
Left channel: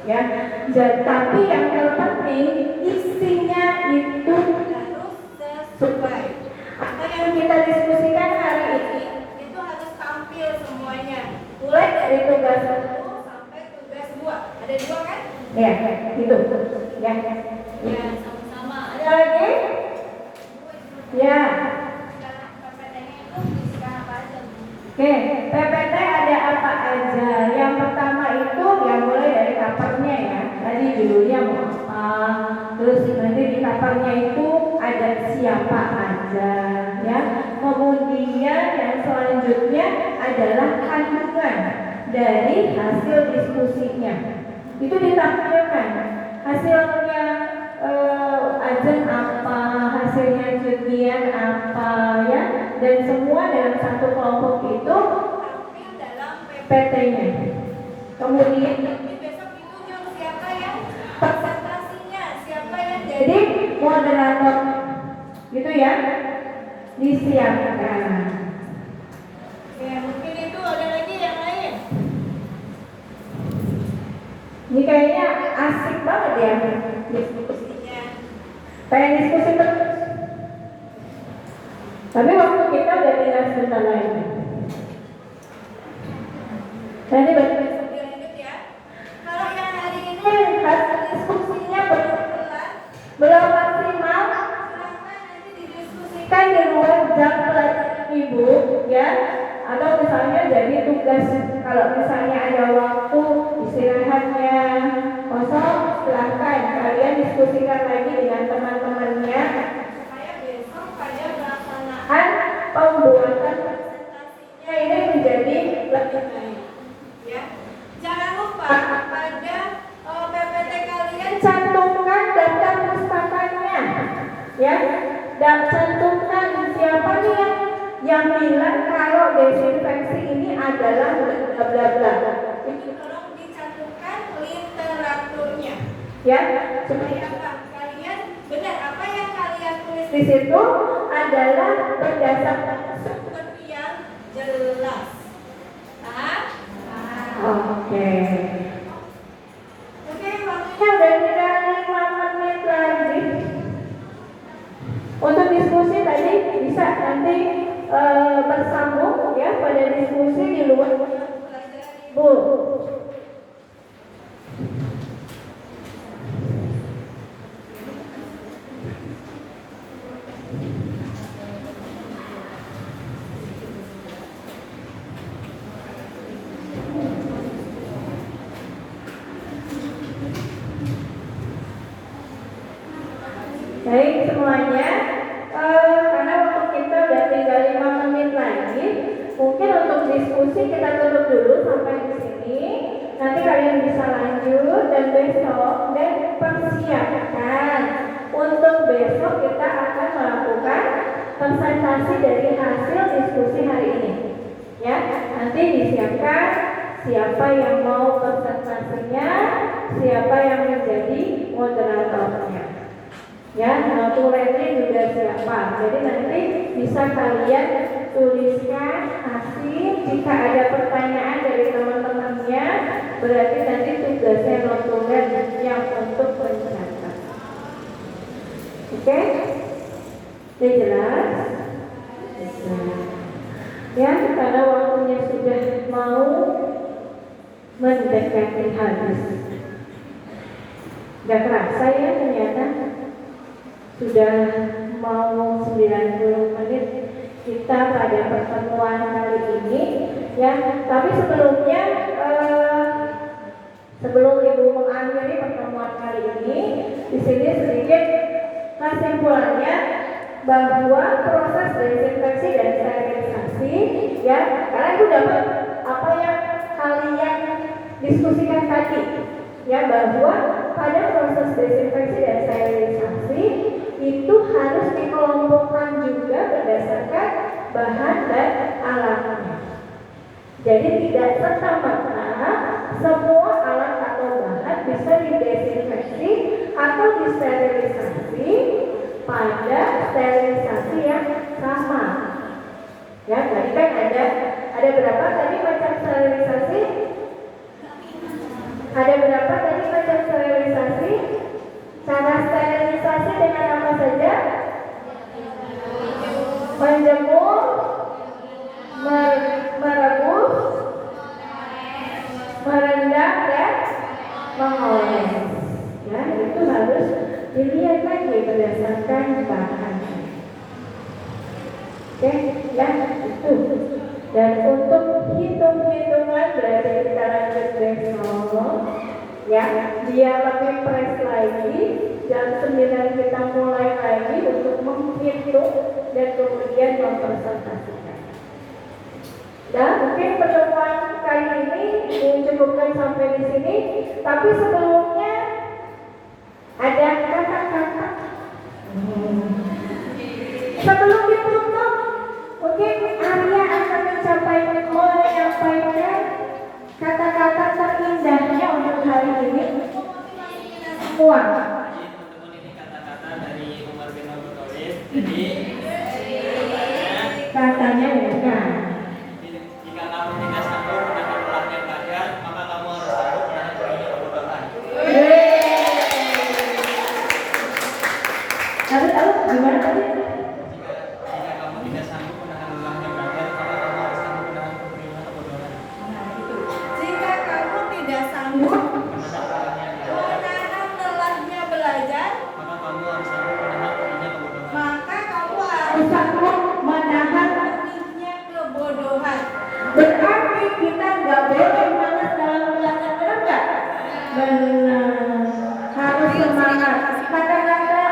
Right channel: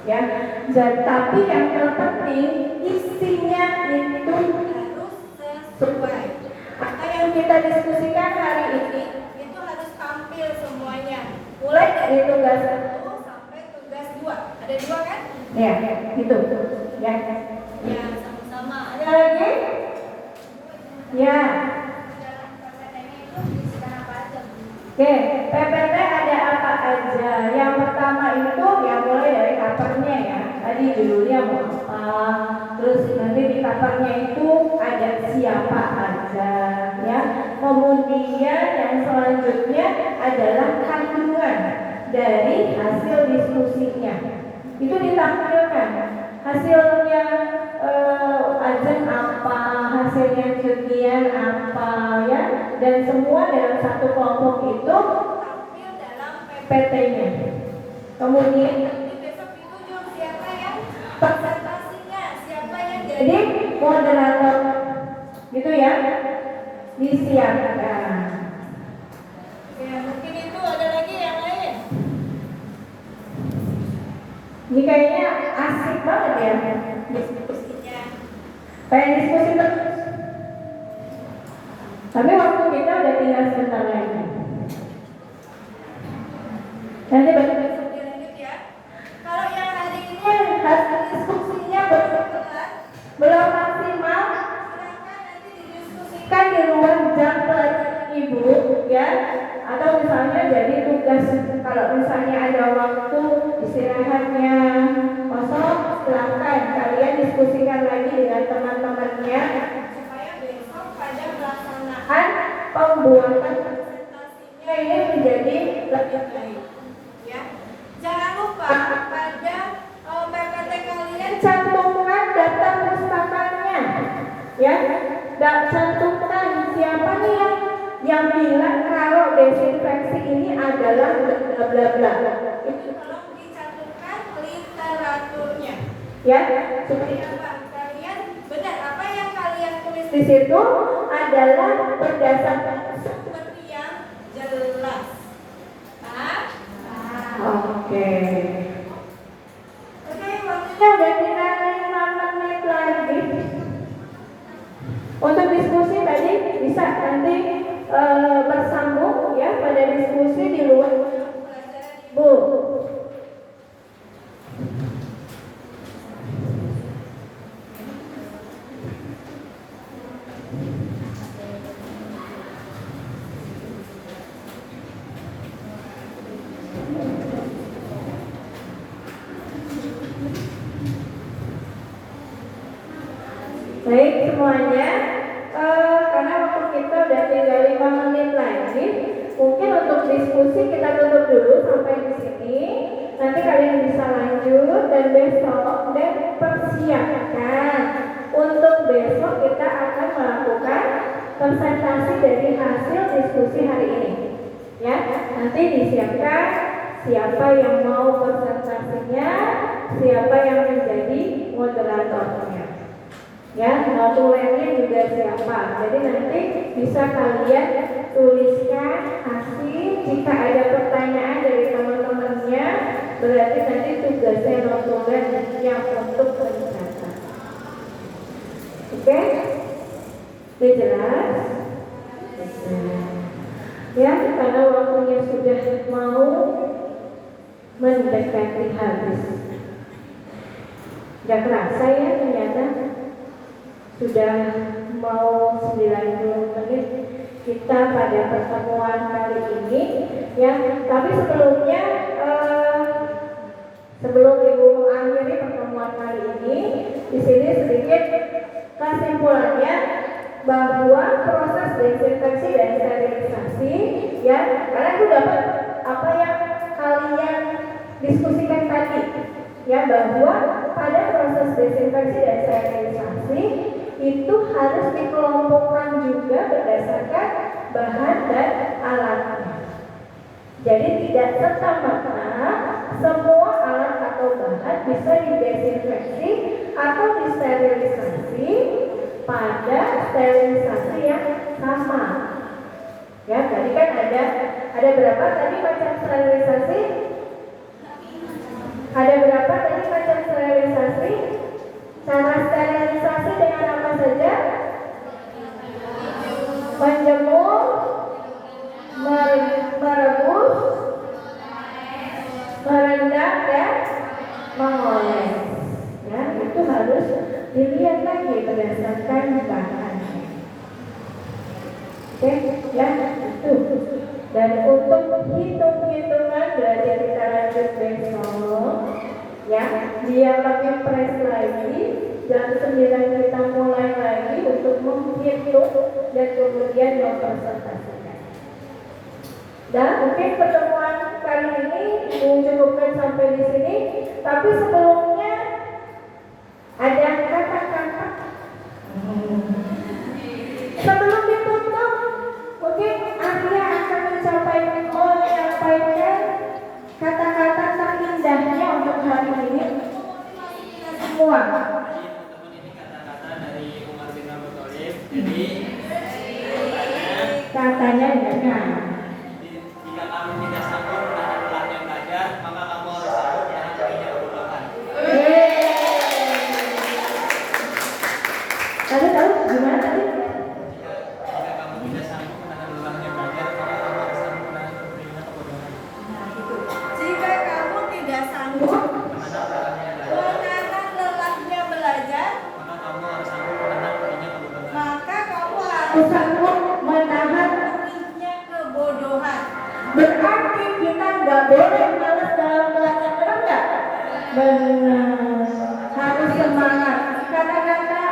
Ya, tapi yang terpenting isinya itu harus sesuai. Apa yang kita diskusikan hari ini itu harus tampil semuanya. Mulai dari tugas 1 sampai tugas 2. Ada 2 kan? Ya, gitu. Ya. Ya, sama-sama. Ada lagi? Ya. Oke, PPT ada apa aja? Yang pertama itu yang mulai dari covernya ya. Tadi judulnya mau apa? Terus nanti di covernya itu ada siapa aja, ya. Kemudian yang selanjutnya adalah kandungan dari hasil diskusinya. Itu ditampilkan hasilnya. Ajen apa, hasilnya sekian apa ya, dan semua dalam satu kelompok itu tampil dalam PPT-nya. Kemudian nanti besok ditunjuk siapa yang presentasinya, siapa yang jadi moderator, gitu ya, disiapkan. Ya mungkin itu ada lagi yang lain. Ini kayaknya asik banget ya. Pengen diskusi terus. Tapi waktu kita udah tinggal sebentar lagi. Nanti besok dilanjut ya. Kalau yang hari ini hasil diskusinya belum maksimal, silahkan nanti didiskusikan di luar jam pelajaran ibu, ya. Atau misalnya jadi tugas, kalau misalnya ada waktu istirahatnya kosong, silahkan kalian diskusikan lagi dengan teman-temannya supaya besok pada melaksanakan pembuatan presentasinya ini menjadi lebih baik, ya. Jangan lupa pada PPT kalian cantumkan daftar pustakanya, ya. Dan cantumkan siapa nih yang bilang kalau desinfeksi ini adalah bla bla bla. Itu tolong dicantumkan literaturnya, ya, supaya apa? Kalian benar apa yang kalian tulis di situ adalah berdasarkan sumber yang jelas. Paham? Oke. Oke, waktunya udah tinggal 5 menit lagi. Untuk diskusi tadi bisa nanti bersambung ya pada diskusi di luar semuanya, karena waktu kita udah tinggal 5 menit lagi, mungkin untuk diskusi kita tutup dulu sampai di sini. Nanti kalian bisa lanjut dan besok dan persiapkan untuk besok kita akan melakukan presentasi dari hasil diskusi hari ini. Ya, nanti disiapkan siapa yang mau presentasinya, siapa yang menjadi moderatornya. Ya, notulennya juga siapa. Jadi nanti bisa kalian tuliskan hasil. Jika ada pertanyaan dari teman-temannya, berarti nanti tugasnya notulen yang untuk mencatat. Oke? Sudah jelas? Ya, karena waktunya sudah mau mendekati habis. Gak kerasa ya ternyata sudah mau 90 menit kita pada pertemuan kali ini ya. Tapi sebelumnya sebelum Ibu mengakhiri pertemuan kali ini, di sini sedikit kesimpulannya bahwa proses desinfeksi dan sterilisasi ya, kalian sudah dapat apa yang kalian diskusikan tadi ya, bahwa pada proses desinfeksi dan sterilisasi itu harus dikelompokkan juga berdasarkan bahan dan alatnya. Jadi tidak serta-merta semua alat atau bahan bisa didesinfeksi atau disterilisasi pada sterilisasi yang sama. Ya, tadi kan ada berapa tadi macam sterilisasi? Ada berapa tadi macam sterilisasi? Cara sterilisasi dengan apa saja? Menjemur, merebus, merendam dan mengoles. Ya, itu harus dilihat lagi berdasarkan bahan. Oke, ya itu. Dan untuk hitung-hitungan berarti kita lanjut besok. Ya, dia pakai press lagi. Jam 9 kita mulai lagi untuk menghitung dan kemudian mempresentasikan. Dan mungkin pertemuan kali ini dicukupkan sampai di sini. Tapi sebelumnya ada kata-kata. Sebelum ditutup, mungkin Arya akan menyampaikan kata-kata terindahnya untuk hari ini. Semua. Teman-teman, ini kata-kata dari Umar bin Abdul Thalib. Jadi Katanya dengan jika kamu tidak sanggup menahan belakang badan, maka kamu harus sanggup menahan tingginya kebodohan. Lalu gimana tadi? Jika kamu tidak sanggup menahan lelahnya belajar, maka kamu harus sanggup menahan tingginya kebodohan. Nah itu. Jika kamu tidak sanggup Menahan lelahnya belajar, menahan lelahnya belajar, maka kamu harus sanggup menahan tingginya kebodohan. maka kamu harus sanggup menahan tingginya kebodohan. Berarti kita nggak boleh malas dalam belajar, benar nggak? Benar. Harus semangat. Kata-kata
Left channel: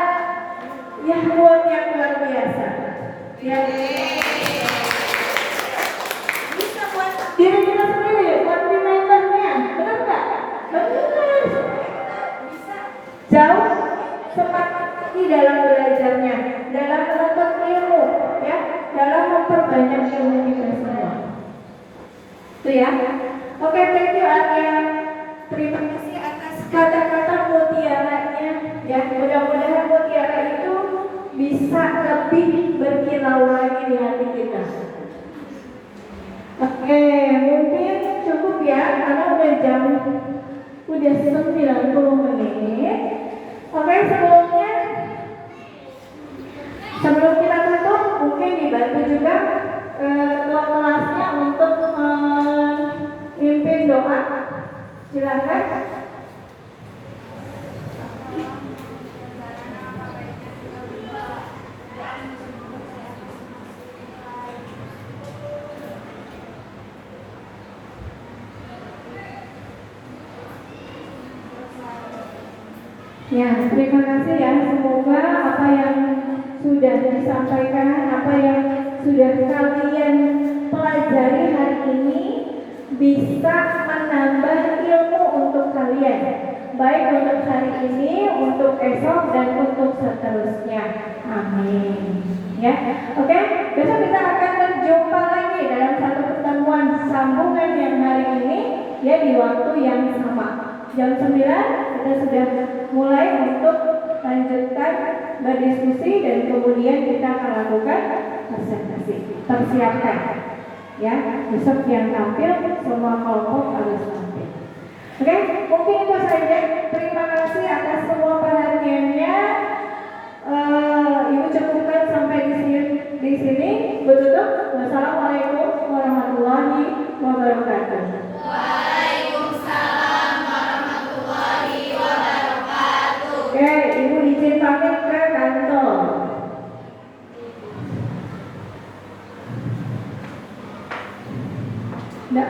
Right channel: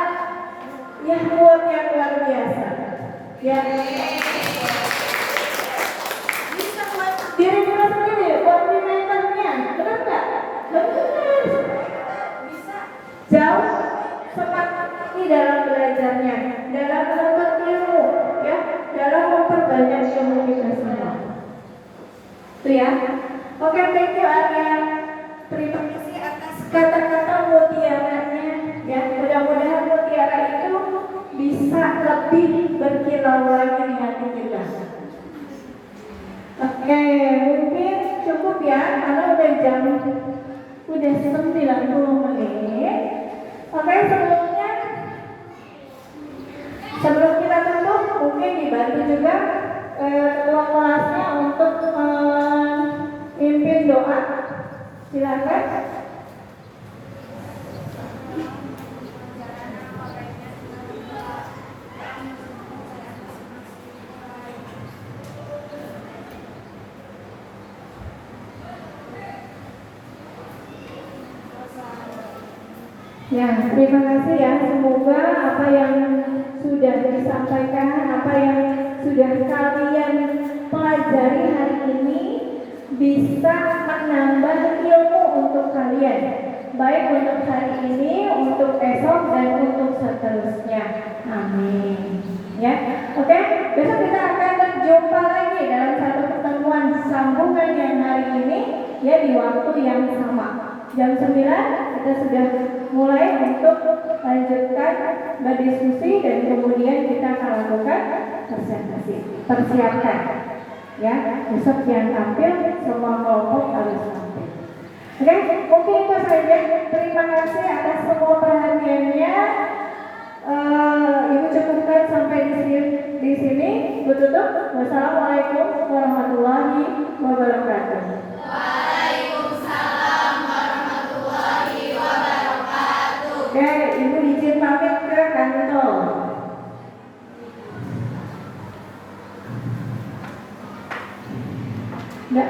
yang luar biasa. Ya. Bisa buat diri kita sendiri, buat mentornya, benar nggak? Benar. Bisa jauh semangat di dalam belajarnya, dalam menuntut ilmu, ya, dalam memperbanyak ilmu kita semua. Itu ya. Oke, thank you Arya. Terima kasih atas kata-kata mutiaranya. Ya, mudah-mudahan mutiara itu bisa lebih berkilau lagi di hati kita. Oke, mungkin cukup ya, karena udah 90 menit. Oke, sebelum kita tutup, mungkin dibantu juga ketua kelasnya untuk memimpin doa. Silakan. Ya, terima kasih ya. Semoga apa yang sudah disampaikan, apa yang sudah kalian pelajari hari ini bisa menambah ilmu untuk kalian, baik untuk hari ini, untuk esok, dan untuk seterusnya. Amin. Ya, oke. Besok kita akan berjumpa lagi dalam satu pertemuan sambungan yang hari ini, ya, di waktu yang sama. Jam 9 kita sudah mulai untuk lanjutkan berdiskusi dan kemudian kita akan lakukan presentasi. Persiapkan, ya, besok yang tampil semua kelompok harus tampil. Oke, mungkin itu saja. Terima kasih atas semua perhatiannya. Ibu cukupkan sampai di sini. Bertutup. Wassalamualaikum warahmatullahi wabarakatuh. Oke, Ibu izin pamit ke kantor. Enggak.